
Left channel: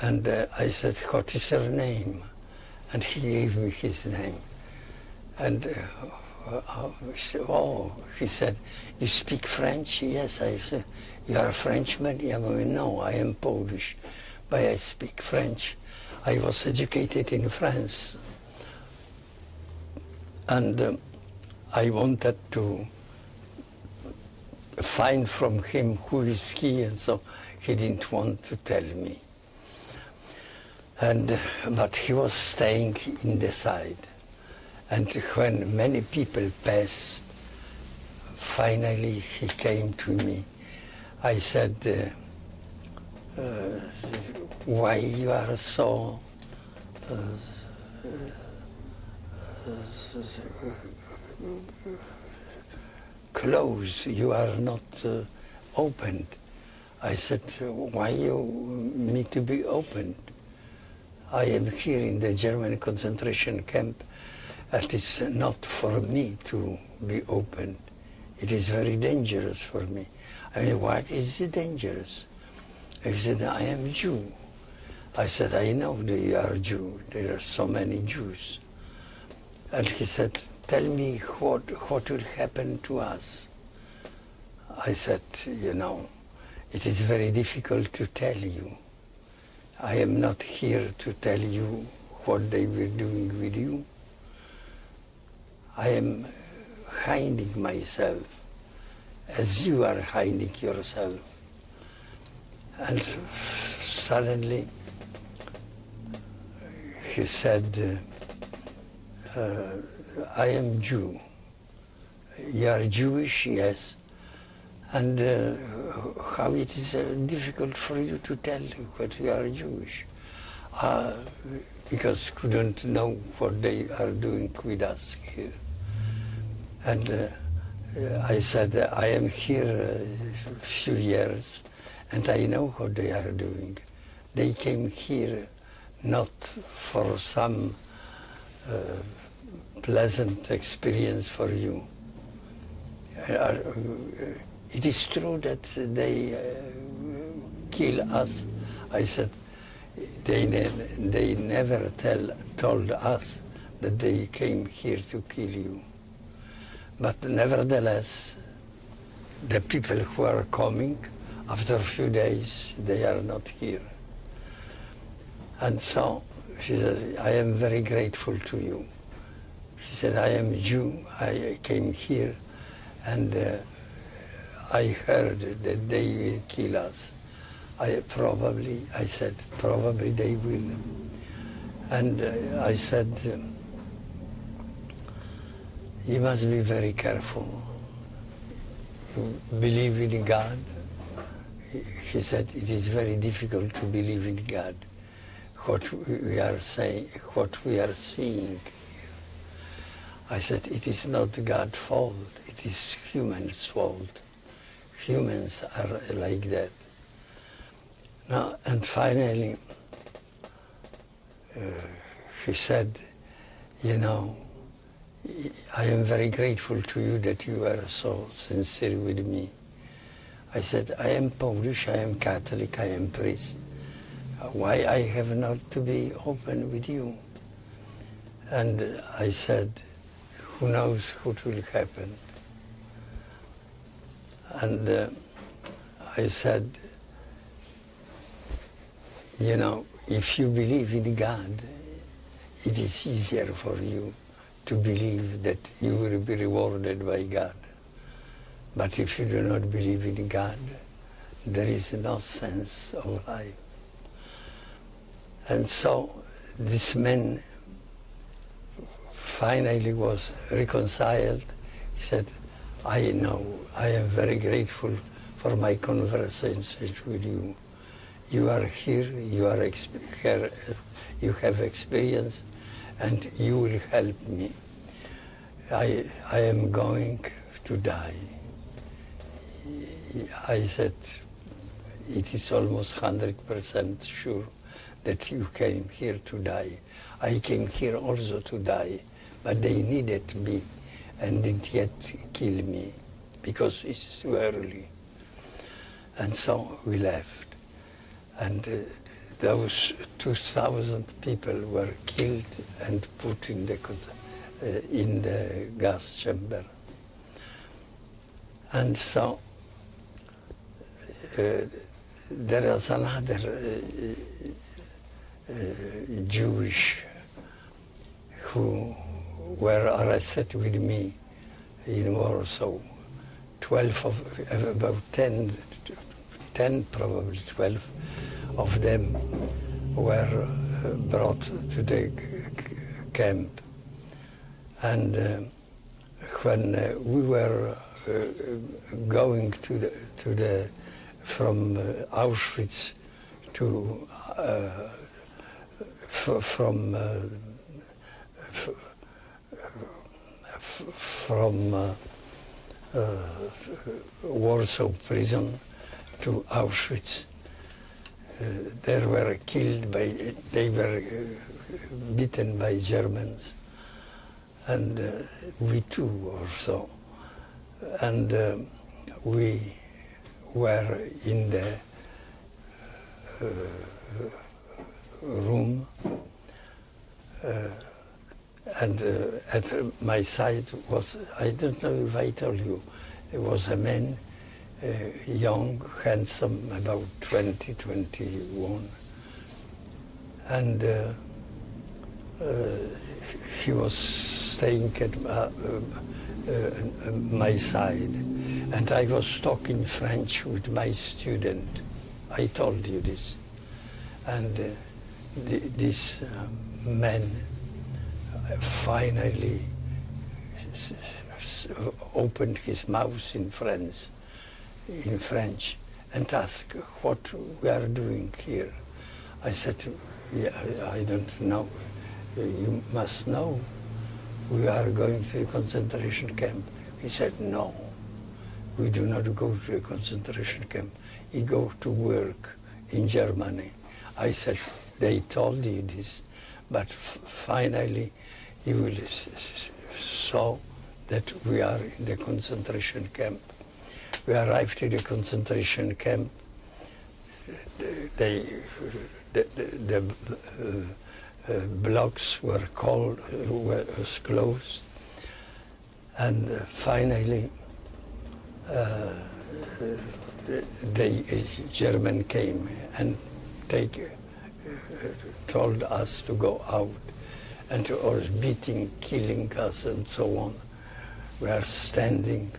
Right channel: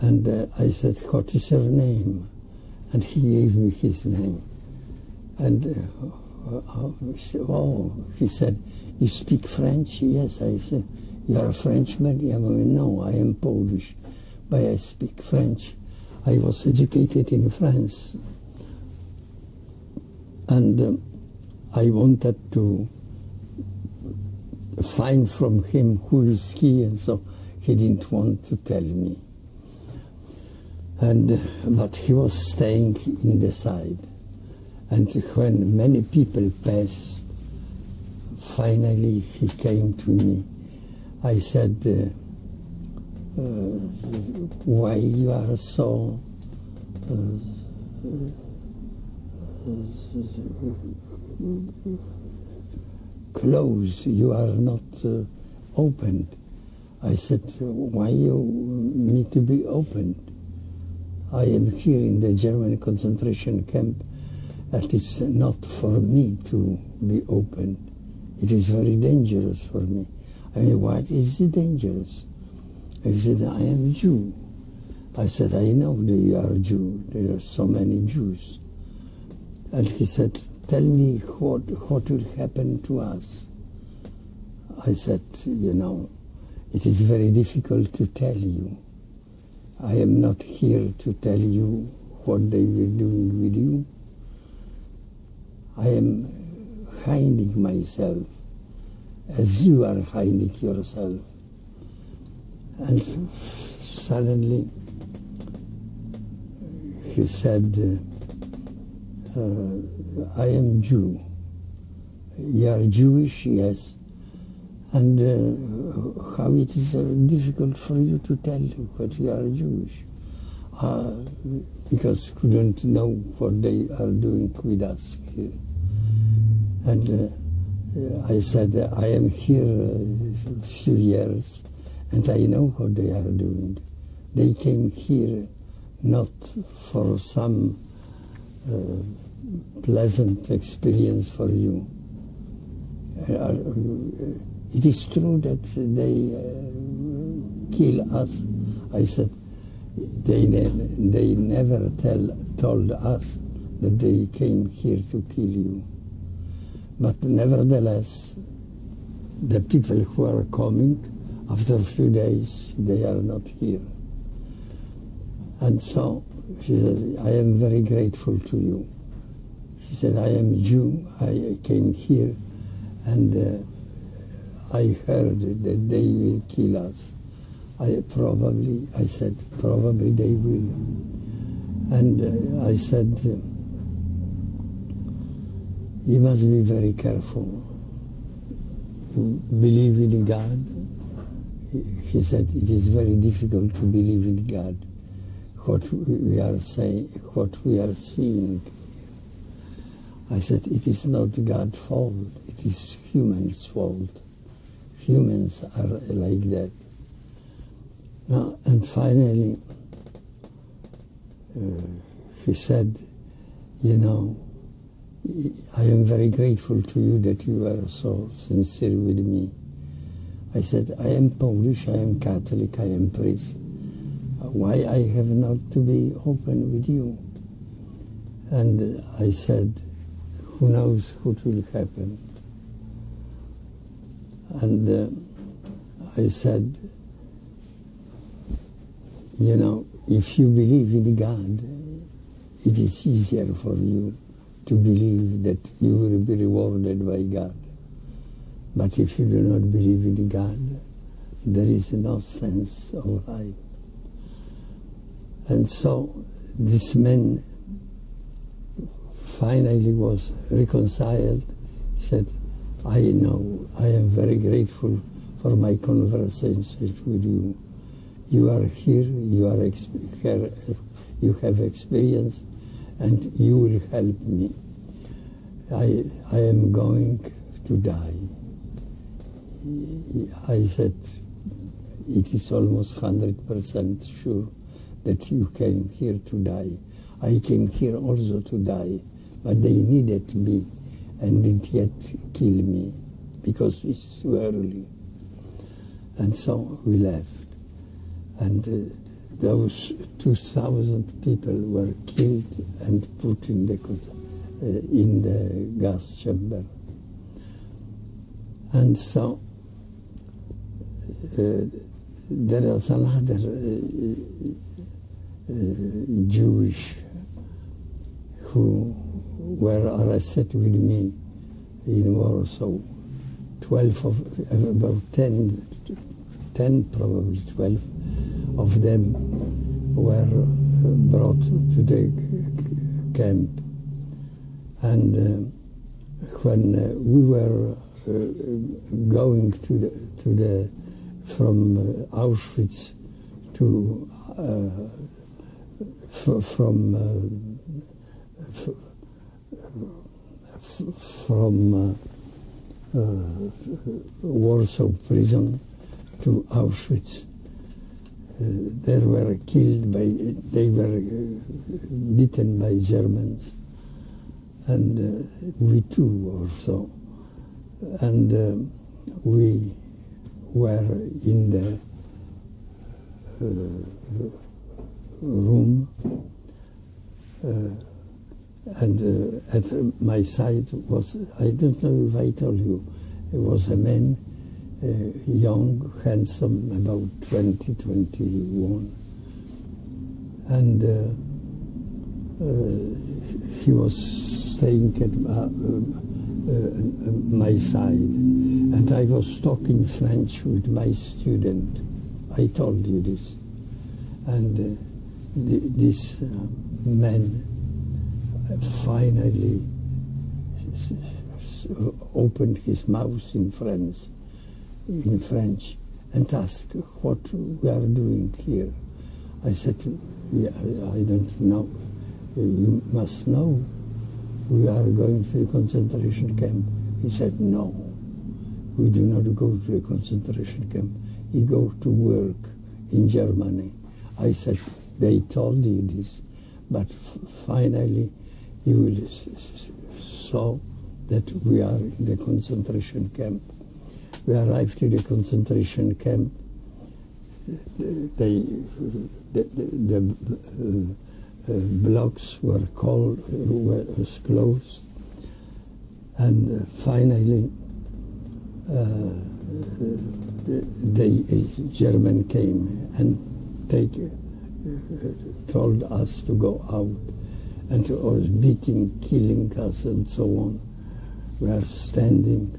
and I said, "What is your name?" And he gave me his name. And he said, "You speak French?" "Yes." I said, "You are a Frenchman?" "Yeah." "No, I am Polish, but I speak French. I was educated in France." And I wanted to find from him who is he, and so he didn't want to tell me. But he was staying in the side. And when many people passed, finally he came to me. I said, "Why you are so closed, you are not opened. I said, why you need to be opened? I am here in the German concentration camp. It is not for me to be opened. It is very dangerous for me. I mean, what is it dangerous? He said, I am Jew. I said, I know that you are Jew. There are so many Jews. And he said, tell me what will happen to us. I said, you know, it is very difficult to tell you. I am not here to tell you what they were doing with you. I am hiding myself as you are hiding yourself. And suddenly he said, I am Jew. You are Jewish, yes. And how it is difficult for you to tell what you are Jewish. Because couldn't know what they are doing with us here. And I said, I am here a few years, and I know what they are doing. They came here not for some pleasant experience for you. It is true that they kill us. I said, they never told us that they came here to kill you. But nevertheless, the people who are coming, after a few days, they are not here. And so she said, I am very grateful to you. She said, I am Jew, I came here, and I heard that they will kill us. I said, probably they will. And I said, you must be very careful. You believe in God? He said, it is very difficult to believe in God. What we are saying, what we are seeing. I said, it is not God's fault, it is humans' fault. Humans are like that. Now, and finally, he said, you know, I am very grateful to you that you are so sincere with me. I said, I am Polish, I am Catholic, I am priest. Why I have not to be open with you? And I said, who knows what will happen? And I said, you know, if you believe in God, it is easier for you to believe that you will be rewarded by God. But if you do not believe in God, there is no sense of life. And so this man finally was reconciled. He said, I know, I am very grateful for my conversations with you. You are here, you have experience, and you will help me. I am going to die. I said, it is almost 100% sure that you came here to die. I came here also to die, but they needed me and didn't yet kill me because it's too early. And so we left. And those 2,000 people were killed and put in the gas chamber. And so there is another Jewish who were arrested with me in Warsaw. 12 of, about 10, probably 12 of them were brought to the camp. And when we were going from Auschwitz to from from Warsaw prison to Auschwitz. They were beaten by Germans, and we too also. And we were in the room, and at my side was, I don't know if I told you, it was a man, young, handsome, about 20, 21. And he was staying at my side. And I was talking French with my student. I told you this. And this man finally opened his mouth in French and asked what we are doing here. I said, yeah, I don't know. You must know. We are going to a concentration camp. He said, no, we do not go to a concentration camp. We go to work in Germany. I said, they told you this, but finally you will saw that we are in the concentration camp. We arrived at the concentration camp. The blocks were closed, and finally the German came and told us to go out, and to us beating, killing us, and so on. We are standing,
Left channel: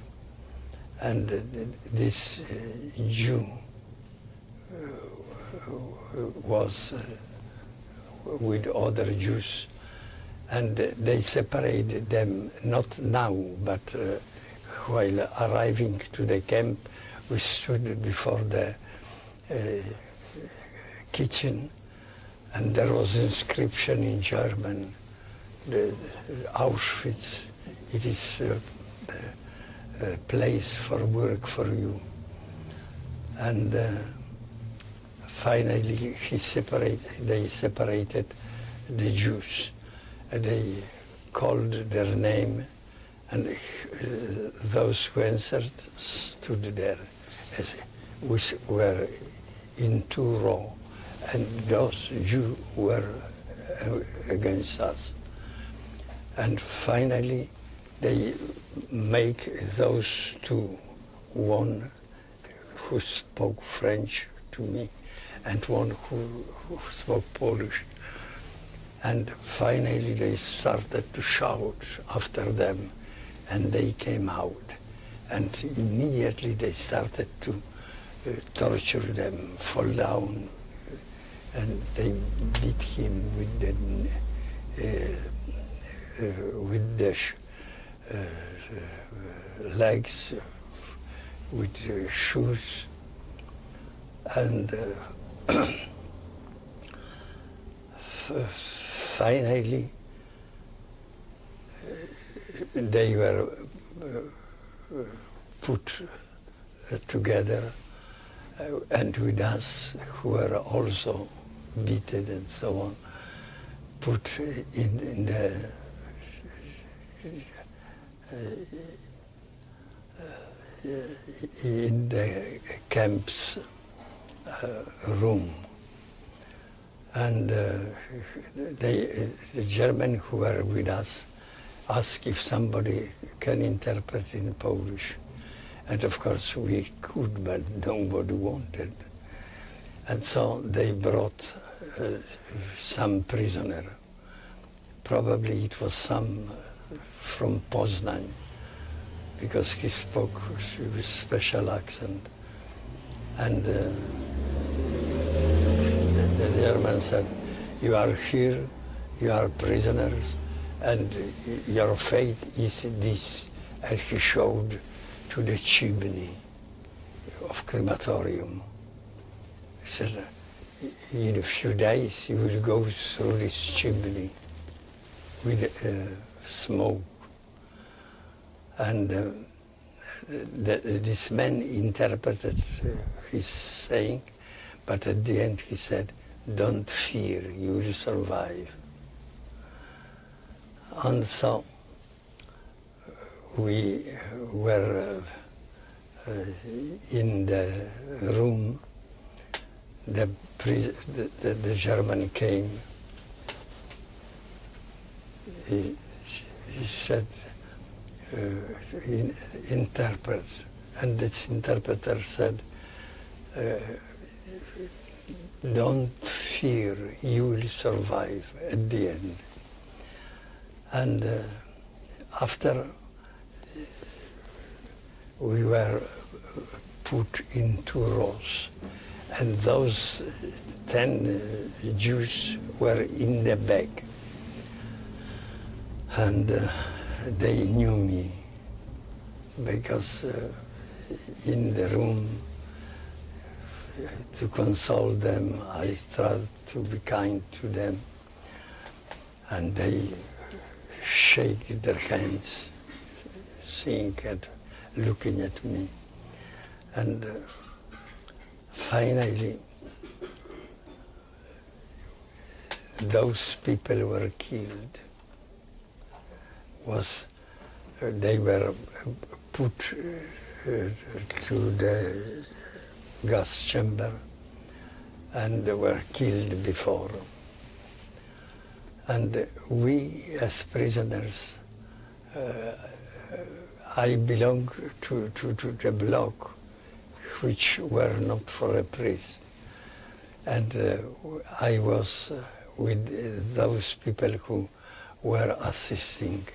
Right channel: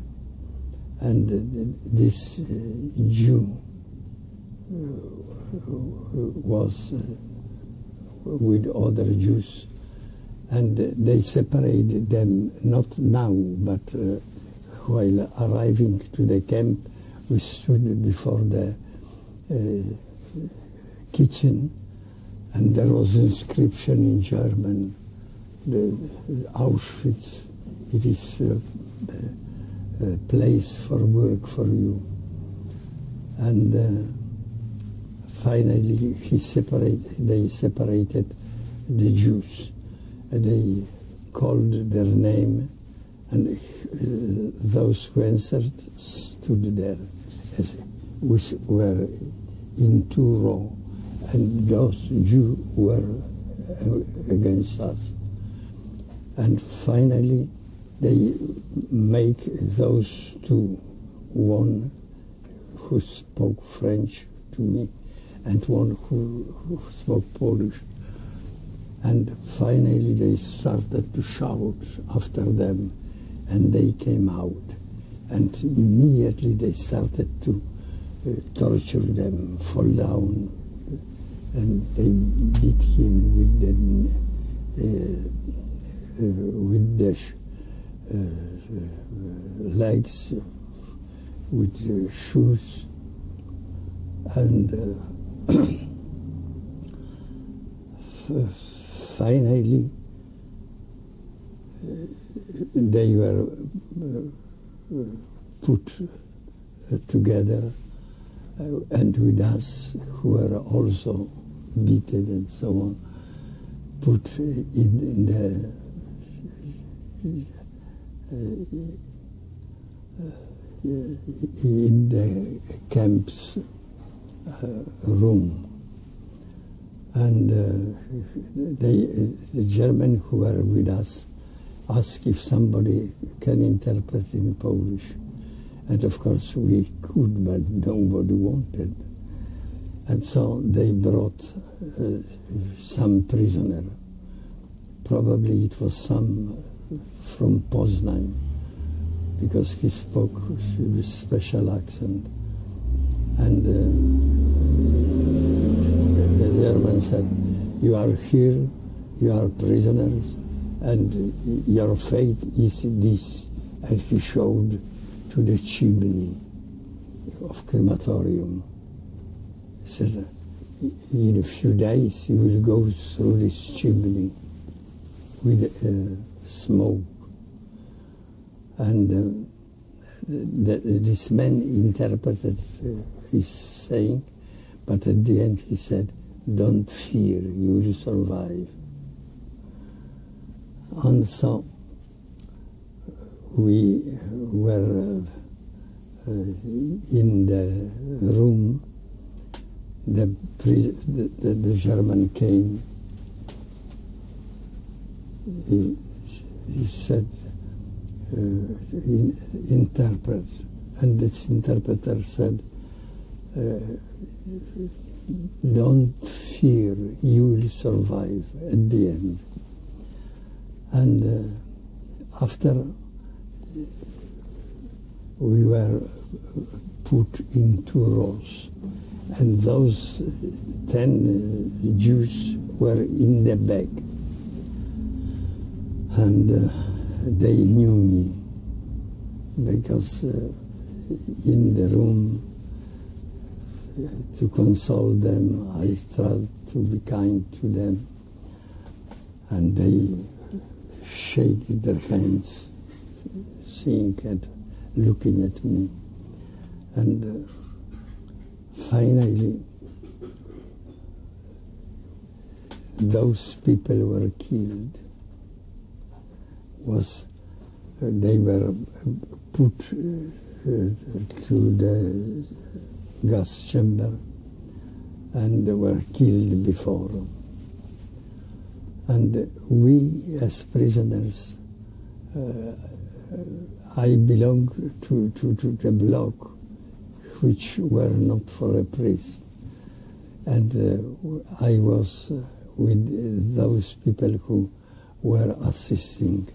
and this Jew was with other Jews, and they separated them, not now, but while arriving to the camp. We stood before the kitchen, and there was inscription in German, the Auschwitz, it is a place for work for you. And finally they separated the Jews. They called their name, and those who answered stood there, which were in 2 rows, and those Jews were against us. And finally, they make those two, one who spoke French to me, and one who spoke Polish. And finally, they started to shout after them, and they came out. And immediately they started to torture them, fall down, and they beat him with the legs, with shoes, and finally they were put together, and with us, who were also beaten and so on, put in the camp's room. And the German who were with us asked if somebody can interpret in Polish. And of course we could, but nobody wanted. And so they brought some prisoner. Probably it was some from Poznań, because he spoke with special accent. And the German said, you are here, you are prisoners, and your fate is this. And he showed to the chimney of crematorium. He said, in a few days you will go through this chimney. with smoke. And this man interpreted his saying, but at the end he said, "Don't fear, you will survive." And so we were in the room. The German came. He said, interpret, and this interpreter said, "Don't fear, you will survive at the end." And after we were put in 2 rows, and those 10 Jews were in the back, and they knew me because in the room, to console them, I tried to be kind to them, and they shake their hands, seeing and looking at me. And finally, those people were killed. They were put to the gas chamber and were killed before. And we, as prisoners, I belong to the block which were not for a priest. And I was with those people who were assisting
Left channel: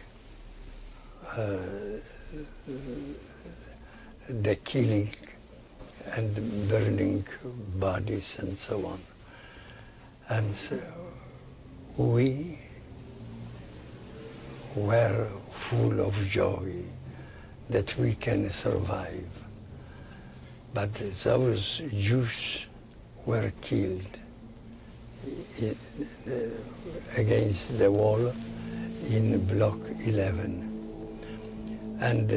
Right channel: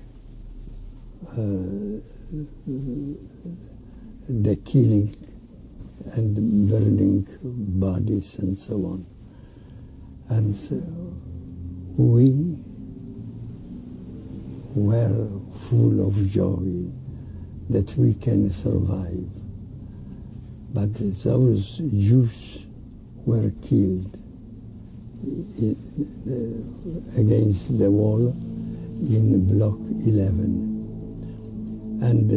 the killing and burning bodies and so on. And so we were full of joy that we can survive. But those Jews were killed against the wall in block 11. And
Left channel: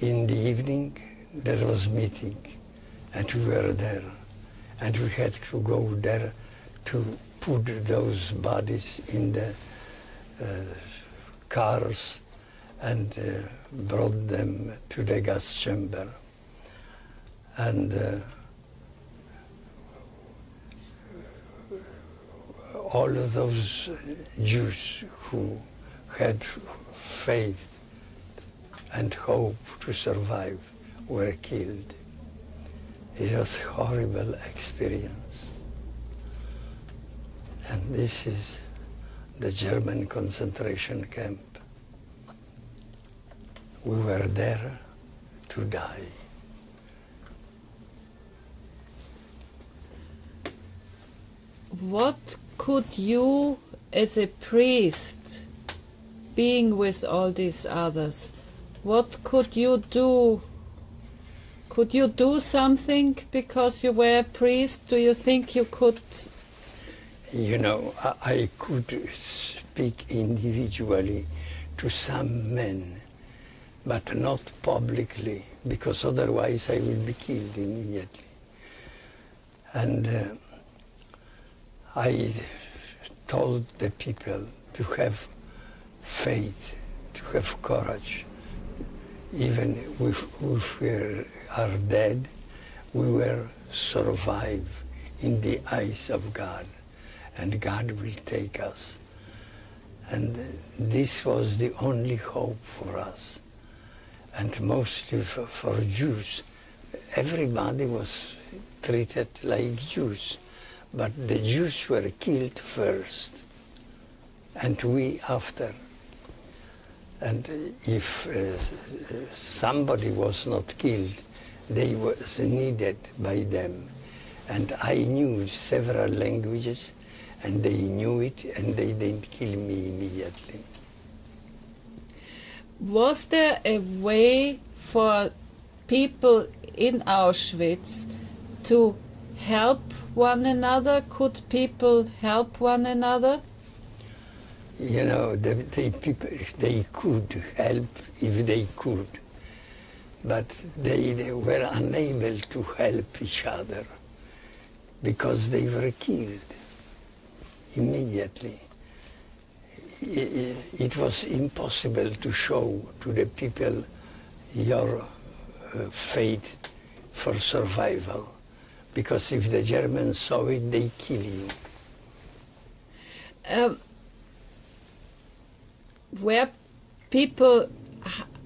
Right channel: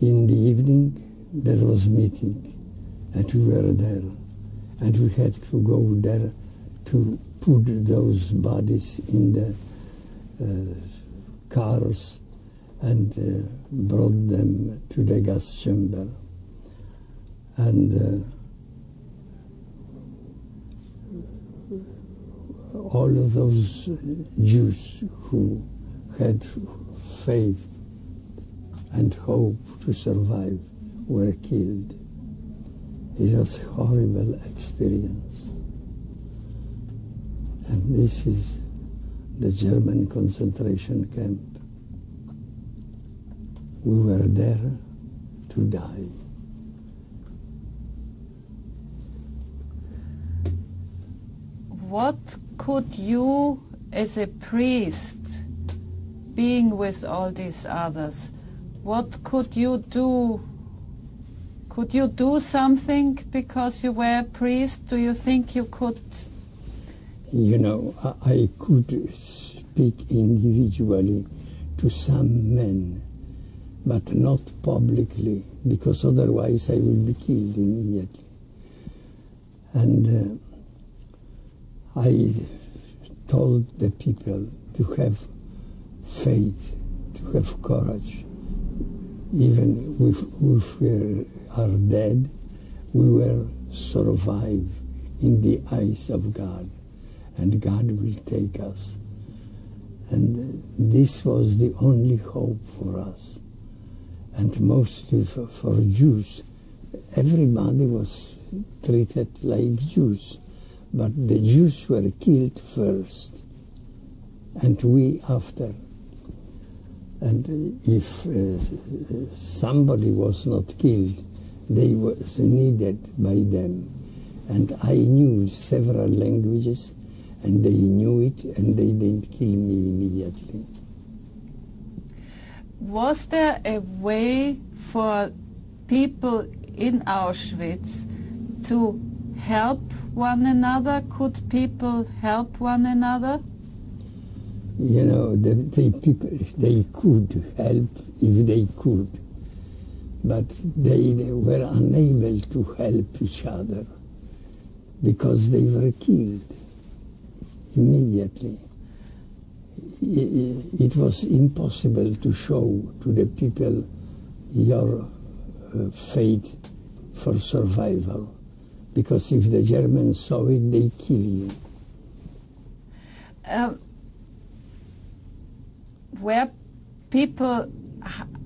in the evening there was meeting, and we were there, and we had to go there to put those bodies in the cars and brought them to the gas chamber. And all of those Jews who had faith and hope to survive were killed. It was a horrible experience. And this is the German concentration camp. We were there to die. What could you, as a priest, being with all these others, what could you do? Could you do something because you were a priest? Do you think you could? You know, I could speak individually to some men, but not publicly, because otherwise I will be killed immediately. And I told the people to have faith, to have courage. Even if we are dead, we will survive in the eyes of God, and God will take us. And this was the only hope for us. And mostly for Jews, everybody was treated like Jews, but the Jews were killed first, and we after. And if somebody was not killed, they was needed by them. And I knew several languages, and they knew it, and they didn't kill me immediately. Was there a way for people in Auschwitz to help one another? Could people help one another? You know, the people, they could help if they could, but they were unable to help each other because they were killed immediately. It was impossible to show to the people your fate for survival, because if the Germans saw it, they kill you. Were people,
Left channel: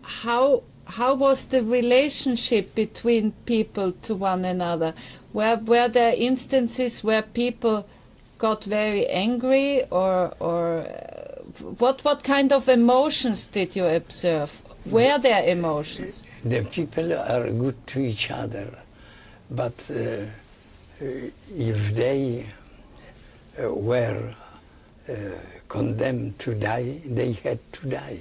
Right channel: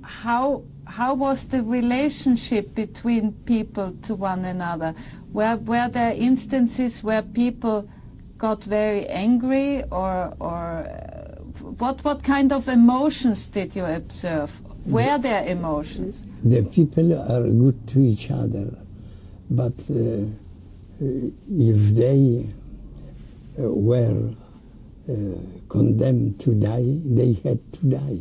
how was the relationship between people to one another? Were there instances where people got very angry, or what kind of emotions did you observe? Were there emotions? The people are good to each other, but if they were condemned to die, they had to die.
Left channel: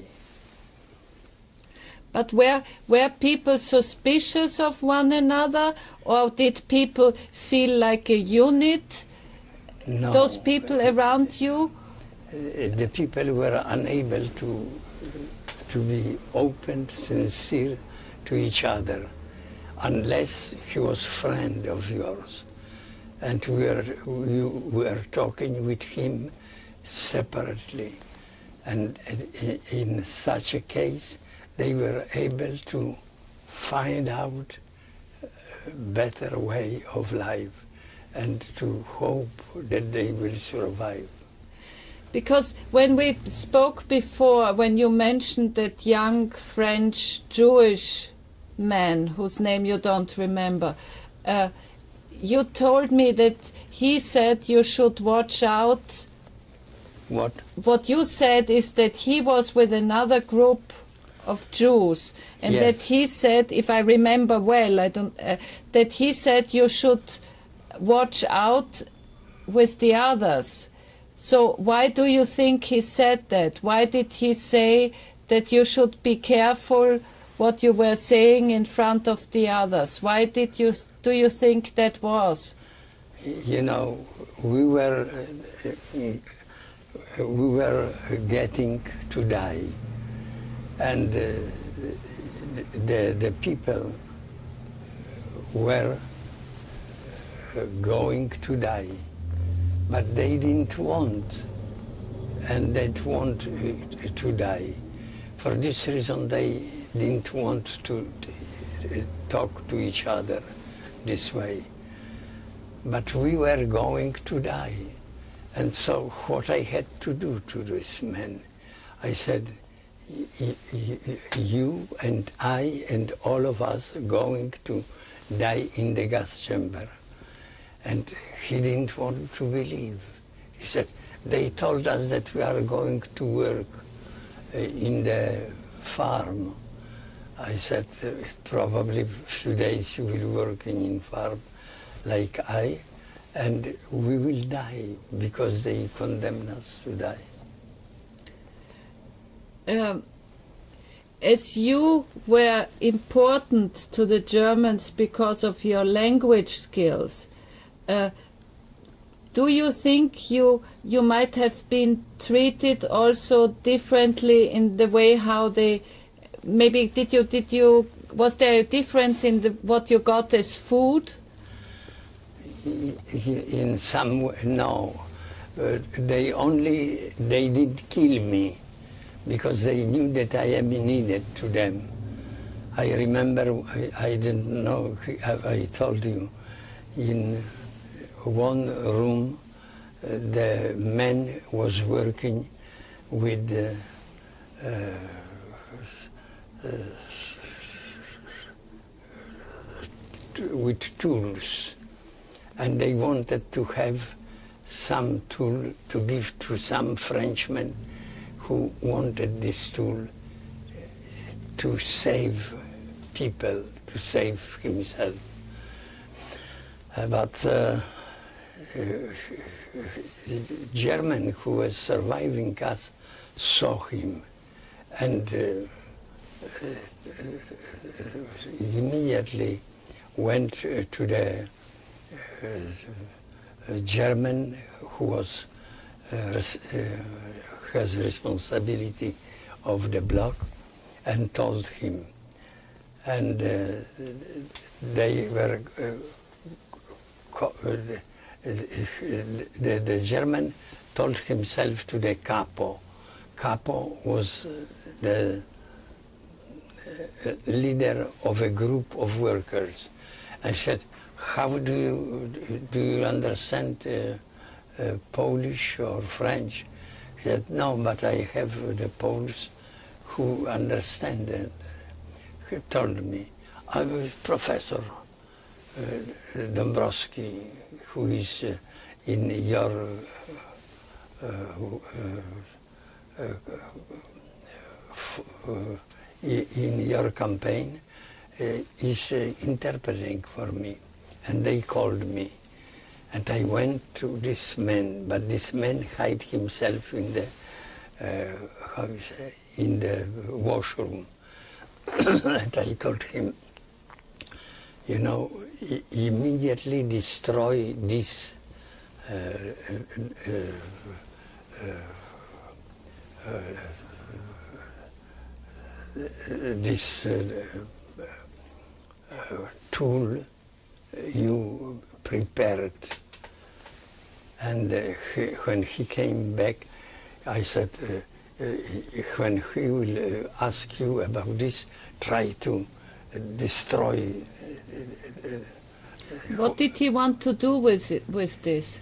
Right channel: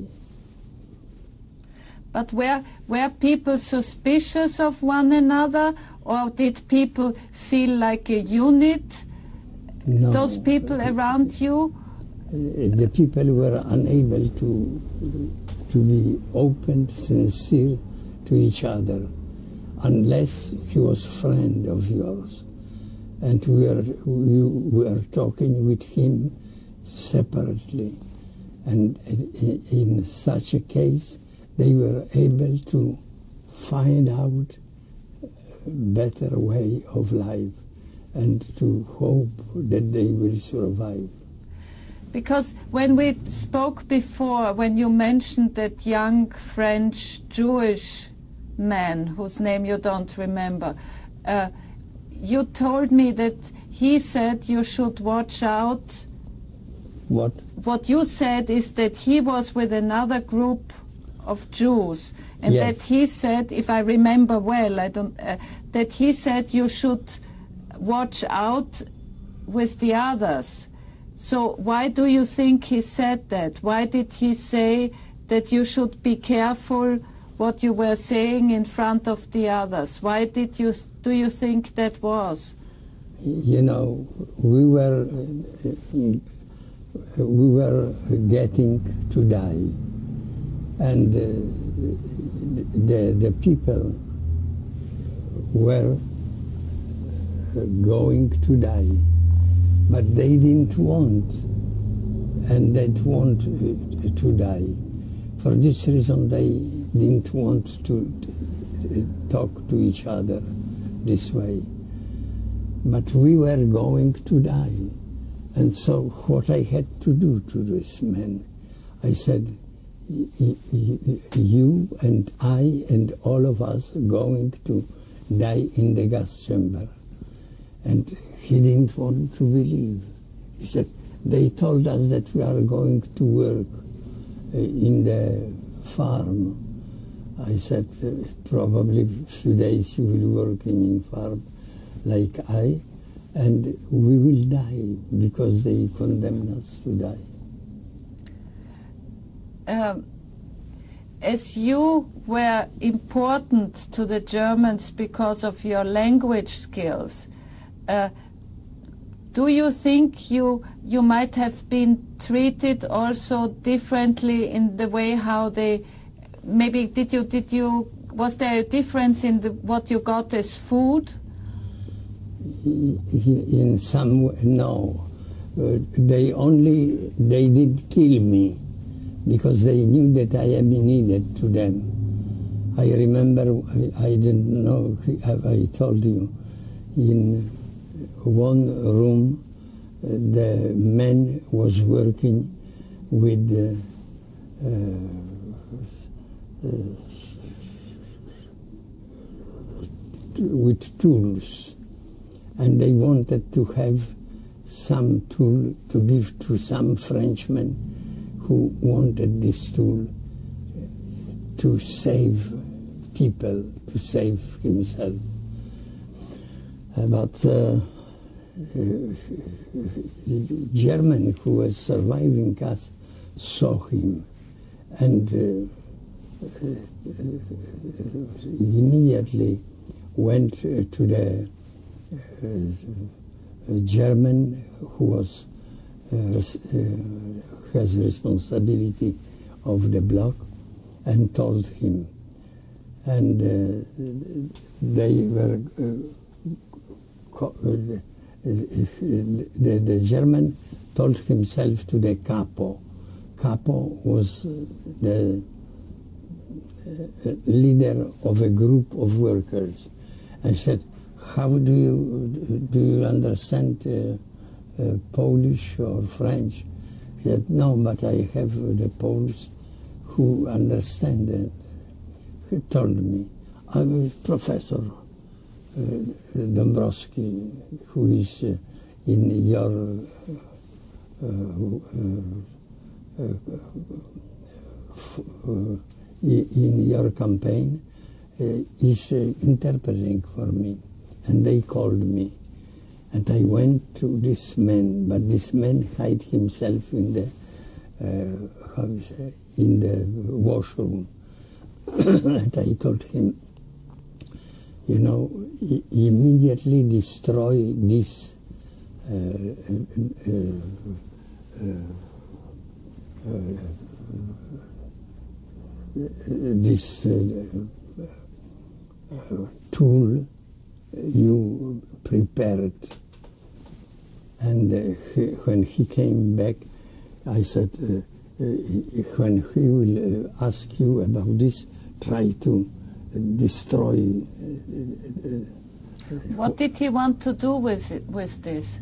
But were people suspicious of one another, or did people feel like a unit? No. Those people around you? The people were unable to be open, sincere to each other, unless he was a friend of yours. And we were talking with him separately. And in such a case, they were able to find out a better way of life and to hope that they will survive. Because when we spoke before, when you mentioned that young French Jewish man, whose name you don't remember, you told me that he said you should watch out. What? What you said is that he was with another group of Jews, and yes. that he said, if I remember well, that he said you should watch out with the others. So why do you think he said that? Why did he say that you should be careful what you were saying in front of the others? Why do you think that was? You know, we were getting to die, and the people were going to die, but they didn't want, and they didn't want to die. For this reason, they didn't want to talk to each other this way. But we were going to die. And so what I had to do to this man, I said, you and I and all of us are going to die in the gas chamber. And he didn't want to believe. He said, they told us that we are going to work in the farm. I said, probably a few days you will work in farm like I, and we will die because they condemn us to die. As you were important to the Germans because of your language skills, do you think you might have been treated also differently in the way how they, maybe was there a difference in what you got as food? In some way, no. They didn't kill me because they knew that I am needed to them. I remember, I didn't know, I told you, in one room, the man was working with tools, and they wanted to have some tool to give to some Frenchman who wanted this tool to save people, to save himself. But the German who was surviving us saw him, and immediately went to the German who was has responsibility of the block, and told him. And they were, the German told himself to the capo. Capo was the leader of a group of workers, and said, how do you understand Polish or French? He said, no, but I have the Poles who understand it. He told me, I was Professor Dabrowski, who is in your campaign, is interpreting for me. And they called me. And I went to this man, but this man hid himself in the, in the washroom. And I told him, you know, immediately destroy this tool you prepared. And when he came back, I said, when he will ask you about this, try to destroy. What did he want to do with this?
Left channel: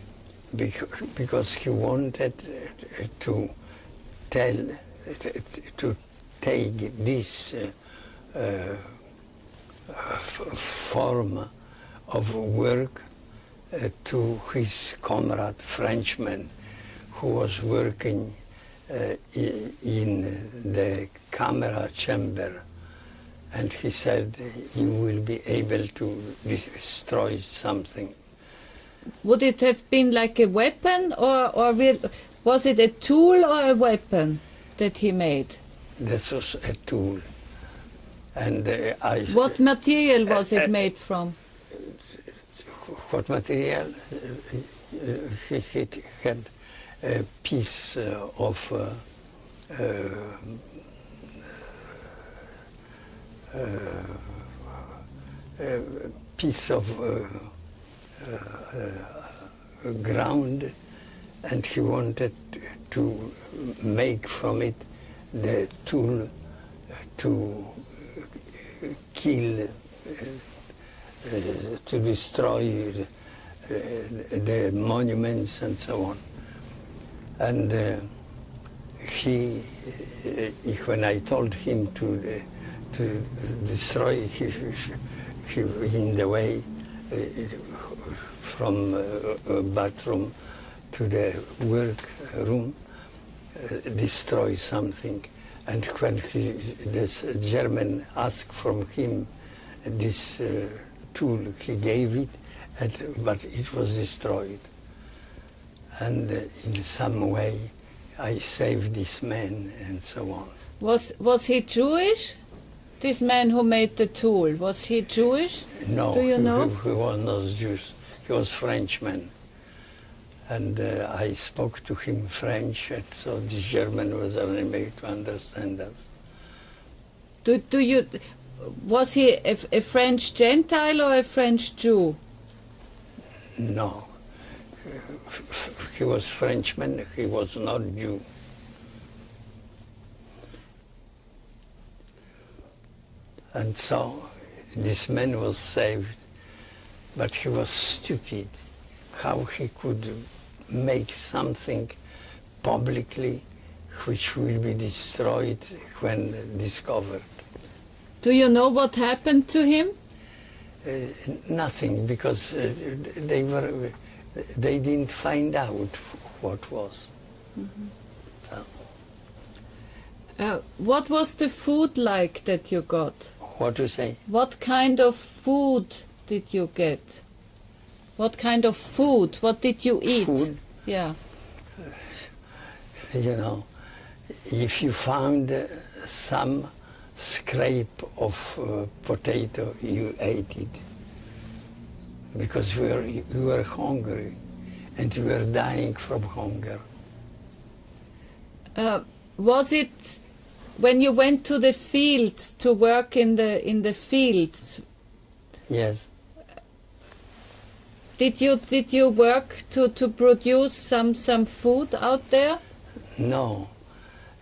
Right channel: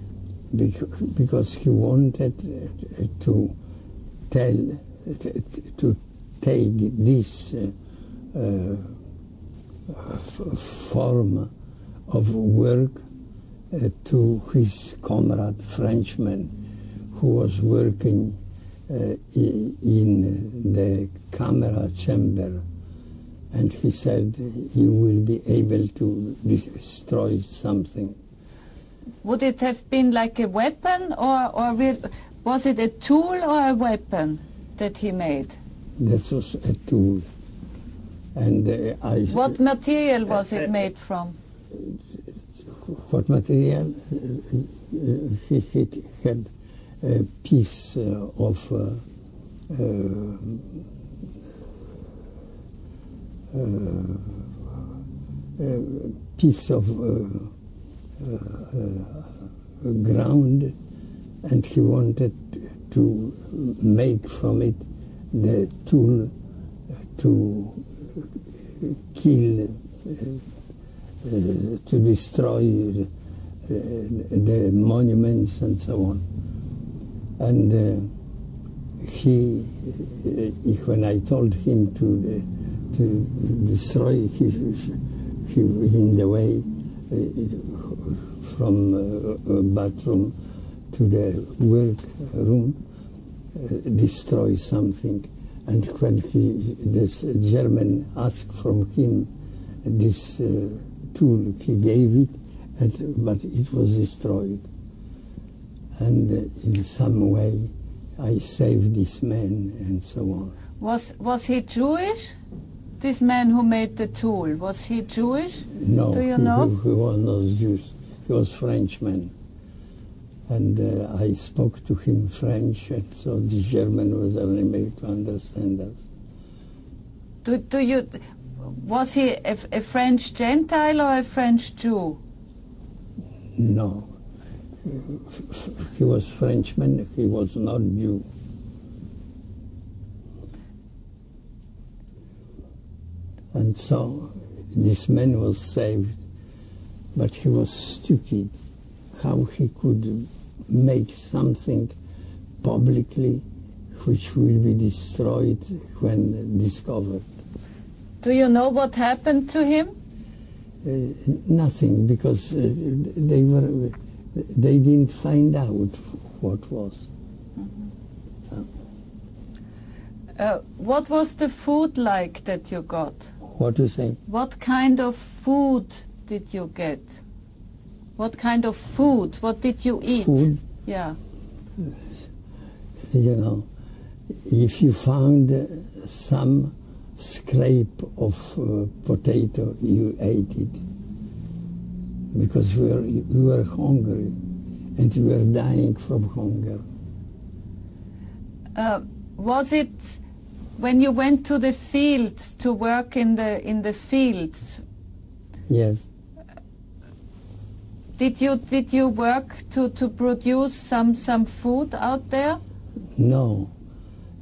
Because he wanted to tell, to take this form of work to his comrade Frenchman, who was working in the camera chamber, and he said, you will be able to destroy something. Would it have been like a weapon, or was it a tool or a weapon that he made? This was a tool. And what material was it made from? What material? He had a piece of ground, and he wanted to make from it the tool to kill, to destroy the monuments and so on. And when I told him to destroy, he in the way from a bathroom to the work room, destroy something. And when this German asked from him this tool, he gave it, but it was destroyed. And in some way, I saved this man, and so on. Was he Jewish? This man who made the tool, was he Jewish? No, do you know? He was not Jewish. He was Frenchman. And I spoke to him French, and so the German was unable to understand us. Was he a French Gentile or a French Jew? No. He was Frenchman, he was not Jew. And so this man was saved, but he was stupid. How he could make something publicly which will be destroyed when discovered. Do you know what happened to him? Nothing, because they didn't find out what was. What was the food like that you got? What to say? What kind of food did you get? What kind of food? What did you eat? Food? Yeah. You know, if you found some scrape of potato, you ate it. Because we were hungry, and we were dying from hunger. Was it when you went to the fields to work in the fields? Yes. Did you work to produce some food out there? No.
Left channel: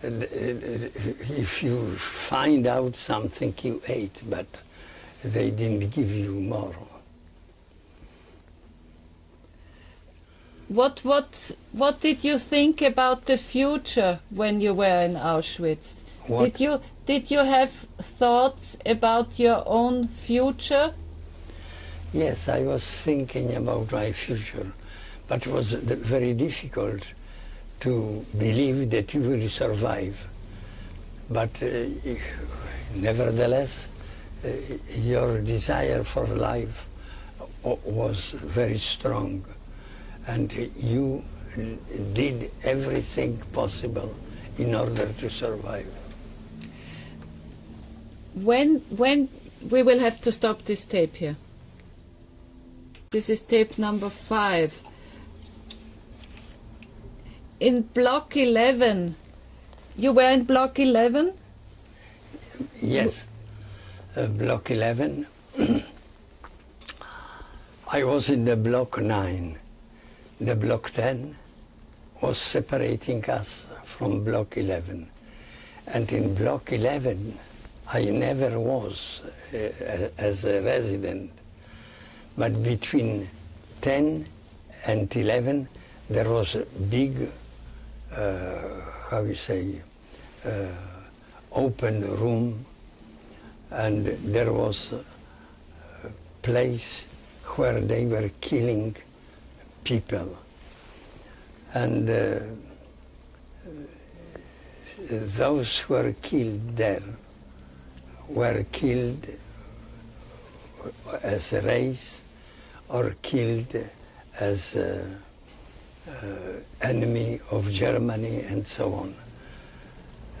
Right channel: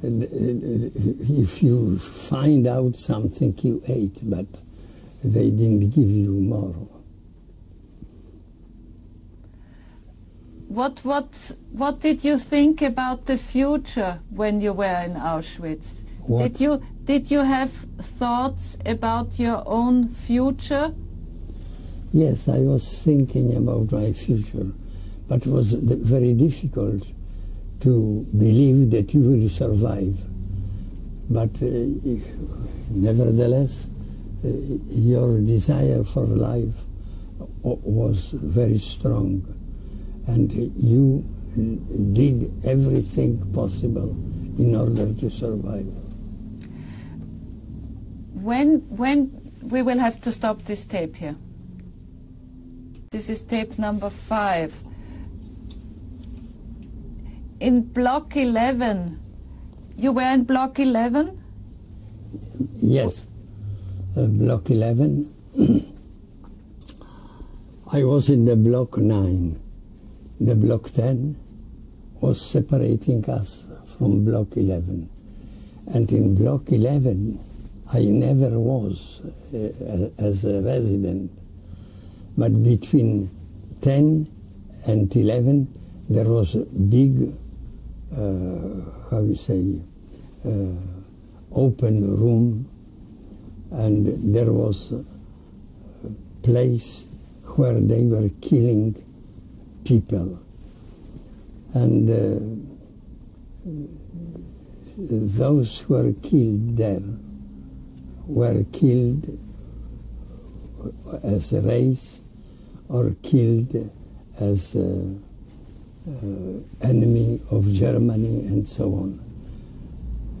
If you find out something, you ate, but they didn't give you more. What did you think about the future when you were in Auschwitz? What? Did you have thoughts about your own future? Yes, I was thinking about my future, but it was very difficult to believe that you will survive. But nevertheless, your desire for life was very strong, and you did everything possible in order to survive. When we will have to stop this tape here. This is tape number 5. In block 11, you were in block 11? Yes, block 11. I was in the block 9. The block 10 was separating us from block 11. And in block 11, I never was as a resident. But between 10 and 11, there was a big, open room, and there was a place where they were killing people. And those who were killed there were killed as a race or killed as enemy of Germany and so on.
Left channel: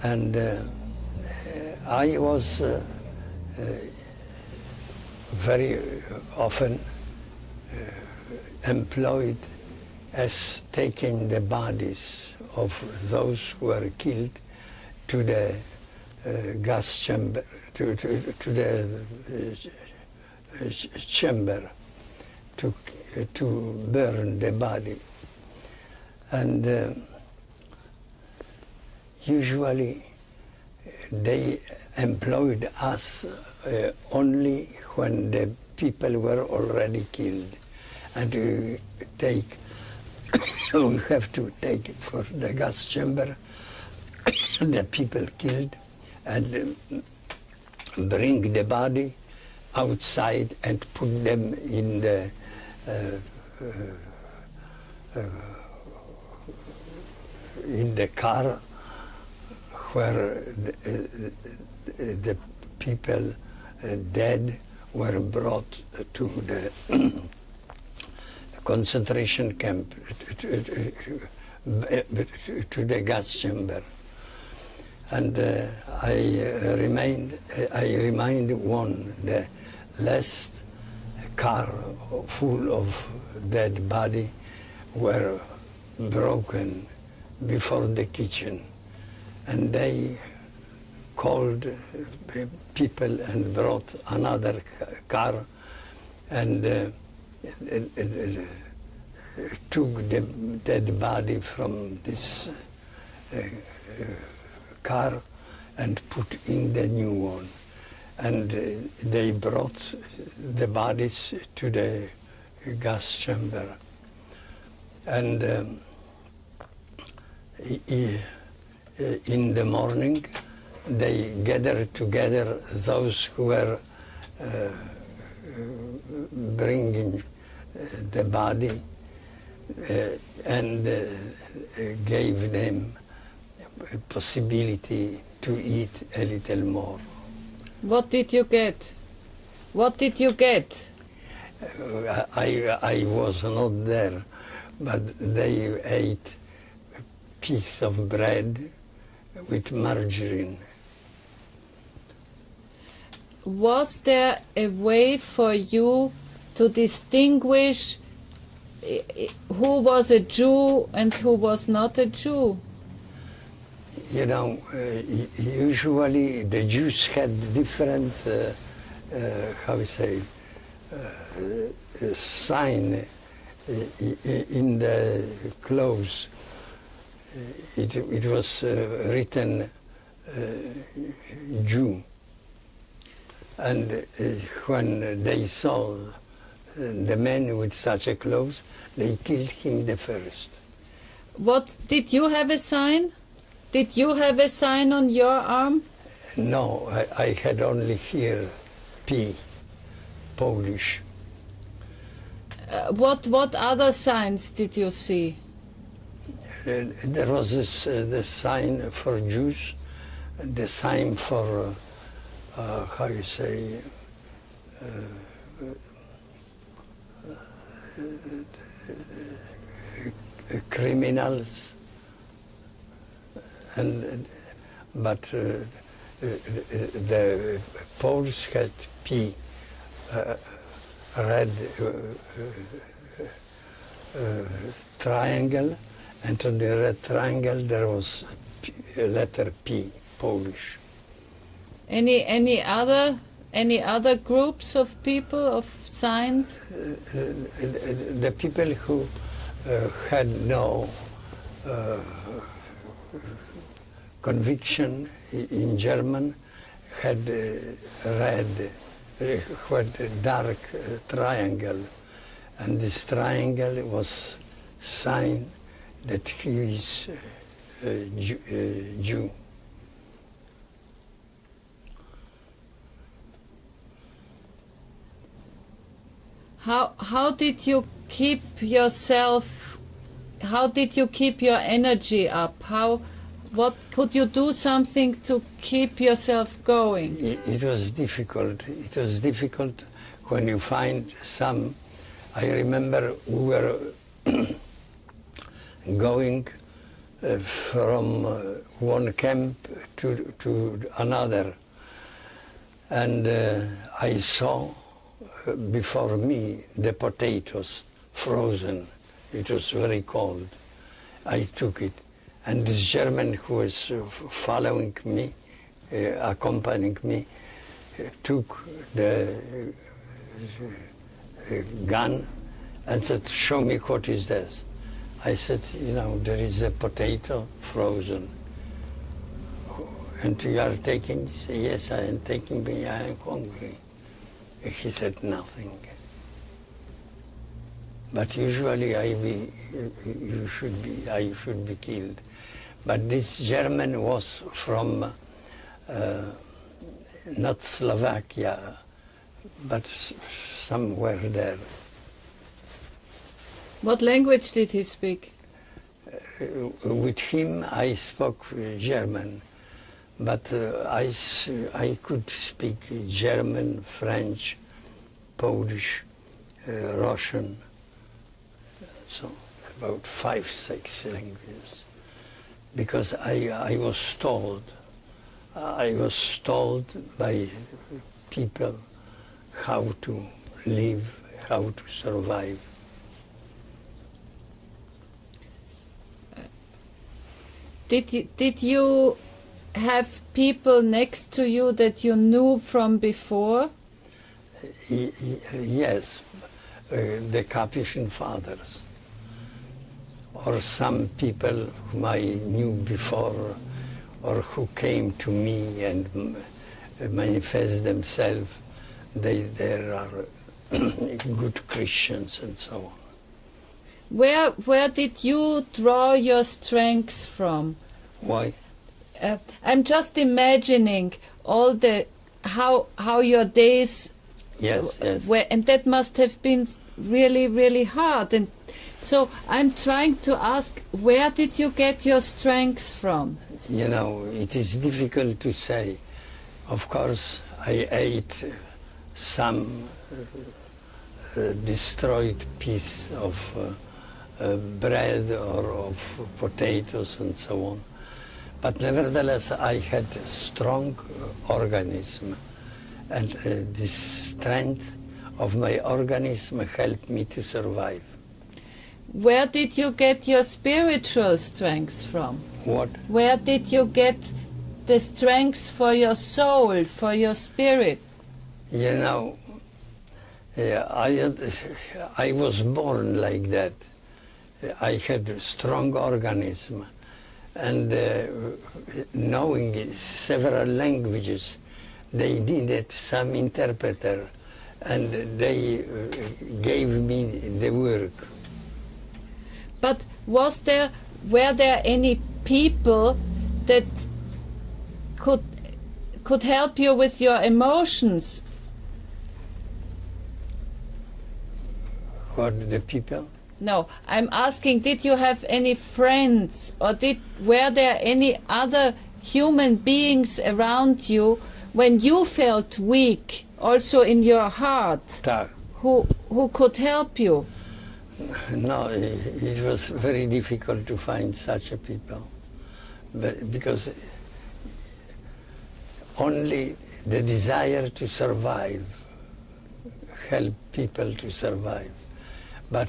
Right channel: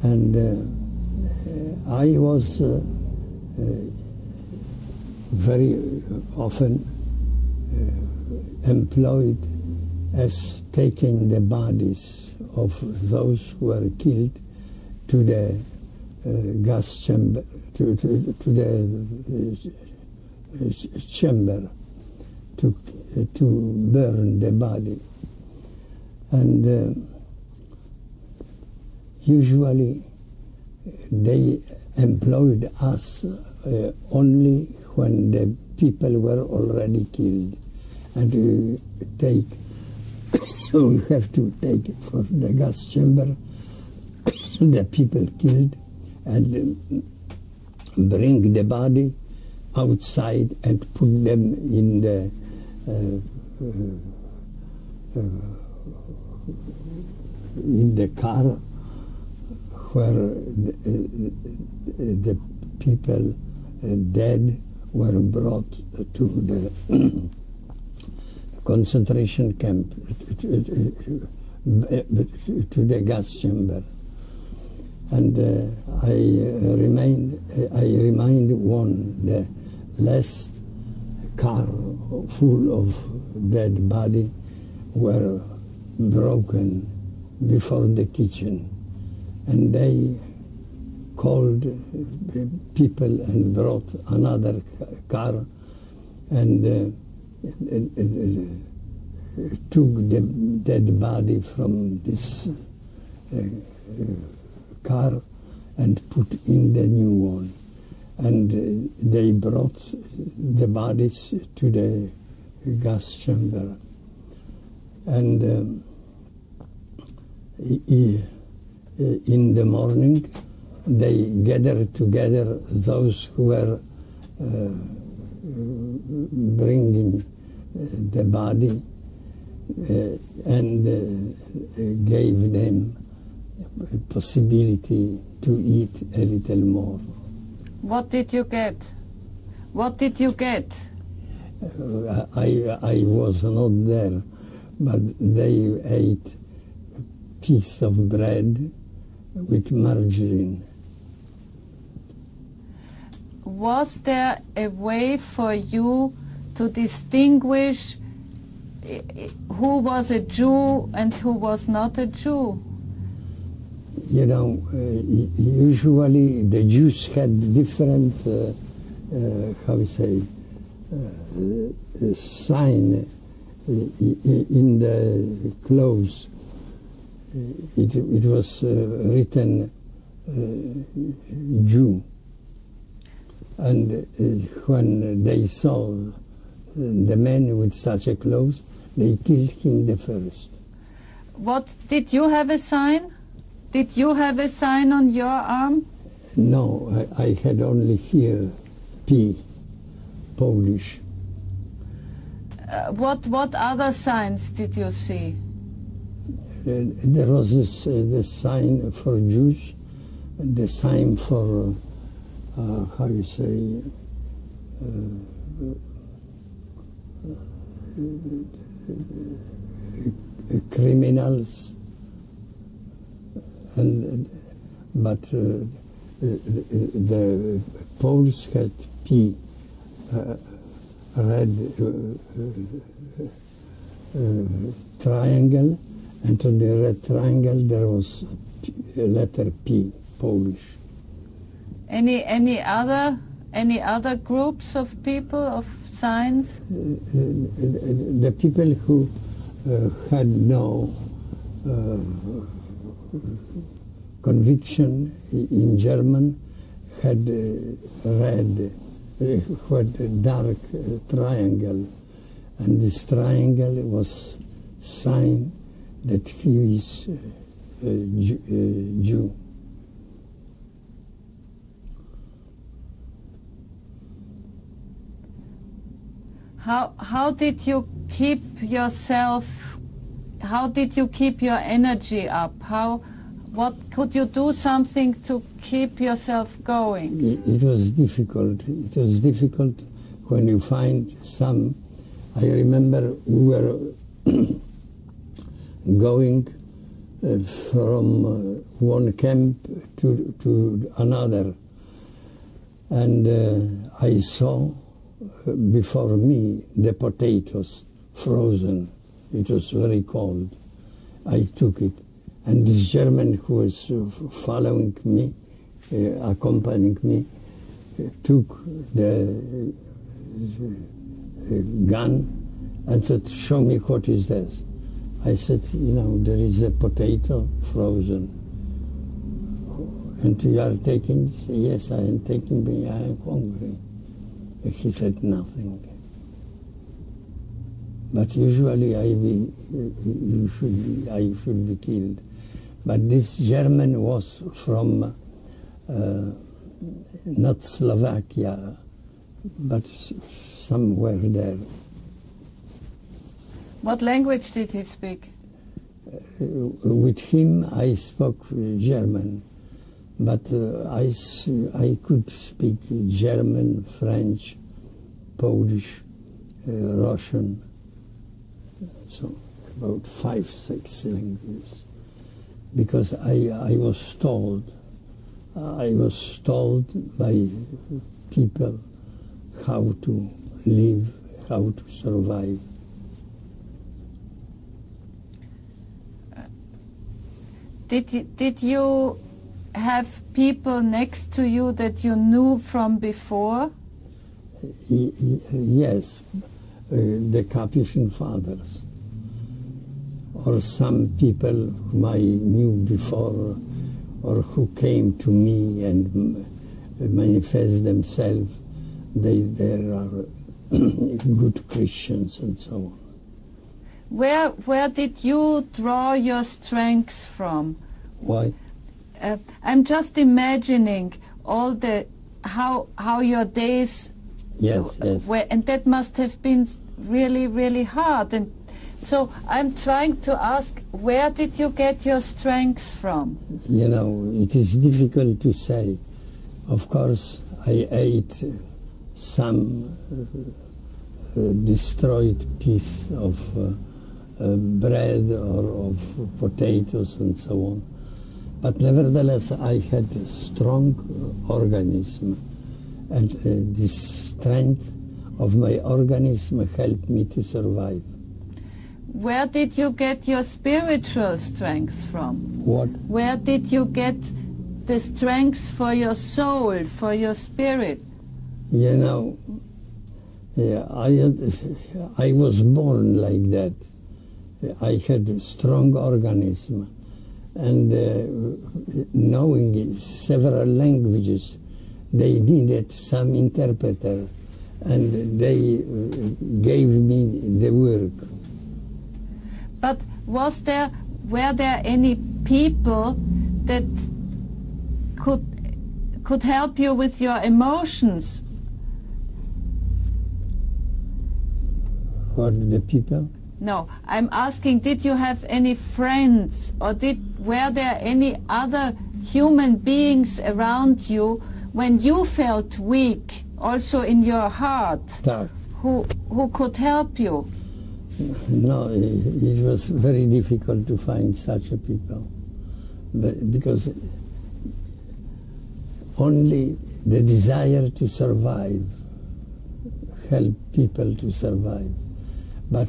And I was very often employed as taking the bodies of those who were killed to the gas chamber, to the chamber, to burn the body. And usually they employed us only when the people were already killed. And we have to take for the gas chamber the people killed and bring the body outside and put them in the car where the people dead were brought to the concentration camp, to the gas chamber. And I remind one, the last car full of dead body were broken before the kitchen. And they called people and brought another car and took the dead body from this car and put in the new one. And they brought the bodies to the gas chamber. And in the morning, they gathered together those who were bringing the body and gave them a possibility to eat a little more. What did you get? What did you get? I was not there, but they ate a piece of bread with margarine. Was there a way for you to distinguish who was a Jew and who was not a Jew? You know, usually the Jews had different, how we say, sign in the clothes. It was written Jew. And when they saw the man with such a clothes, they killed him the first. What, did you have a sign? Did you have a sign on your arm? No, I had only here P, Polish. What other signs did you see? There was the sign for Jews, the sign for, how you say, criminals, but the Poles had P, red triangle, and on the red triangle there was a letter P, Polish. Any other groups of people, of signs? The people who had no conviction in German had red, had a dark triangle, and this triangle was sign that he is Jew. How did you keep yourself? How did you keep your energy up? What could you do something to keep yourself going? It was difficult. It was difficult when you find some. I remember we were going from one camp to another, and I saw before me the potatoes frozen. It was very cold. I took it, and this German who was following me, accompanying me, took the gun and said, "Show me what is this." I said, "You know, there is a potato frozen. And you are taking this?" "Yes, I am taking it. I am hungry." He said nothing. But usually I should be killed. But this German was from not Slovakia, but somewhere there. What language did he speak? With him I spoke German, but I could speak German, French, Polish, Russian, so about 5, 6 languages. Because I was told by people how to live, how to survive. Did you have people next to you that you knew from before? Yes, the Capuchin fathers, or some people whom I knew before, or who came to me and manifest themselves. They are good Christians and so on. Where did you draw your strength from? Why? I'm just imagining all the how your days. Yes, yes. And that must have been really, really hard. And so I'm trying to ask, where did you get your strength from? You know, it is difficult to say. Of course, I ate some destroyed piece of bread or of potatoes and so on. But nevertheless, I had a strong organism, and this strength of my organism helped me to survive. where did you get your spiritual strength from? What? Where did you get the strength for your soul, for your spirit? You know, I was born like that. I had a strong organism, and knowing several languages, they needed some interpreter, and they gave me the work. But were there any people that could help you with your emotions? What, the people? No, I'm asking, did you have any friends, or were there any other human beings around you when you felt weak, also in your heart, who could help you? No, it was very difficult to find such a people, because only the desire to survive helped people to survive, but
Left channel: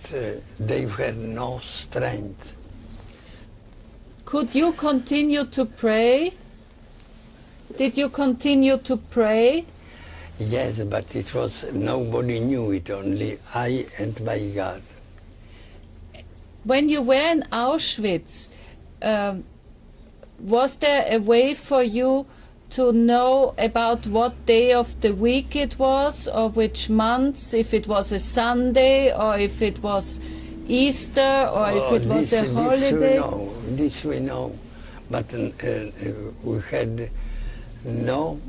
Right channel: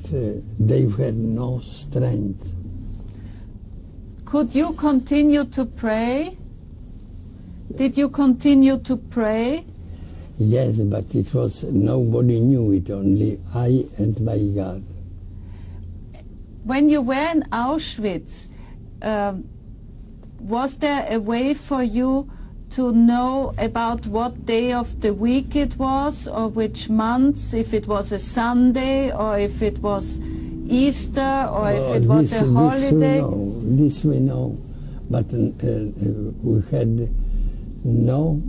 they had no strength. Could you continue to pray? Did you continue to pray? Yes, but it was, nobody knew it, only I and my God. When you were in Auschwitz, was there a way for you to know about what day of the week it was, or which month, if it was a Sunday, or if it was Easter, or if it was a holiday? This we know, but we had no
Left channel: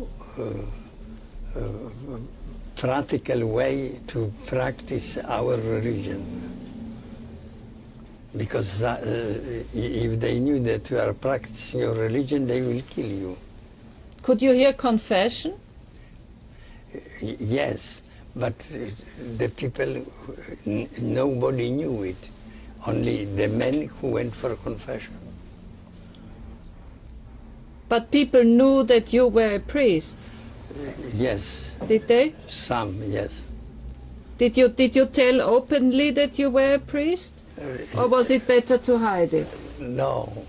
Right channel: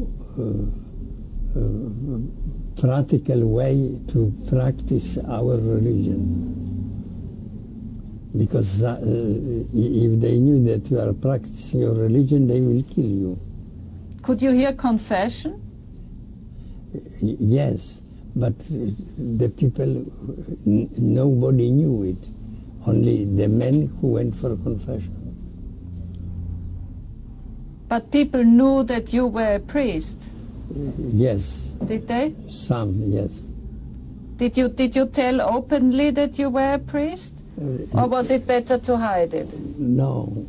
practical way to practice our religion. Because if they knew that you are practicing your religion, they will kill you. Could you hear confession? Yes, but the people, nobody knew it. Only the men who went for confession. But people knew that you were a priest? Yes. Did they? Some, yes. Did you tell openly that you were a priest? Or was it better to hide it? No.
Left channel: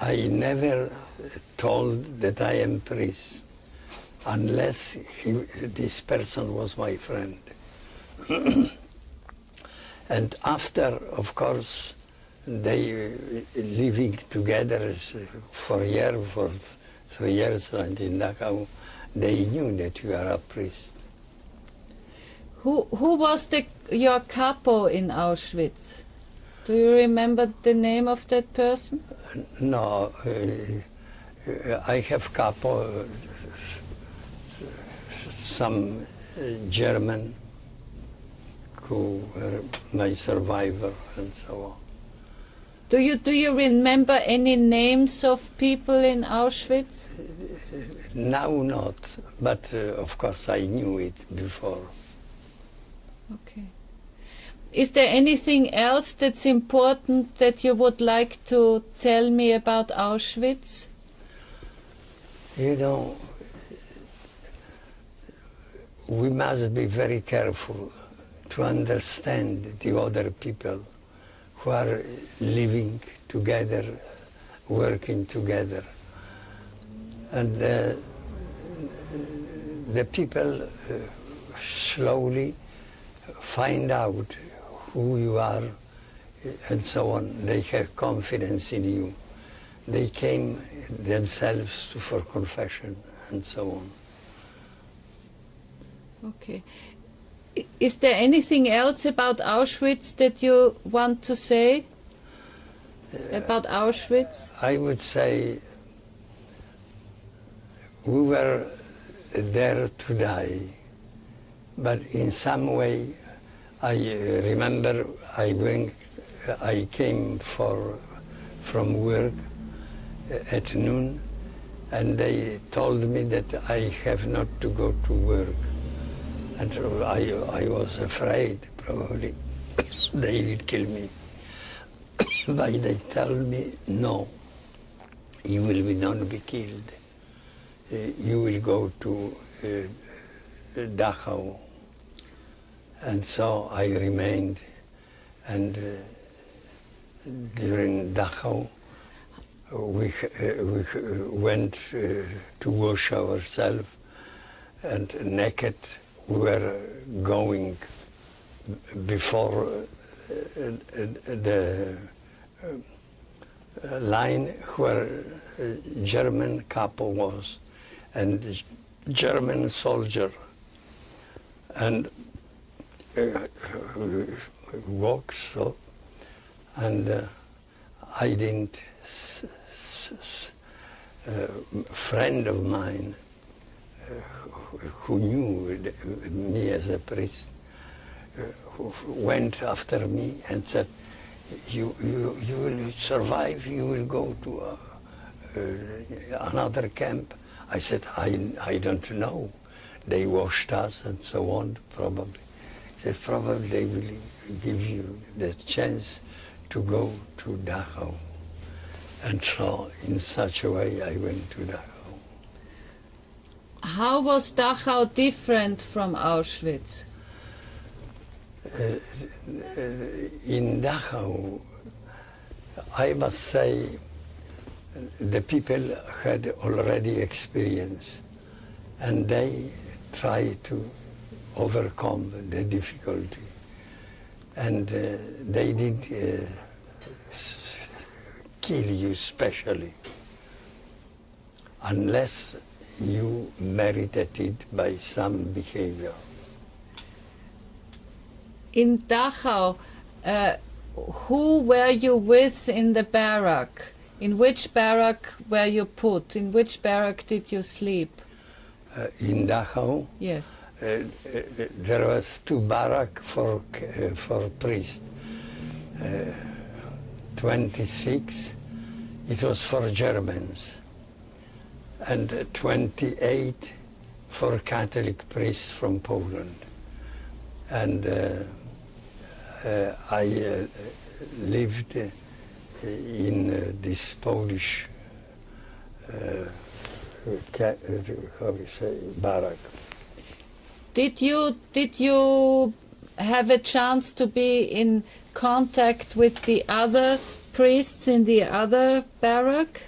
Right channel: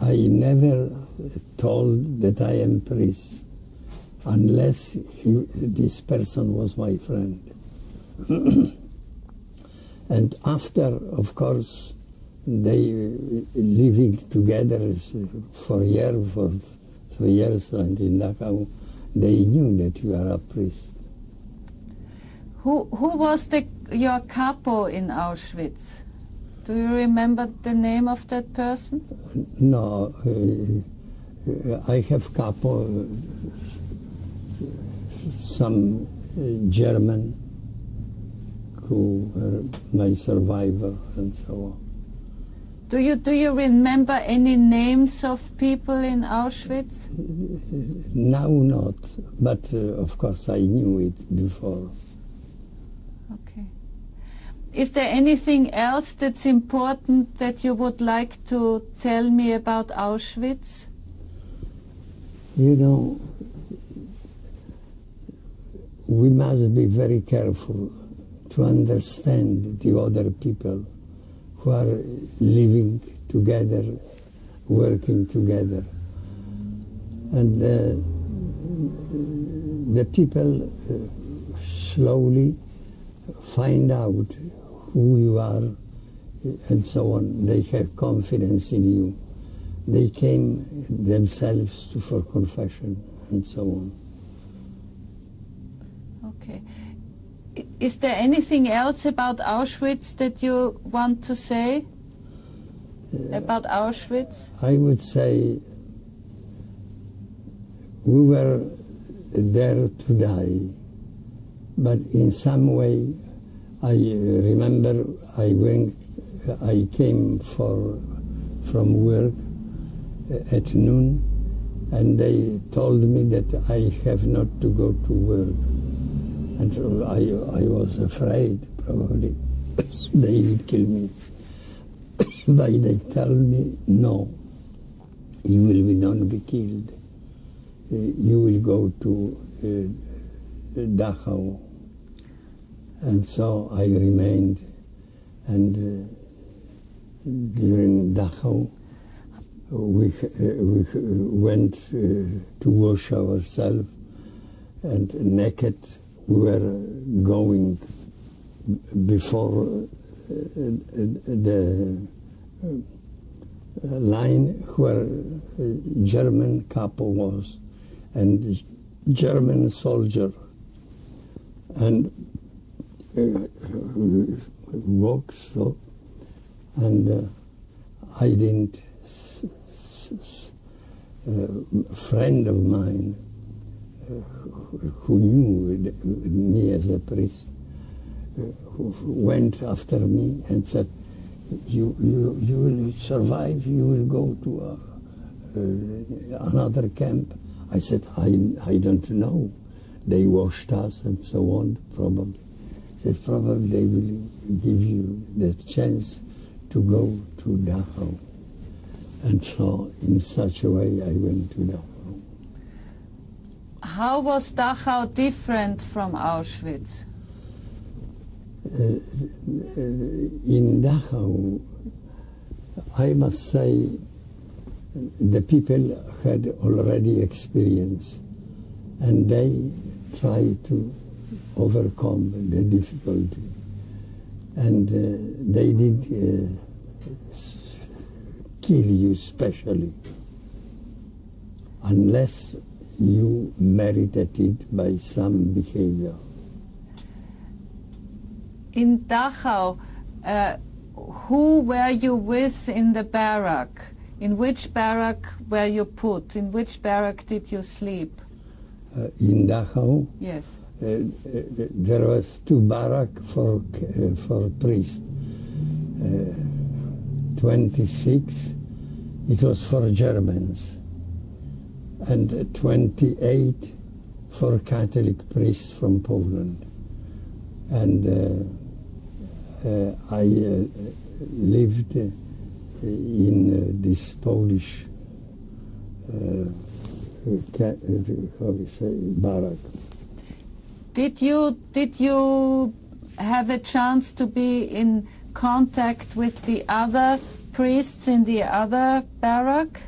I never told that I am priest, unless this person was my friend. And after, of course, they living together for a year, for 3 years, and in Dachau, they knew that you are a priest. Who was your capo in Auschwitz? Do you remember the name of that person? No, I have capo, some German who were my survivor and so on. Do you remember any names of people in Auschwitz? Now not, but of course I knew it before. Okay. Is there anything else that's important that you would like to tell me about Auschwitz? You know, we must be very careful to understand the other people who are living together, working together. And the people slowly find out who you are and so on. They have confidence in you. They came themselves for confession and so on. Okay. Is there anything else about Auschwitz that you want to say about Auschwitz? I would say we were there to die, but in some way I remember I came from work at noon, and they told me that I have not to go to work. And I was afraid, probably, they will kill me. But they told me, no, you will not be killed. You will go to Dachau. And so I remained, and during Dachau we went to wash ourselves, and naked we were going before the line where German capo was, and German soldier, and walked so, and I didn't. A friend of mine who knew me as a priest went after me and said, you will survive, you will go to another camp. I said, I don't know. They washed us and so on, probably. He said, probably they will give you the chance to go to Dachau. And so, in such a way, I went to Dachau. How was Dachau different from Auschwitz? In Dachau, I must say, the people had already experience, and they tried to overcome the difficulty. And they did kill you especially, unless you merited it by some behavior. In Dachau, who were you with in the barrack? In which barrack were you put? In which barrack did you sleep? In Dachau? Yes. There was 2 barracks for priests. 26, it was for Germans, and 28 for Catholic priests from Poland. And I lived in this Polish how we say, barrack. Did you have a chance to be in contact with the other priests in the other barrack?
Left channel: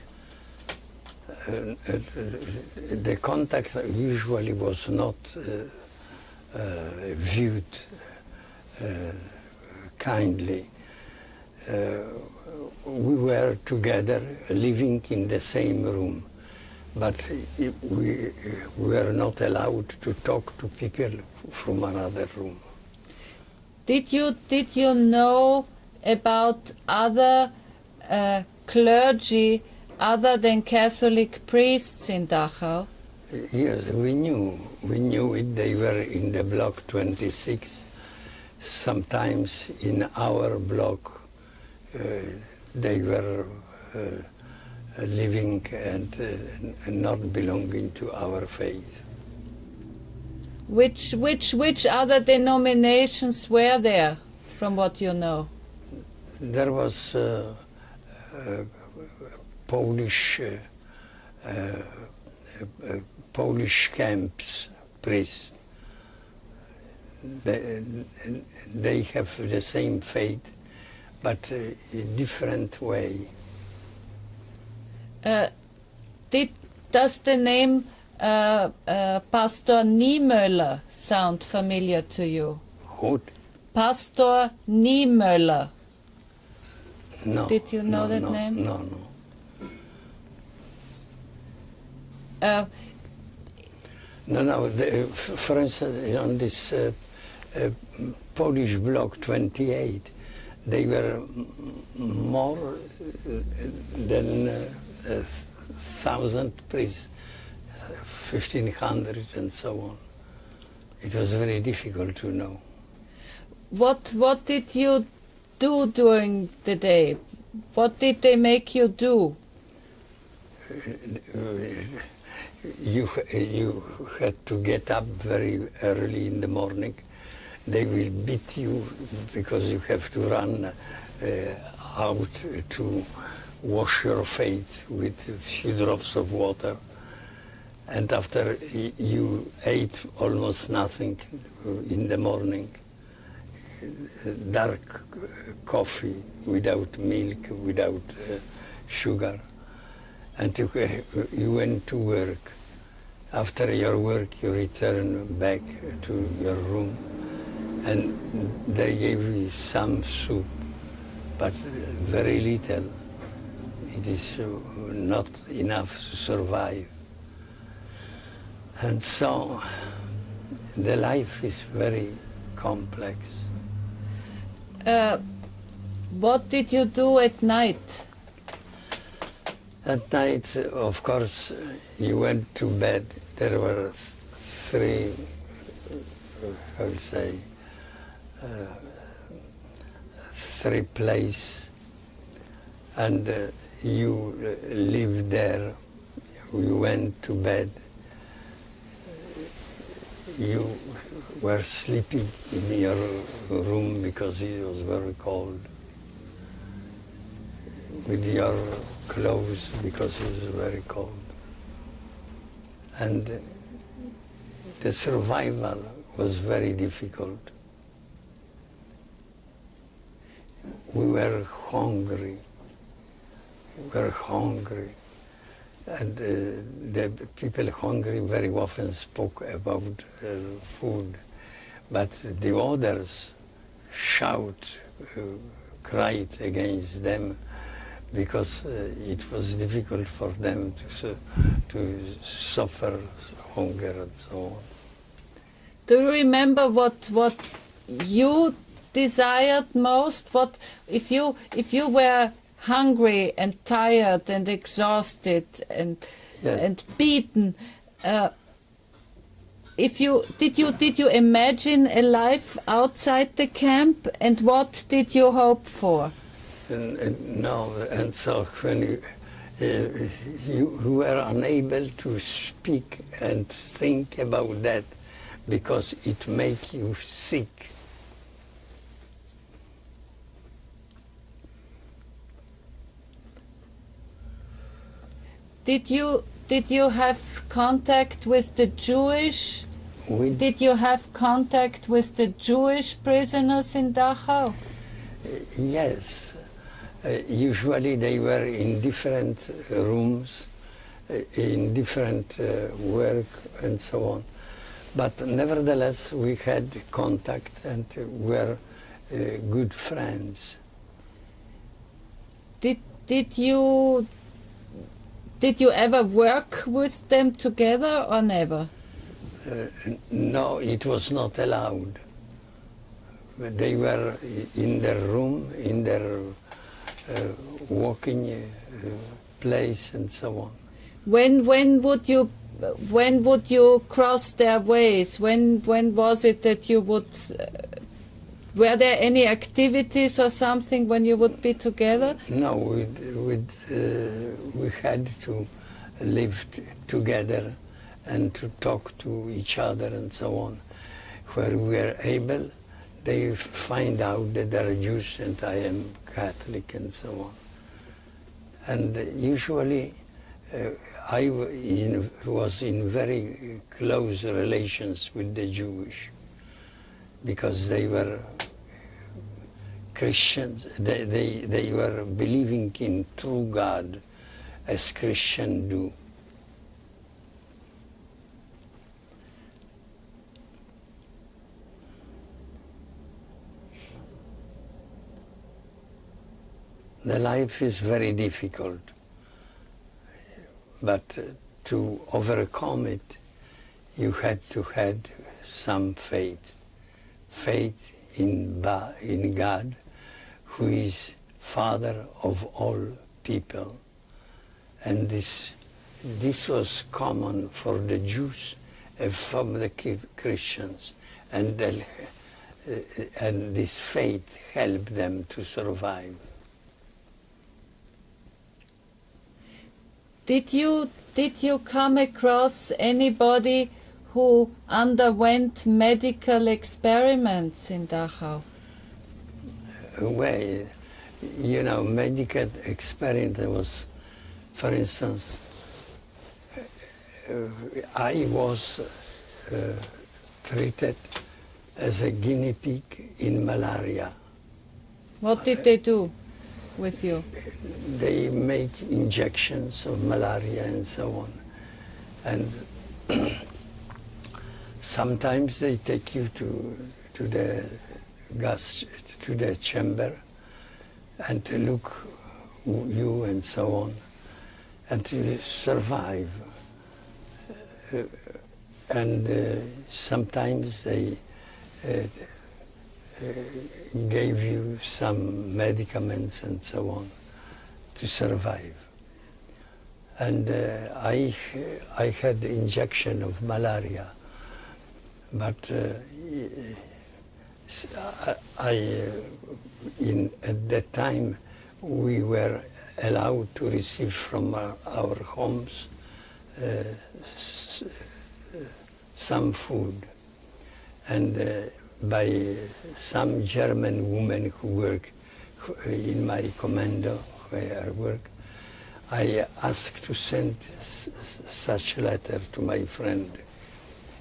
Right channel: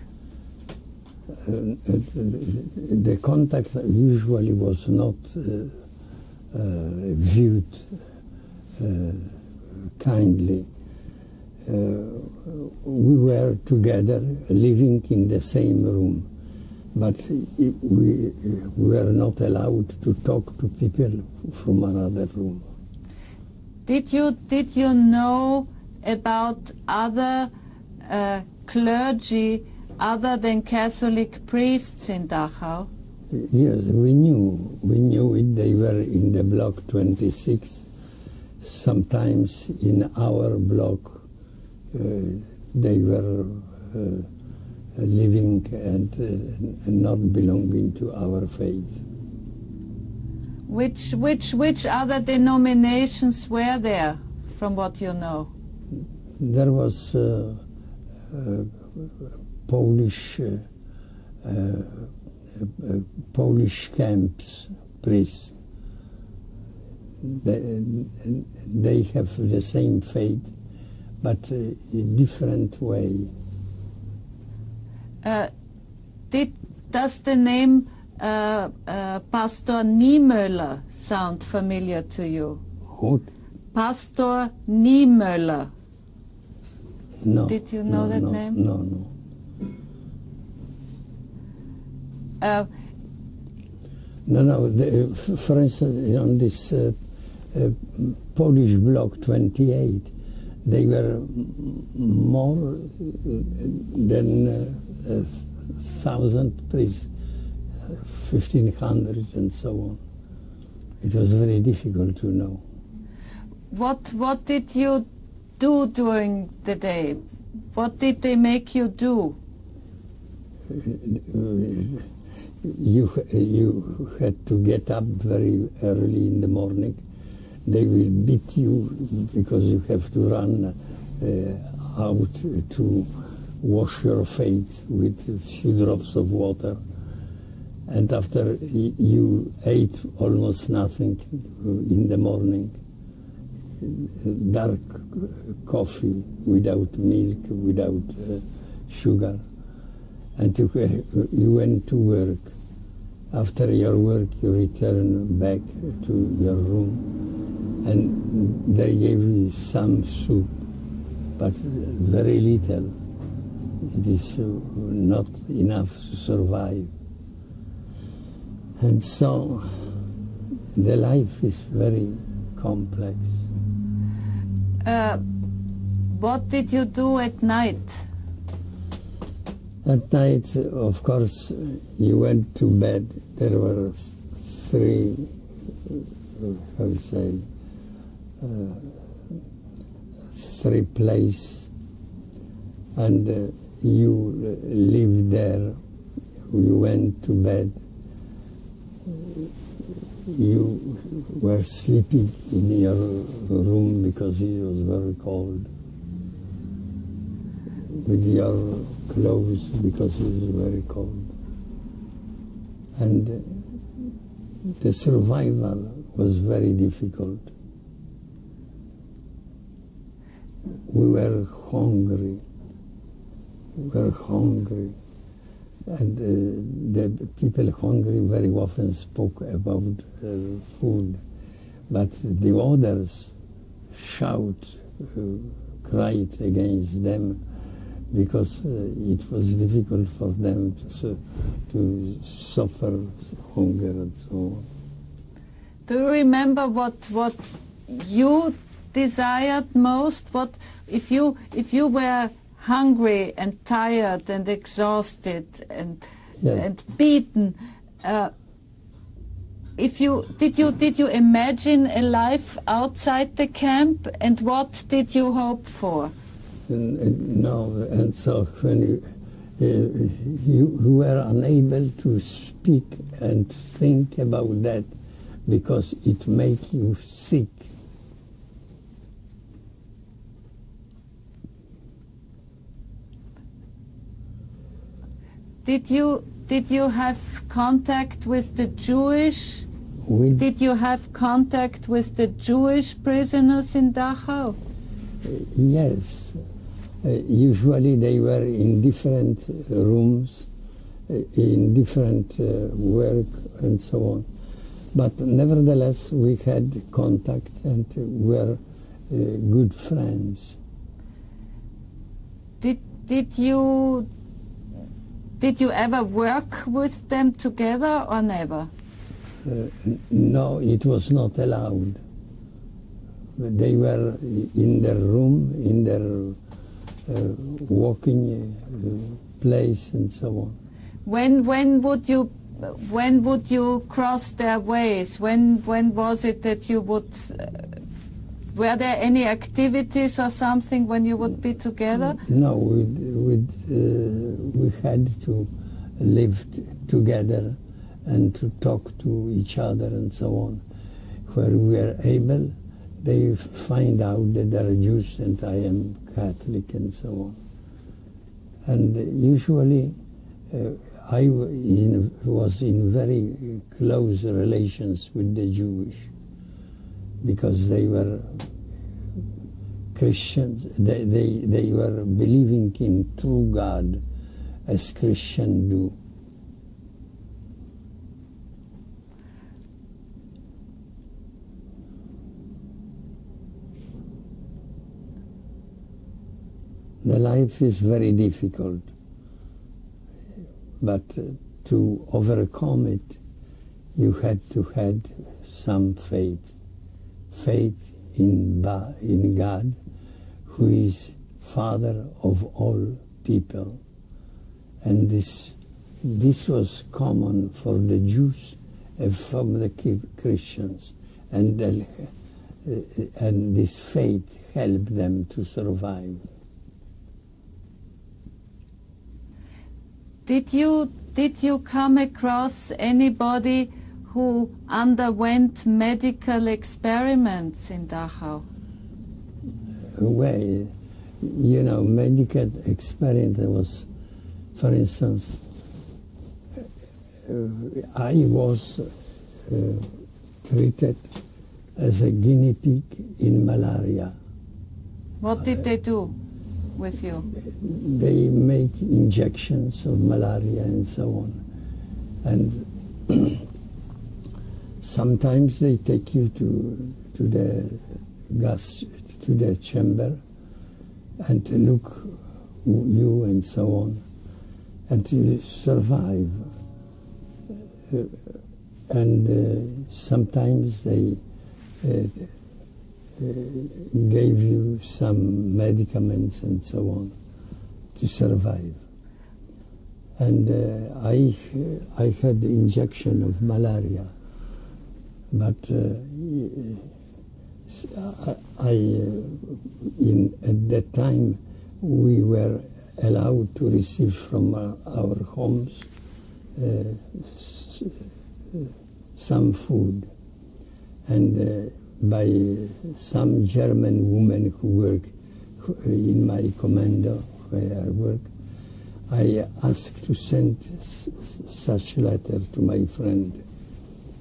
The contact usually was not viewed kindly. We were together, living in the same room, but we were not allowed to talk to people from another room. Did you know about other clergy other than Catholic priests in Dachau? Yes, we knew it. They were in the block 26. Sometimes in our block they were living and not belonging to our faith. Which other denominations were there, from what you know? There was Polish camps, priests. They have the same faith, but in a different way. Does the name Pastor Niemöller sound familiar to you? Who? Pastor Niemöller. No. Did you know that name? No. For instance, on this Polish block 28, they were more than 1,000 priests, 1,500 and so on. It was very difficult to know. What did you do during the day? What did they make you do? You had to get up very early in the morning. They will beat you because you have to run out to wash your face with a few drops of water. And after you ate almost nothing in the morning, dark coffee without milk, without sugar. And you went to work. After your work, you return back to your room, and they gave you some soup, but very little. It is not enough to survive. And so the life is very complex. What did you do at night? At night, of course, you went to bed. There were three, three places, and you lived there. You went to bed. You were sleeping in your room because it was very cold, with your clothes because it was very cold. And the survival was very difficult. We were hungry. And the people hungry very often spoke about food, but the others cried against them because it was difficult for them to suffer hunger and so on. Do you remember what you desired most? What if you were hungry and tired and exhausted and beaten? Did you imagine a life outside the camp, and what did you hope for? No, and so when you were unable to speak and think about that because it makes you sick. Did you have contact with the Jewish? Did you have contact with the Jewish prisoners in Dachau? Yes. Usually they were in different rooms, in different work and so on. But nevertheless, we had contact and were good friends. Did you ever work with them together or never? No, it was not allowed. They were in their room, in their walking place and so on. When would you cross their ways? When was it that you would? Were there any activities or something when you would be together? No, we had to live together and to talk to each other and so on. Where we were able, they find out that they are Jews and I am Catholic and so on. And usually I was in very close relations with the Jewish because they were Christians. They were believing in true God as Christians do. The life is very difficult, but to overcome it, you had to have some faith. Faith in God, who is Father of all people. And this was common for the Jews and for the Christians. And this faith helped them to survive. Did you come across anybody who underwent medical experiments in Dachau? Well, you know, medical experiment was, for instance, I was treated as a guinea pig in malaria. What did they do with you? They make injections of malaria and so on. And sometimes they take you to the chamber and to look you and so on, and to survive. And sometimes they gave you some medicaments and so on to survive. And I had injection of malaria, but at that time we were allowed to receive from our homes some food, and by some German women who work in my commando where I work, I asked to send such letter to my friend.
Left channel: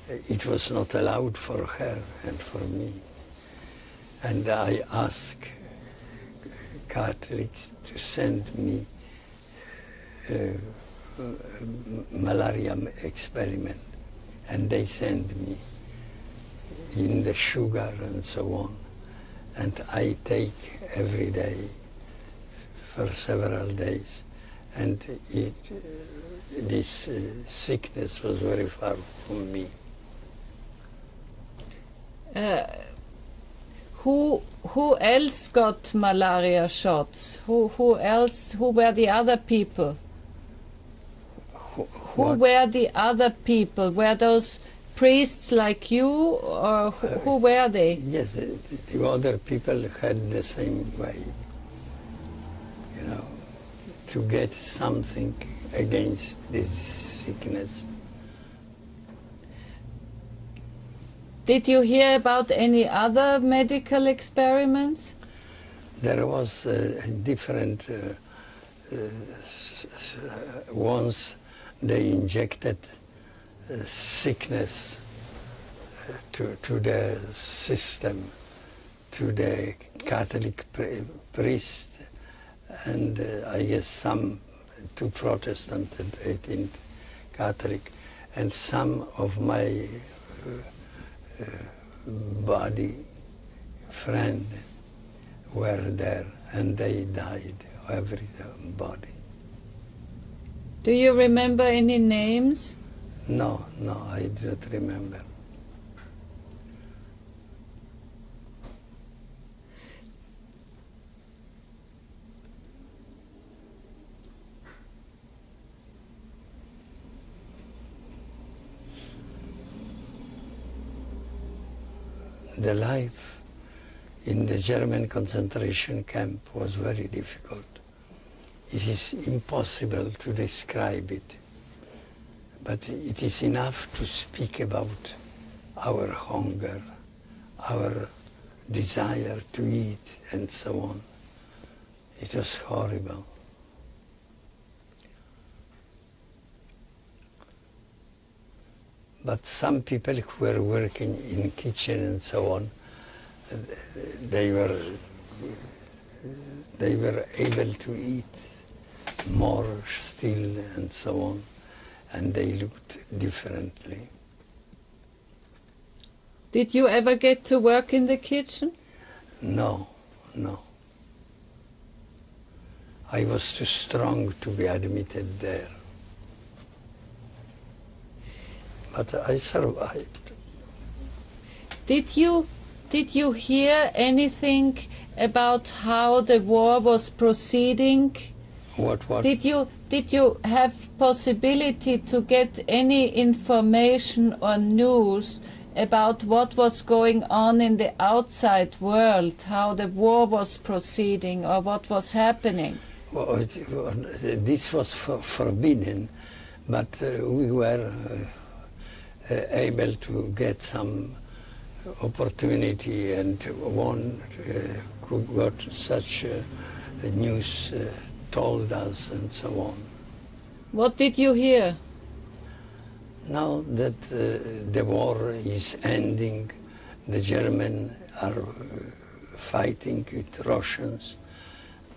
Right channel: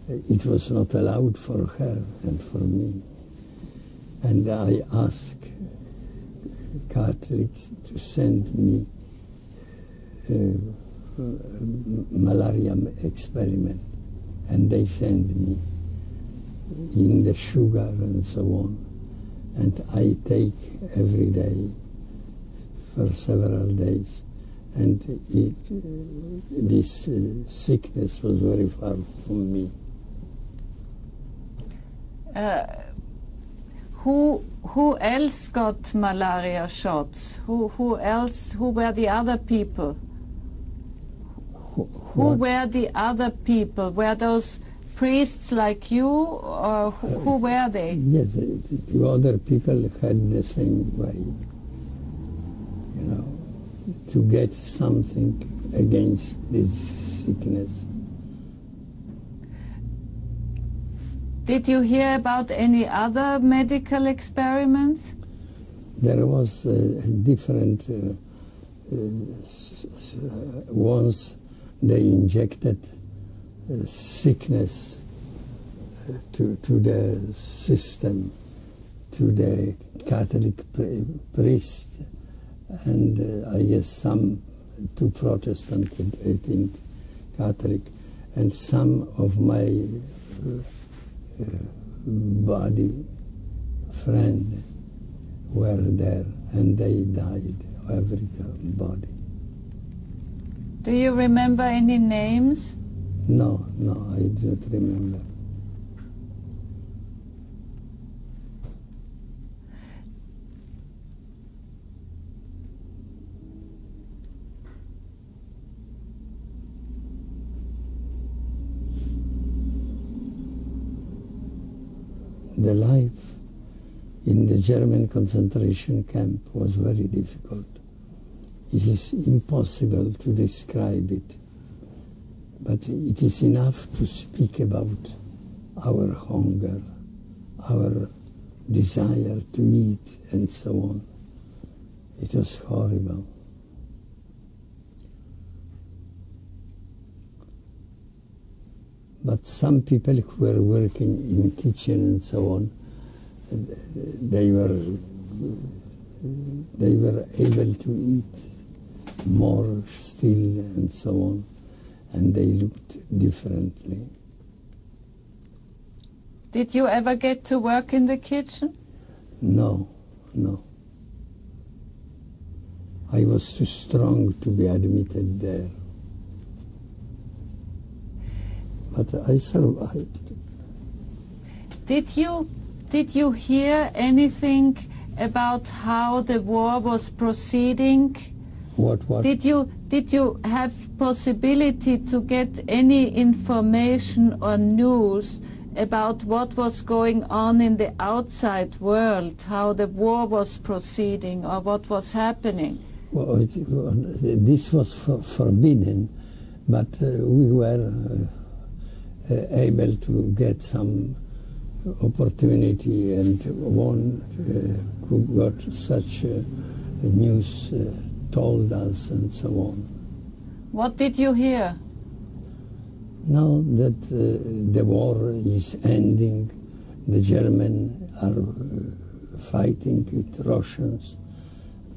It was not allowed for her and for me. And I asked Catholics to send me malaria experiment, and they send me in the sugar and so on, and I take every day for several days, and this sickness was very far from me. Who else got malaria shots? Who else? Who were the other people? Who were the other people? Were those priests like you, or who were they? Yes, the other people had the same way, you know, to get something against this sickness. Did you hear about any other medical experiments? There was different ones. They injected sickness to the system, to the Catholic priest, and I guess some to Protestant and 18th Catholic, and some of my body friend were there, and they died, everybody. Do you remember any names? No, I don't remember. The life in the German concentration camp was very difficult. It is impossible to describe it, but it is enough to speak about our hunger, our desire to eat, and so on. It was horrible. But some people who were working in kitchen and so on, they were able to eat more still and so on, and they looked differently. Did you ever get to work in the kitchen? No. I was too strong to be admitted there. But I survived. Did you hear anything about how the war was proceeding? What? Did you have possibility to get any information or news about what was going on in the outside world, how the war was proceeding or what was happening? Well, this was forbidden, but we were able to get some opportunity, and one who got such news told us and so on. What did you hear? Now that the war is ending, the Germans are fighting with Russians,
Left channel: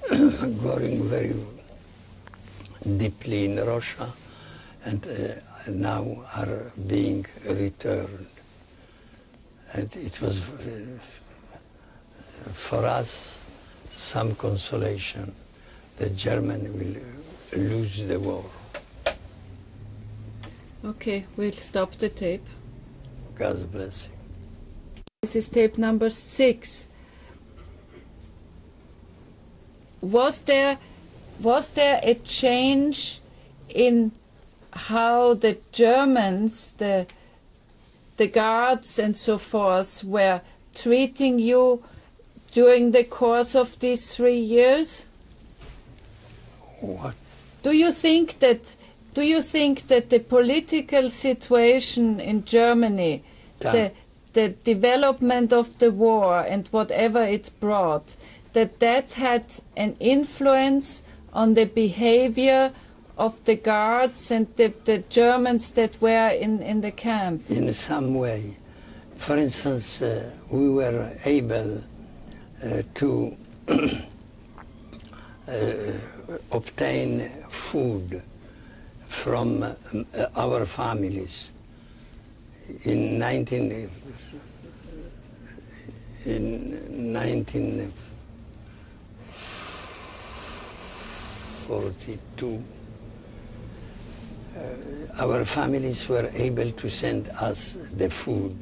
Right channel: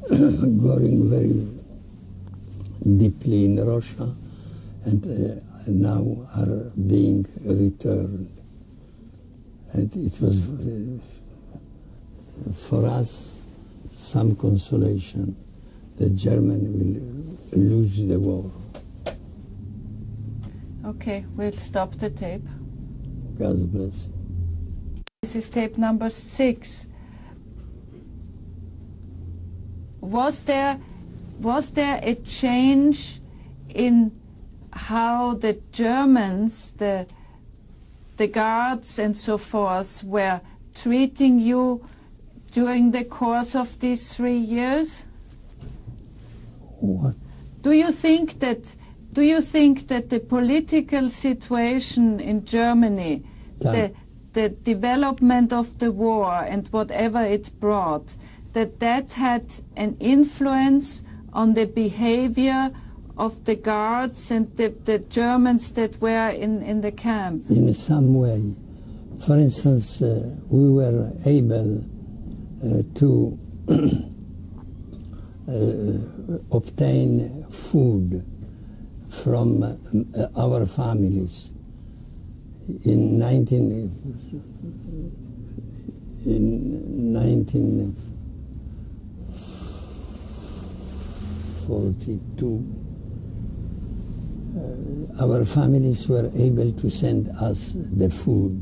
going very deeply in Russia, and now are being returned. And it was for us some consolation that Germany will lose the war. Okay, we'll stop the tape. God bless you. This is tape number 6. Was there a change in how the Germans, the guards and so forth, were treating you during the course of these 3 years? What? Do you think that the political situation in Germany, the development of the war and whatever it brought, that had an influence on the behavior of the guards and the Germans that were in the camp? In some way. For instance, we were able to obtain food from our families. In 1942, our families were able to send us the food,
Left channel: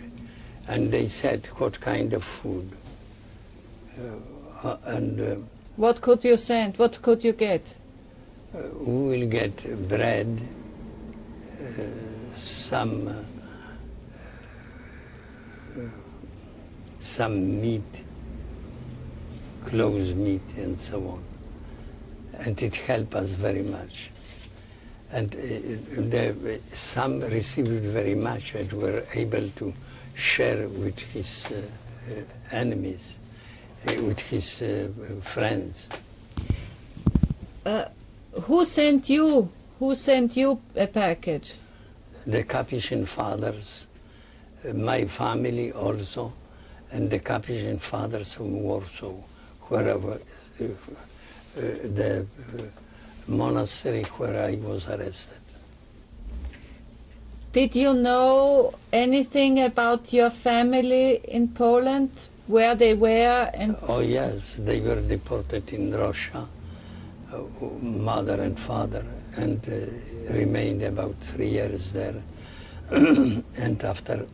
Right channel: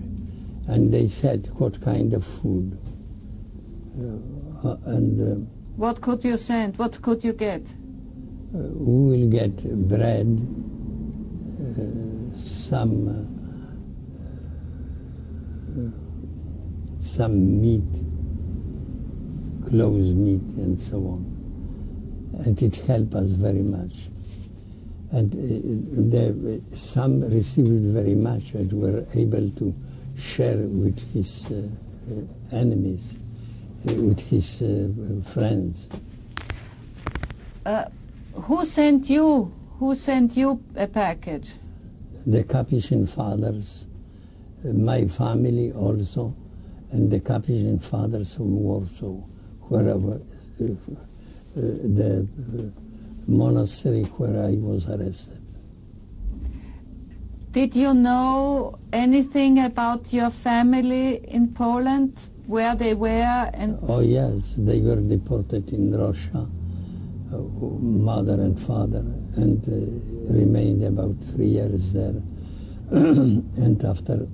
and they said what kind of food. What could you send? What could you get? We will get bread, some meat, closed meat, and so on. And it helped us very much. And some received very much and were able to share with his enemies, with his friends. Who sent you a package? The Capuchin fathers, my family also, and the Capuchin fathers from Warsaw, wherever the monastery where I was arrested. Did you know anything about your family in Poland, where they were? Oh yes, they were deported in Russia, mother and father, and remained about 3 years there. And after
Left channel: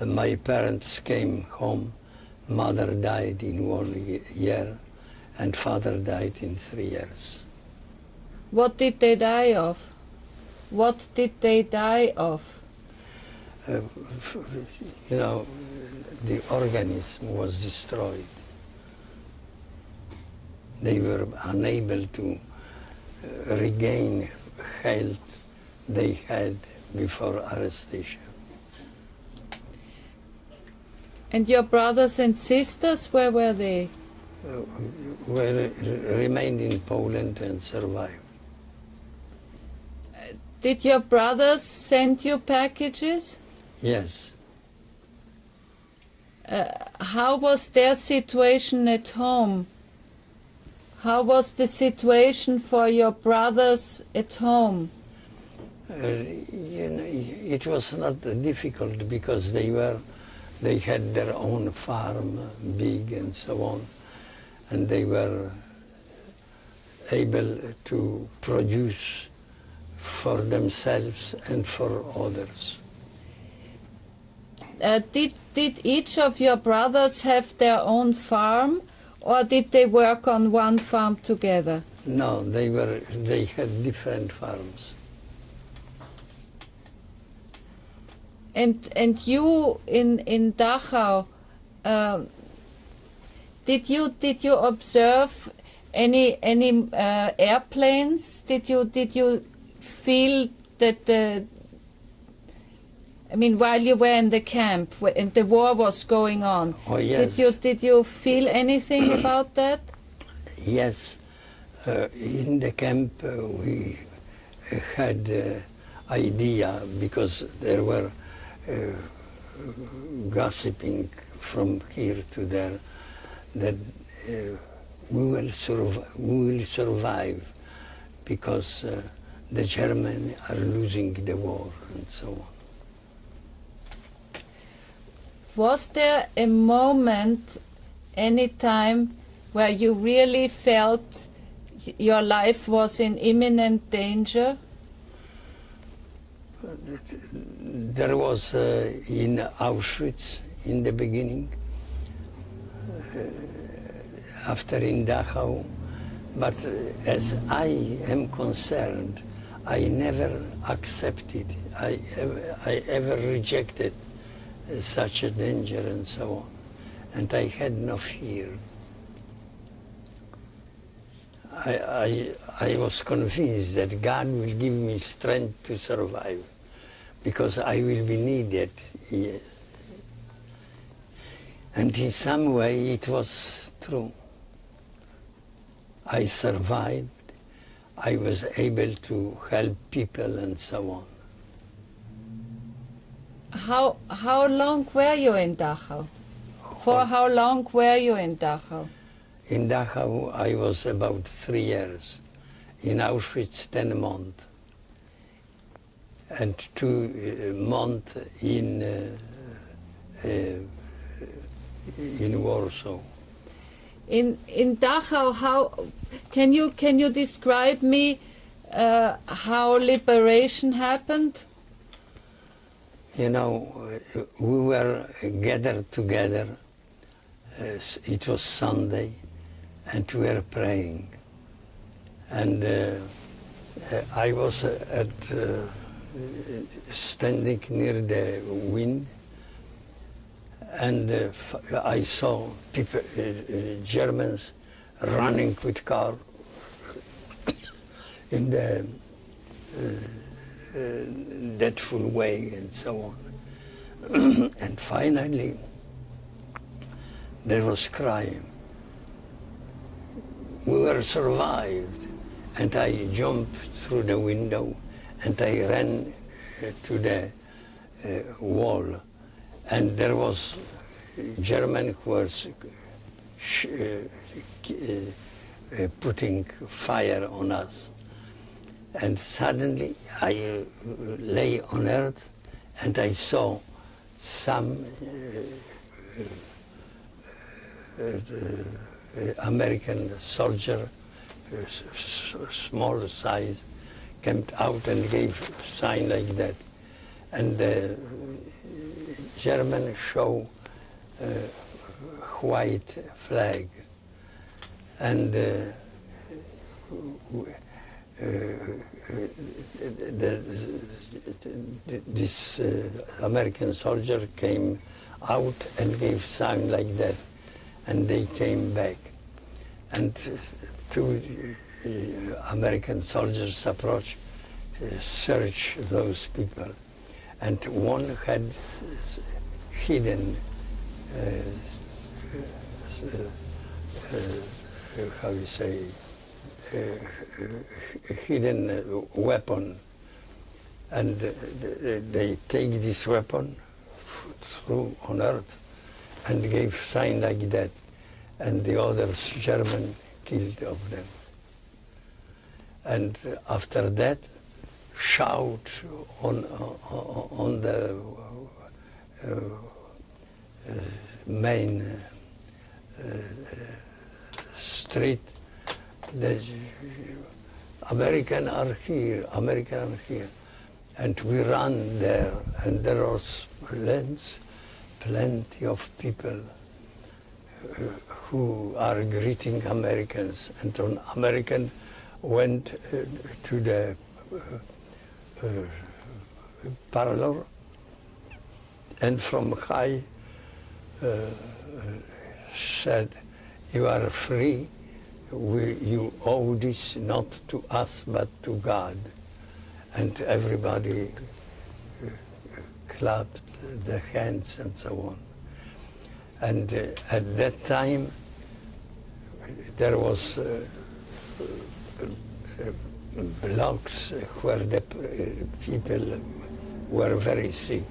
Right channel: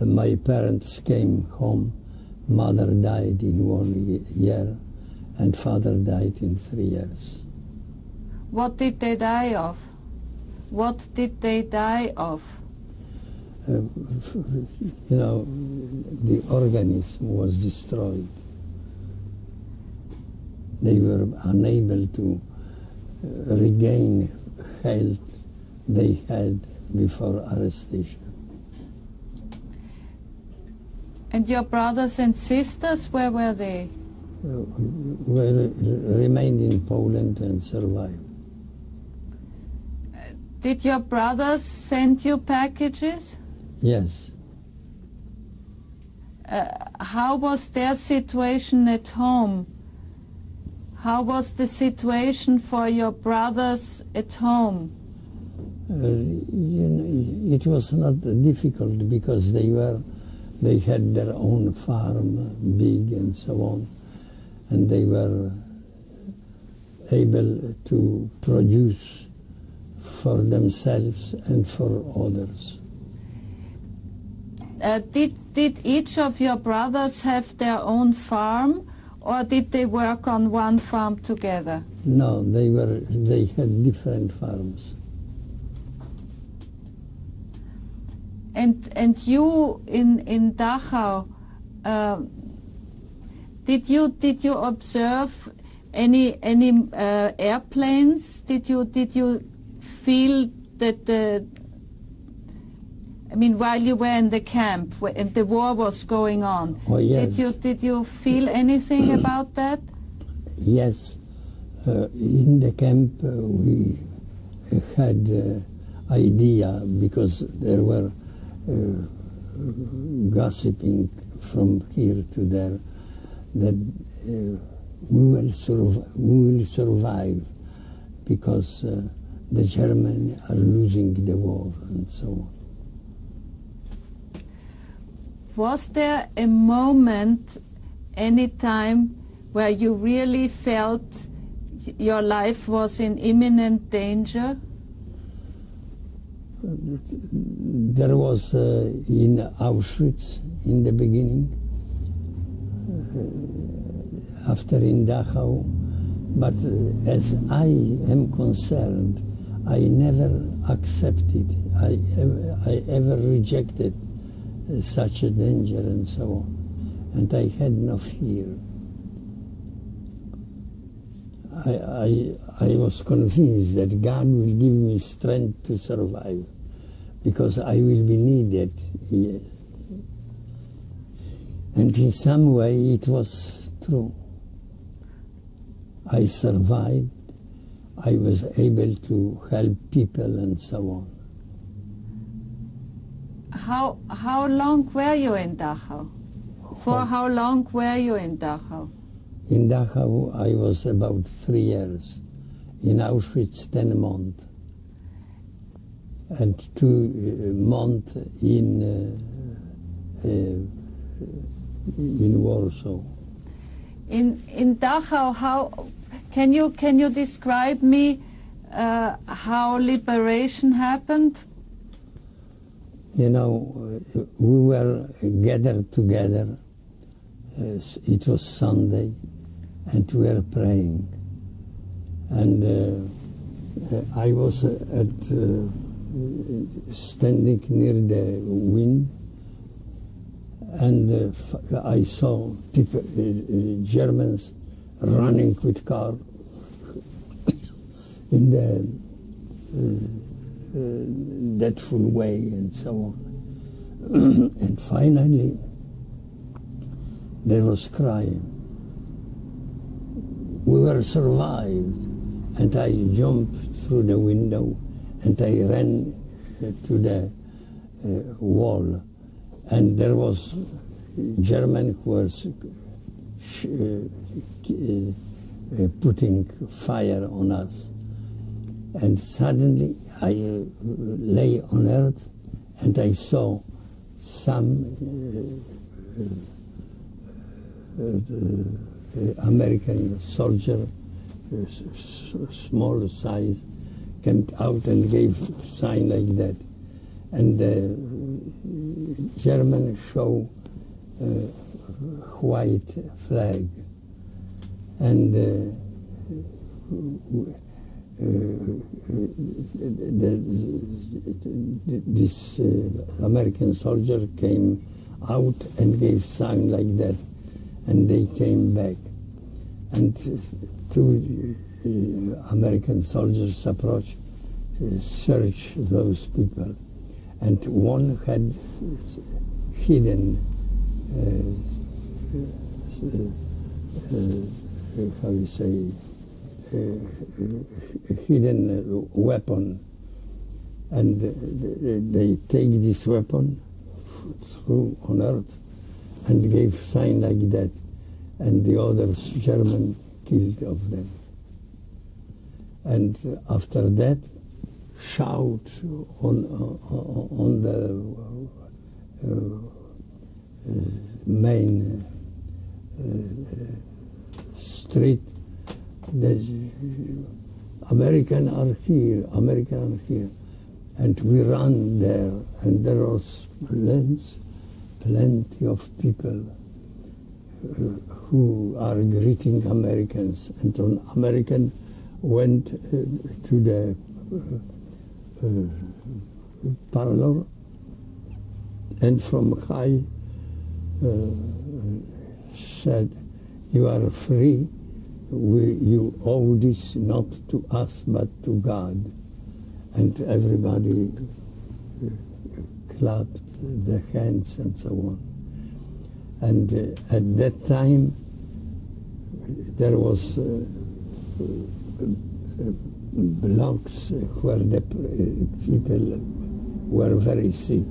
my parents came home, mother died in 1 year, and father died in 3 years. What did they die of? What did they die of? You know, the organism was destroyed. They were unable to regain health they had before arrestation. And your brothers and sisters, where were they? Remained in Poland and survived. Did your brothers send you packages? Yes. How was their situation at home? How was the situation for your brothers at home? You know, it was not difficult because they had their own farm, big and so on, and they were able to produce for themselves and for others. Did each of your brothers have their own farm, or did they work on one farm together? No, they had different farms. And you in Dachau, did you observe any airplanes? Did you feel that I mean, while you were in the camp and the war was going on? Oh yes. Did you feel anything about that? Yes, in the camp we had idea because there were gossiping from here to there that we will survive because the Germans are losing the war and so on. Was there a moment, any time, where you really felt your life was in imminent danger? There was in Auschwitz in the beginning, after in Dachau, but as I am concerned, I never accepted, I ever rejected such a danger and so on, and I had no fear. I was convinced that God will give me strength to survive, because I will be needed here. And in some way it was true. I survived, I was able to help people and so on. How long were you in Dachau? For how long were you in Dachau? In Dachau I was about 3 years. In Auschwitz 10 months. And 2 months in Warsaw. In Dachau, how can you describe me how liberation happened? You know, we were gathered together. It was Sunday, and we were praying. And I was standing near the wind, and I saw people, Germans, running with cars in the dreadful way and so on. And finally, there was crying. We were survived, and I jumped through the window, and I ran to the wall, and there was German who was putting fire on us. And suddenly I lay on earth, and I saw some American soldier, small size, came out and gave a sign like that. And the German show white flag. And this American soldier came out and gave sign like that, and they came back, and 2 American soldiers approached, searched those people, and one had hidden how you say, hidden weapon, and they take this weapon, threw on earth, and gave sign like that, and the others, German, killed of them. And after that, shout on the main street, the Americans are here, Americans are here. And we ran there, and there was plenty of people who are greeting Americans. And an American went to the parlor, and from high said, "You are free. You owe this not to us, but to God." And everybody clapped the hands and so on. And at that time, there was blocks where the people were very sick,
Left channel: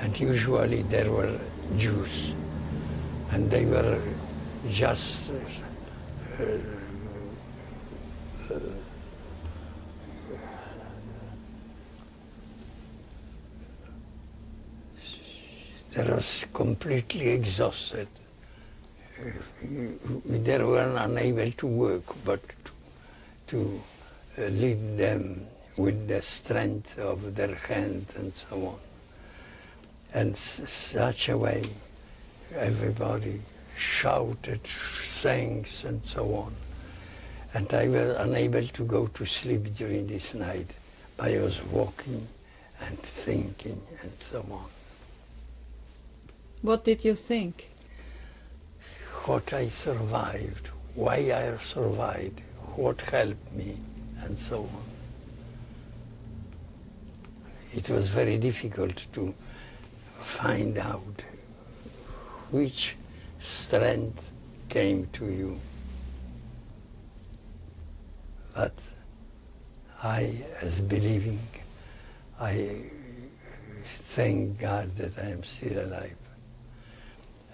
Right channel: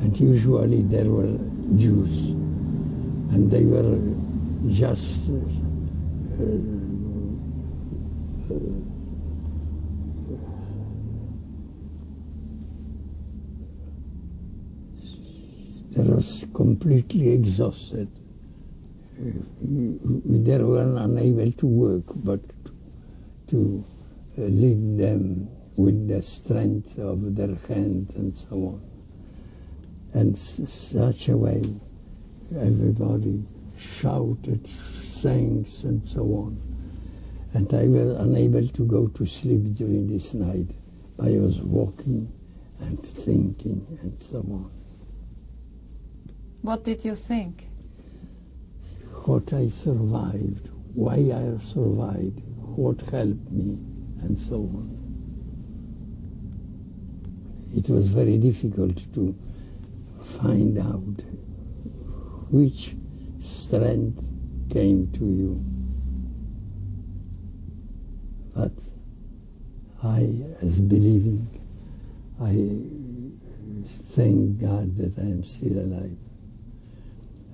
and usually there were Jews, and they were just they were completely exhausted. They were unable to work, but to lead them with the strength of their hand and so on. And such a way, everybody shouted, sang, and so on. And I was unable to go to sleep during this night. I was walking and thinking and so on. What did you think? What I survived, why I survived, what helped me, and so on. It was very difficult to find out which strength came to you. But I, as believing, I thank God that I am still alive.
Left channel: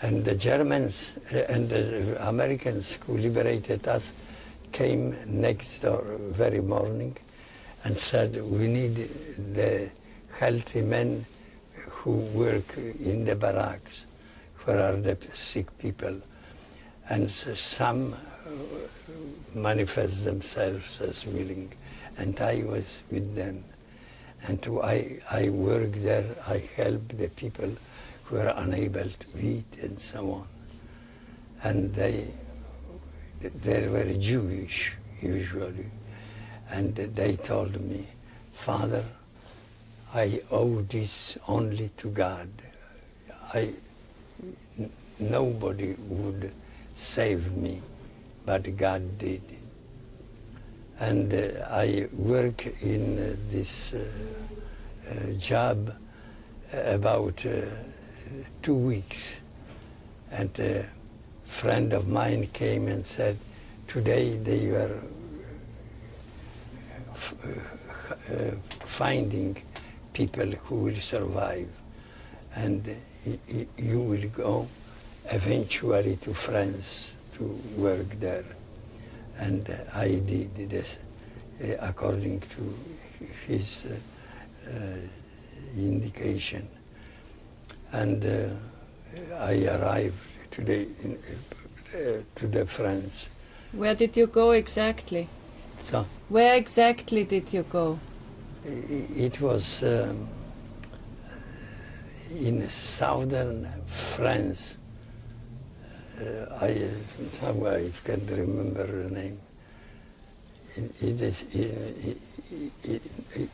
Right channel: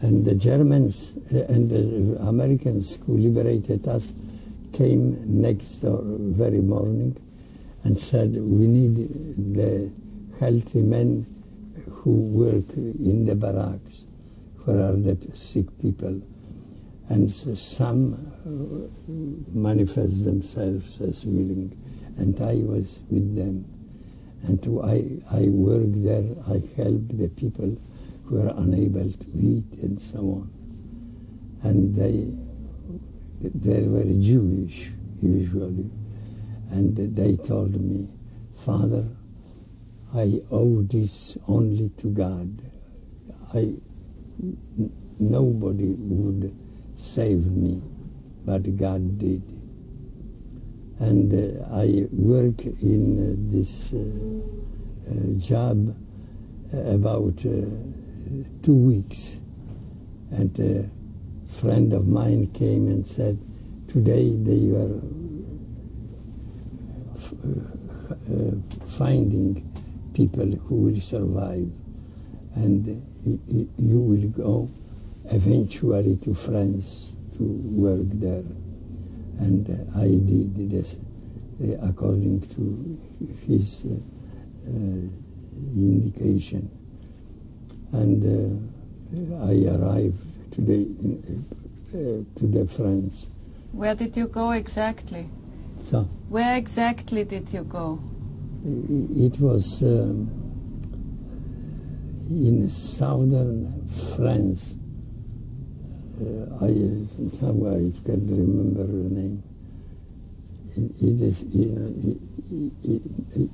And the Germans and the Americans who liberated us came next very morning and said, we need the healthy men who work in the barracks, where are the sick people. And some manifest themselves as willing, and I was with them. And I worked there, I helped the people who were unable to eat and so on. And they were Jewish, usually. And they told me, Father, I owe this only to God. Nobody would save me, but God did. And I work in this job about 2 weeks. And a friend of mine came and said, today they were finding people who will survive, and you will go eventually to France to work there. And I did this according to his indication. And I arrived today to the France. Where did you go exactly? So, where exactly did you go? It was in southern France. I can't remember the name. It is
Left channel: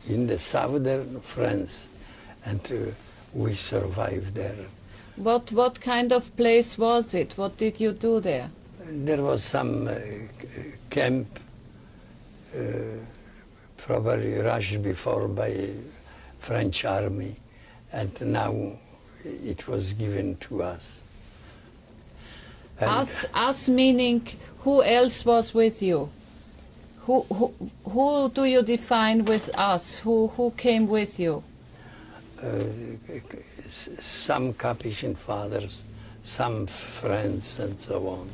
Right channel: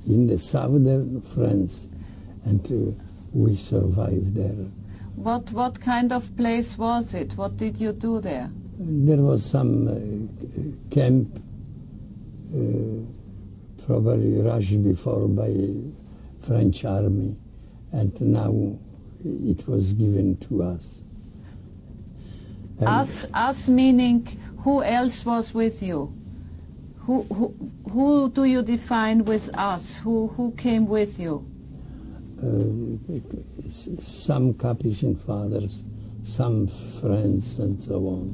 in the southern France, and we survived there. What kind of place was it? What did you do there? There was some camp, probably rushed before by French army, and now it was given to us. Us meaning who else was with you? Who do you define with us? Who came with you? Some Capuchin fathers, some friends, and so on.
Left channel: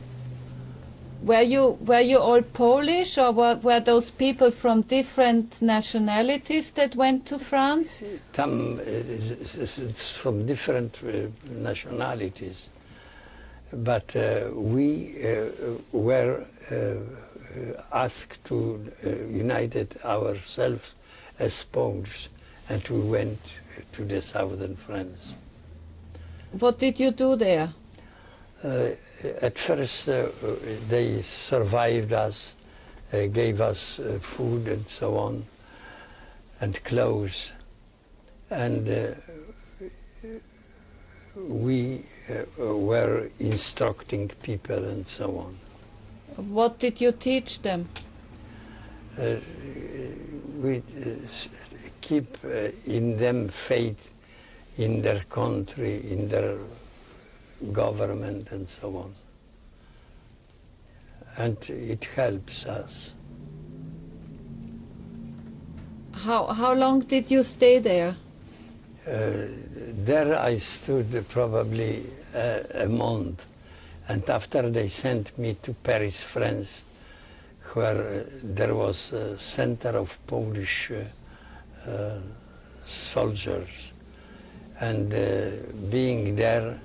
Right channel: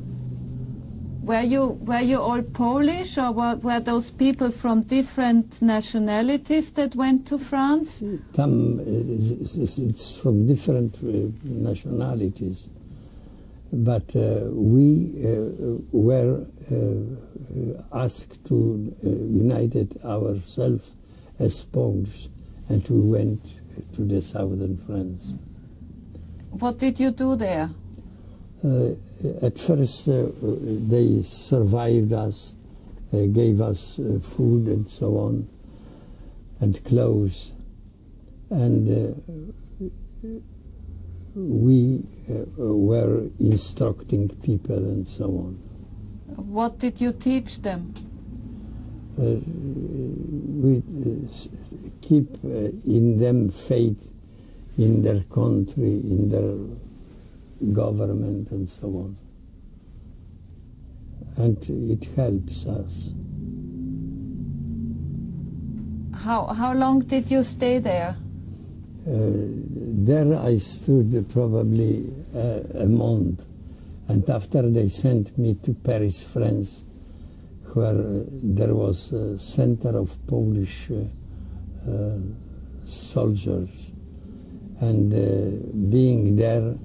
Were you all Polish, or were those people from different nationalities that went to France? It's from different nationalities, but we were asked to unite ourselves as Poles, and we went to the southern France. What did you do there? At first, they survived us, gave us food and so on, and clothes. And we were instructing people and so on. What did you teach them? We keep in them faith in their country, in their government and so on. And it helps us. How long did you stay there? There I stood probably a month, and after they sent me to Paris, France, where there was a center of Polish soldiers, and being there,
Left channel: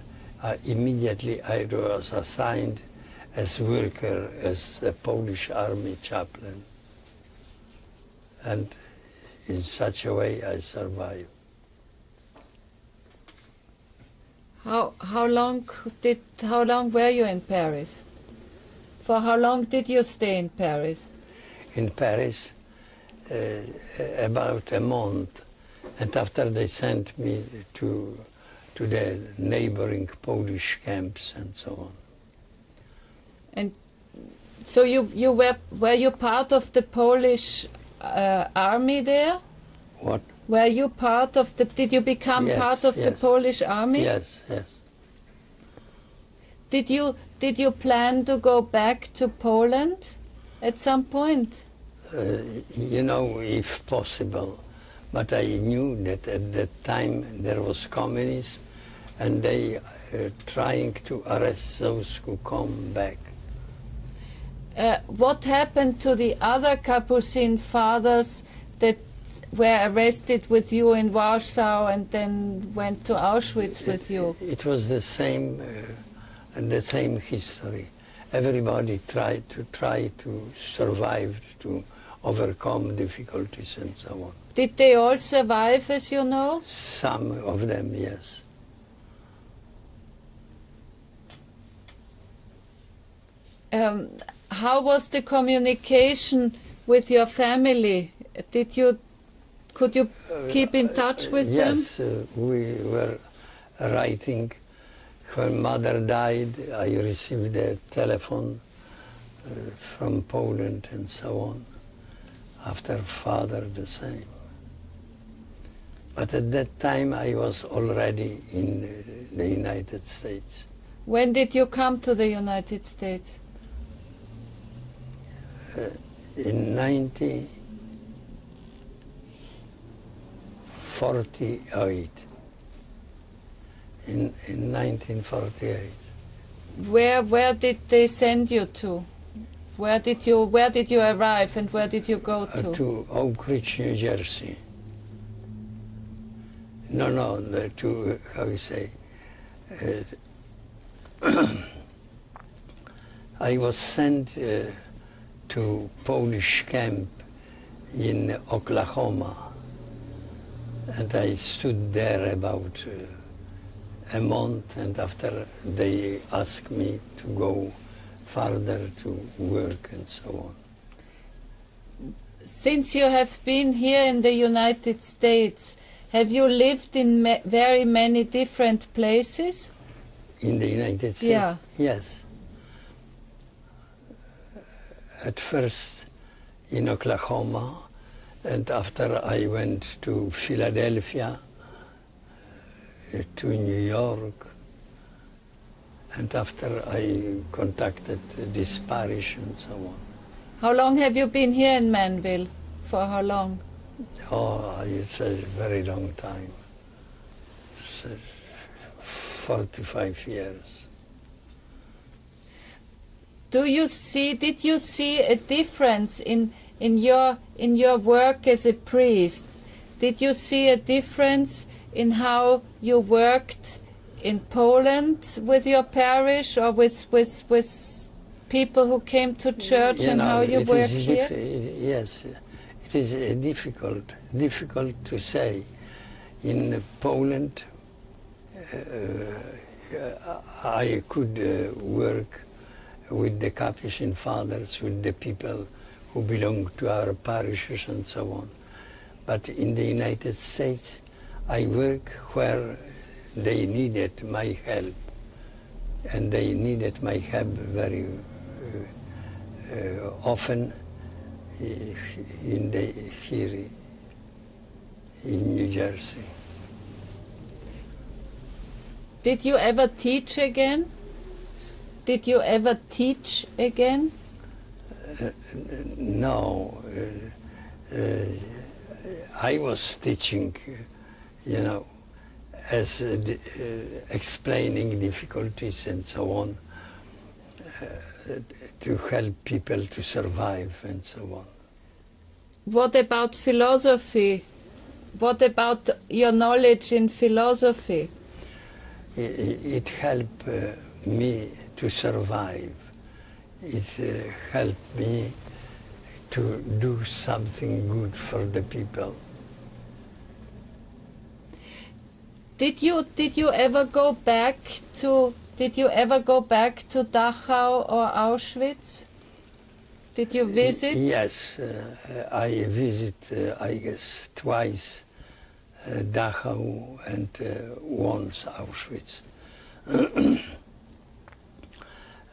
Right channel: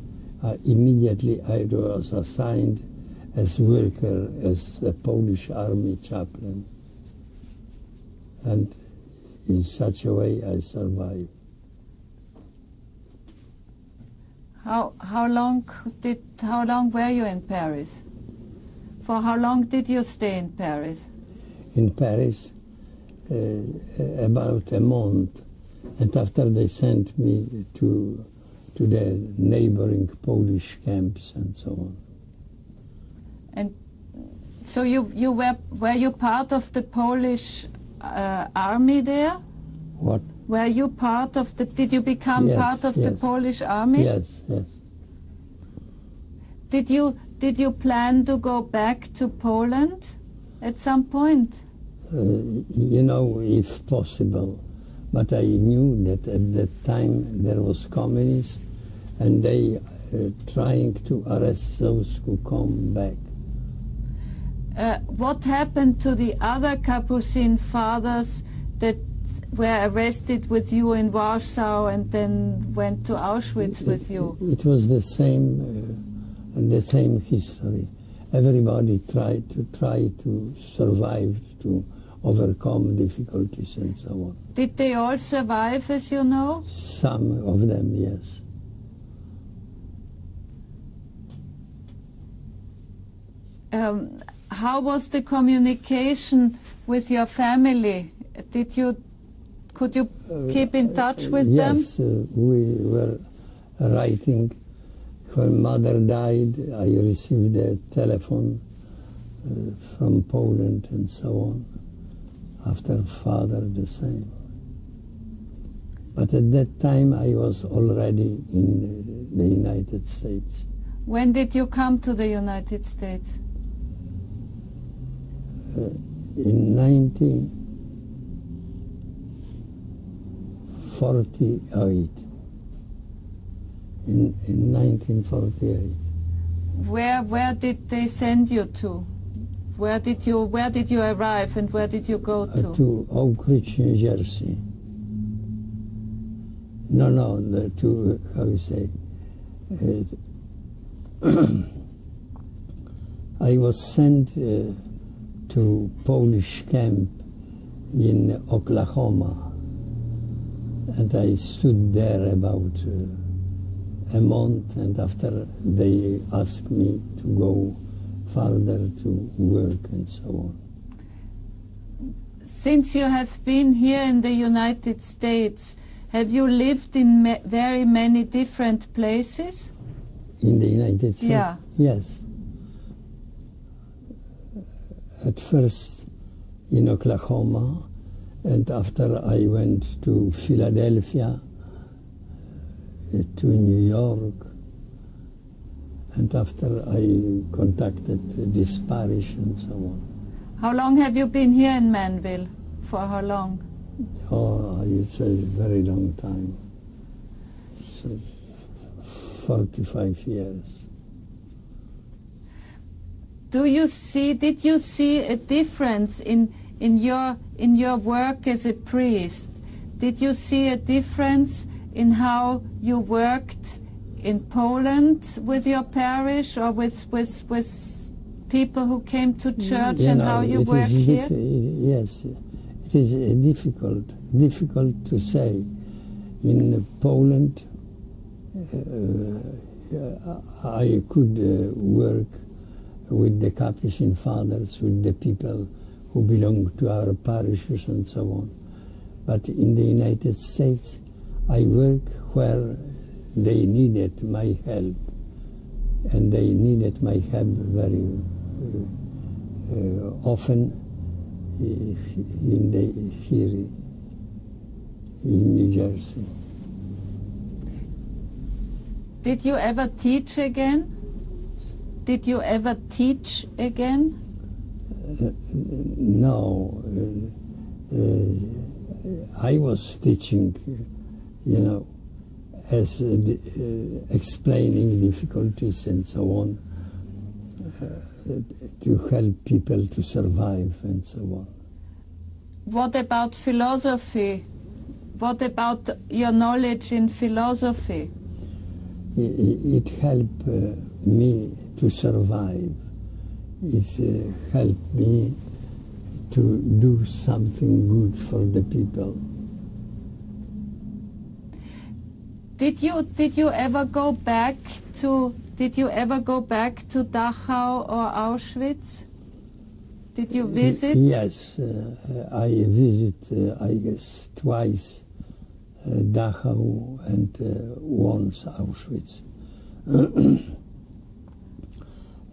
immediately I was assigned as worker, as a Polish army chaplain, and in such a way I survived. How long were you in Paris? For how long did you stay in Paris? In Paris, about a month, and after they sent me to the neighboring Polish camps and so on. And so were you part of the Polish army there? What? Were you part of the? Did you become Yes, part of the yes. Polish army? Yes, yes. Did you plan to go back to Poland at some point? You know, if possible. But I knew that at that time there was communism, and they trying to arrest those who come back. What happened to the other Capuchin fathers that were arrested with you in Warsaw and then went to Auschwitz with you? It was the same history. Everybody tried to survive, to overcome difficulties and so on. Did they all survive, as you know? Some of them, yes. How was the communication with your family? Could you keep in touch with them? Yes, we were writing. When mother died, I received a telephone from Poland and so on. After father, the same. But at that time, I was already in the United States. When did you come to the United States? In 1948. In 1948. Where did they send you to? Where did you arrive and where did you go to? To Oak Ridge, New Jersey. To, how you say, I was sent to Polish camp in Oklahoma, and I stood there about a month, and after they asked me to go further to work and so on. Since you have been here in the United States, have you lived in very many different places? In the United States? Yeah. Yes. At first in Oklahoma, and after I went to Philadelphia, to New York, and after I contacted this parish and so on. How long have you been here in Manville? For how long? Oh, it's a very long time. It's 45 years. Did you see a difference in your work as a priest? Did you see a difference in how you worked in Poland with your parish or with people who came to church, and how you work here? Yes, it is difficult to say. In Poland, I could work with the Capuchin fathers, with the people who belong to our parishes and so on. But in the United States, I work where they needed my help, and they needed my help very often here in New Jersey. Did you ever teach again? Did you ever teach again? No. I was teaching, as explaining difficulties and so on, to help people to survive and so on. What about philosophy? What about your knowledge in philosophy? It helped me to survive. It helped me to do something good for the people. Did you ever go back to Dachau or Auschwitz? Did you visit? Yes, I visited, I guess, twice Dachau and once Auschwitz.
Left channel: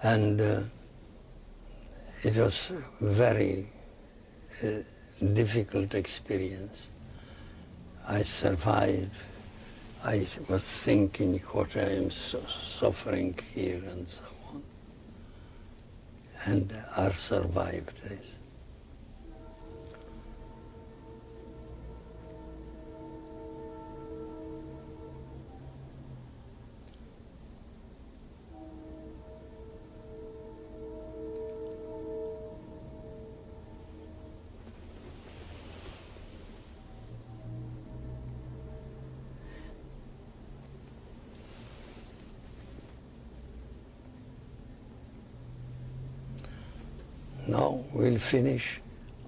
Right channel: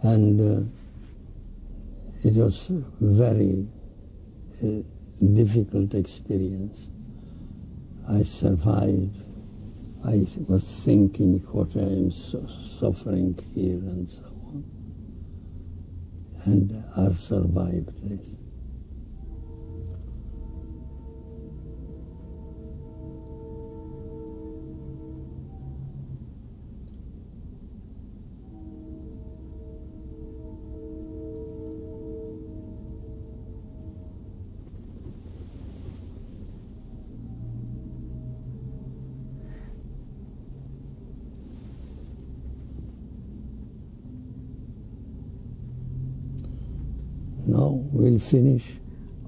And it was a very difficult experience. I survived. I was thinking what I am suffering here and so on. And I survived this. No, we'll finish.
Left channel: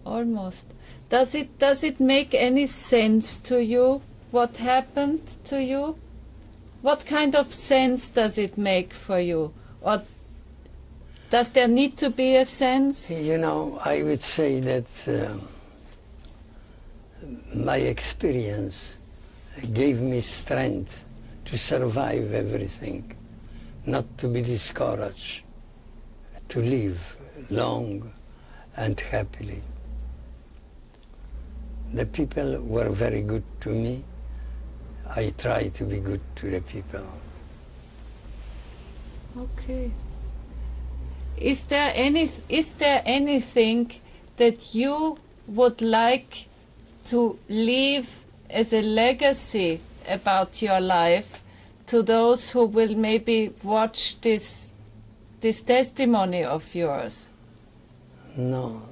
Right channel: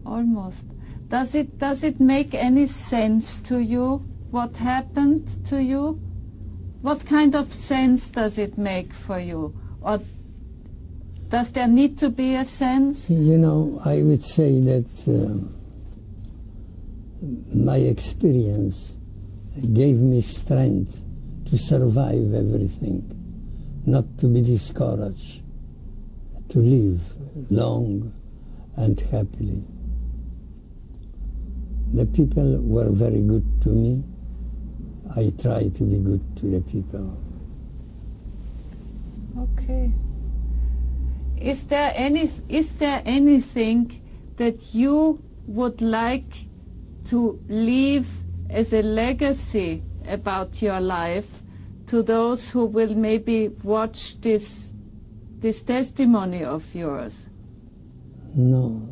Almost. Does it make any sense to you what happened to you? What kind of sense does it make for you? Or does there need to be a sense? You know, I would say that my experience gave me strength to survive everything, not to be discouraged, to live long and happily. The people were very good to me. I try to be good to the people. Okay. Is there anything that you would like to leave as a legacy about your life to those who will maybe watch this testimony of yours? No,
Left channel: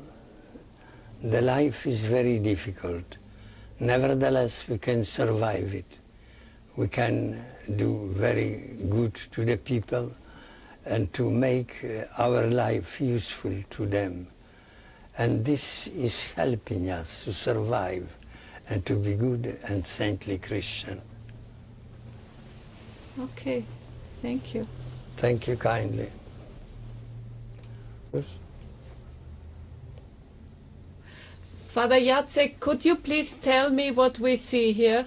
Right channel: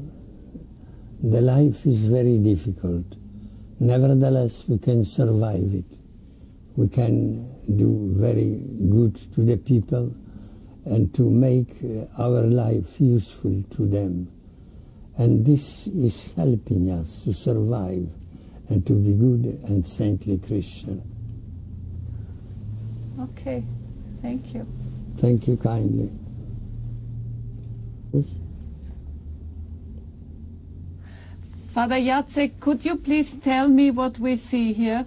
the life is very difficult. Nevertheless, we can survive it. We can do very good to the people and to make our life useful to them. And this is helping us to survive and to be good and saintly Christian. Okay, thank you. Thank you kindly. Father Jacek, could you please tell me what we see here?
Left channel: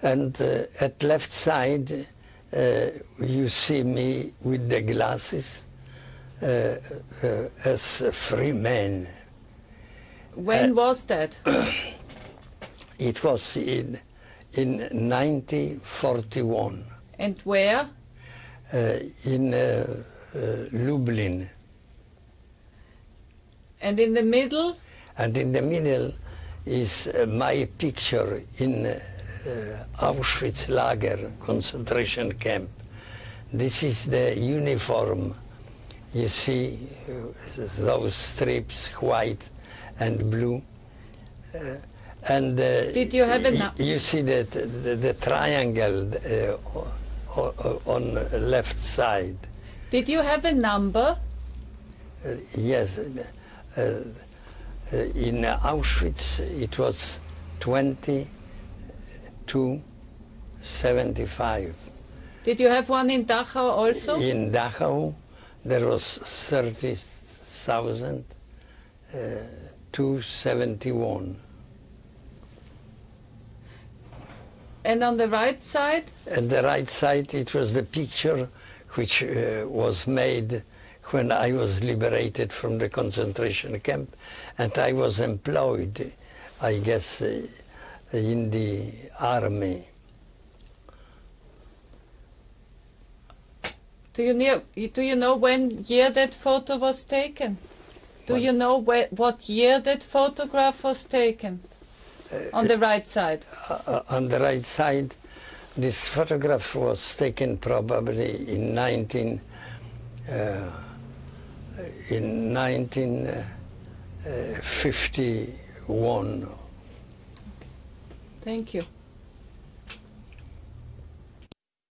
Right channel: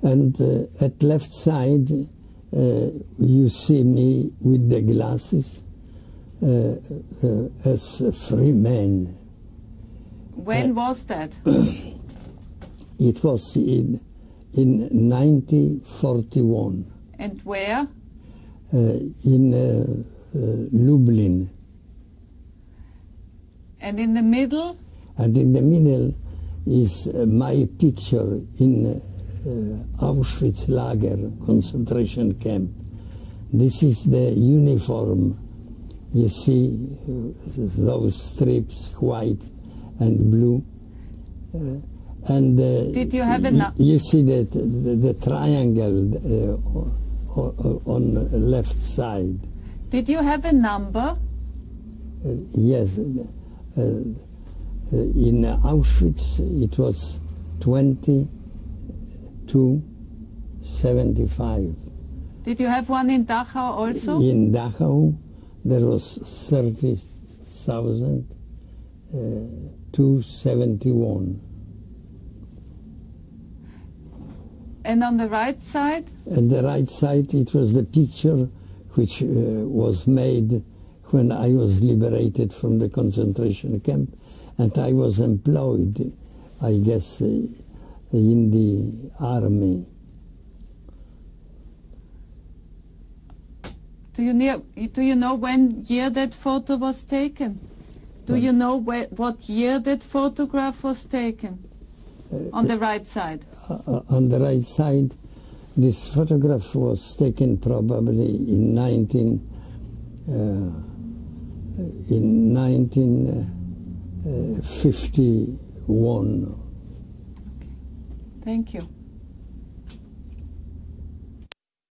And at left side, you see me with the glasses as a free man. When was that? It was in 1941. And where? In Lublin. And in the middle? And in the middle is my picture in Auschwitz lager, concentration camp. This is the uniform. You see those strips, white and blue. And did you have you see the triangle on the left side. Did you have a number? Yes. In Auschwitz, it was 20-75. Did you have one in Dachau also? In Dachau, there was 30,000 to 71. And on the right side? On the right side, it was the picture which was made when I was liberated from the concentration camp, and I was employed, I guess, in the army. Do you know when year that photo was taken? Do you know what year that photograph was taken? On the right side. On the right side, This photograph was taken probably in 1951. Thank you.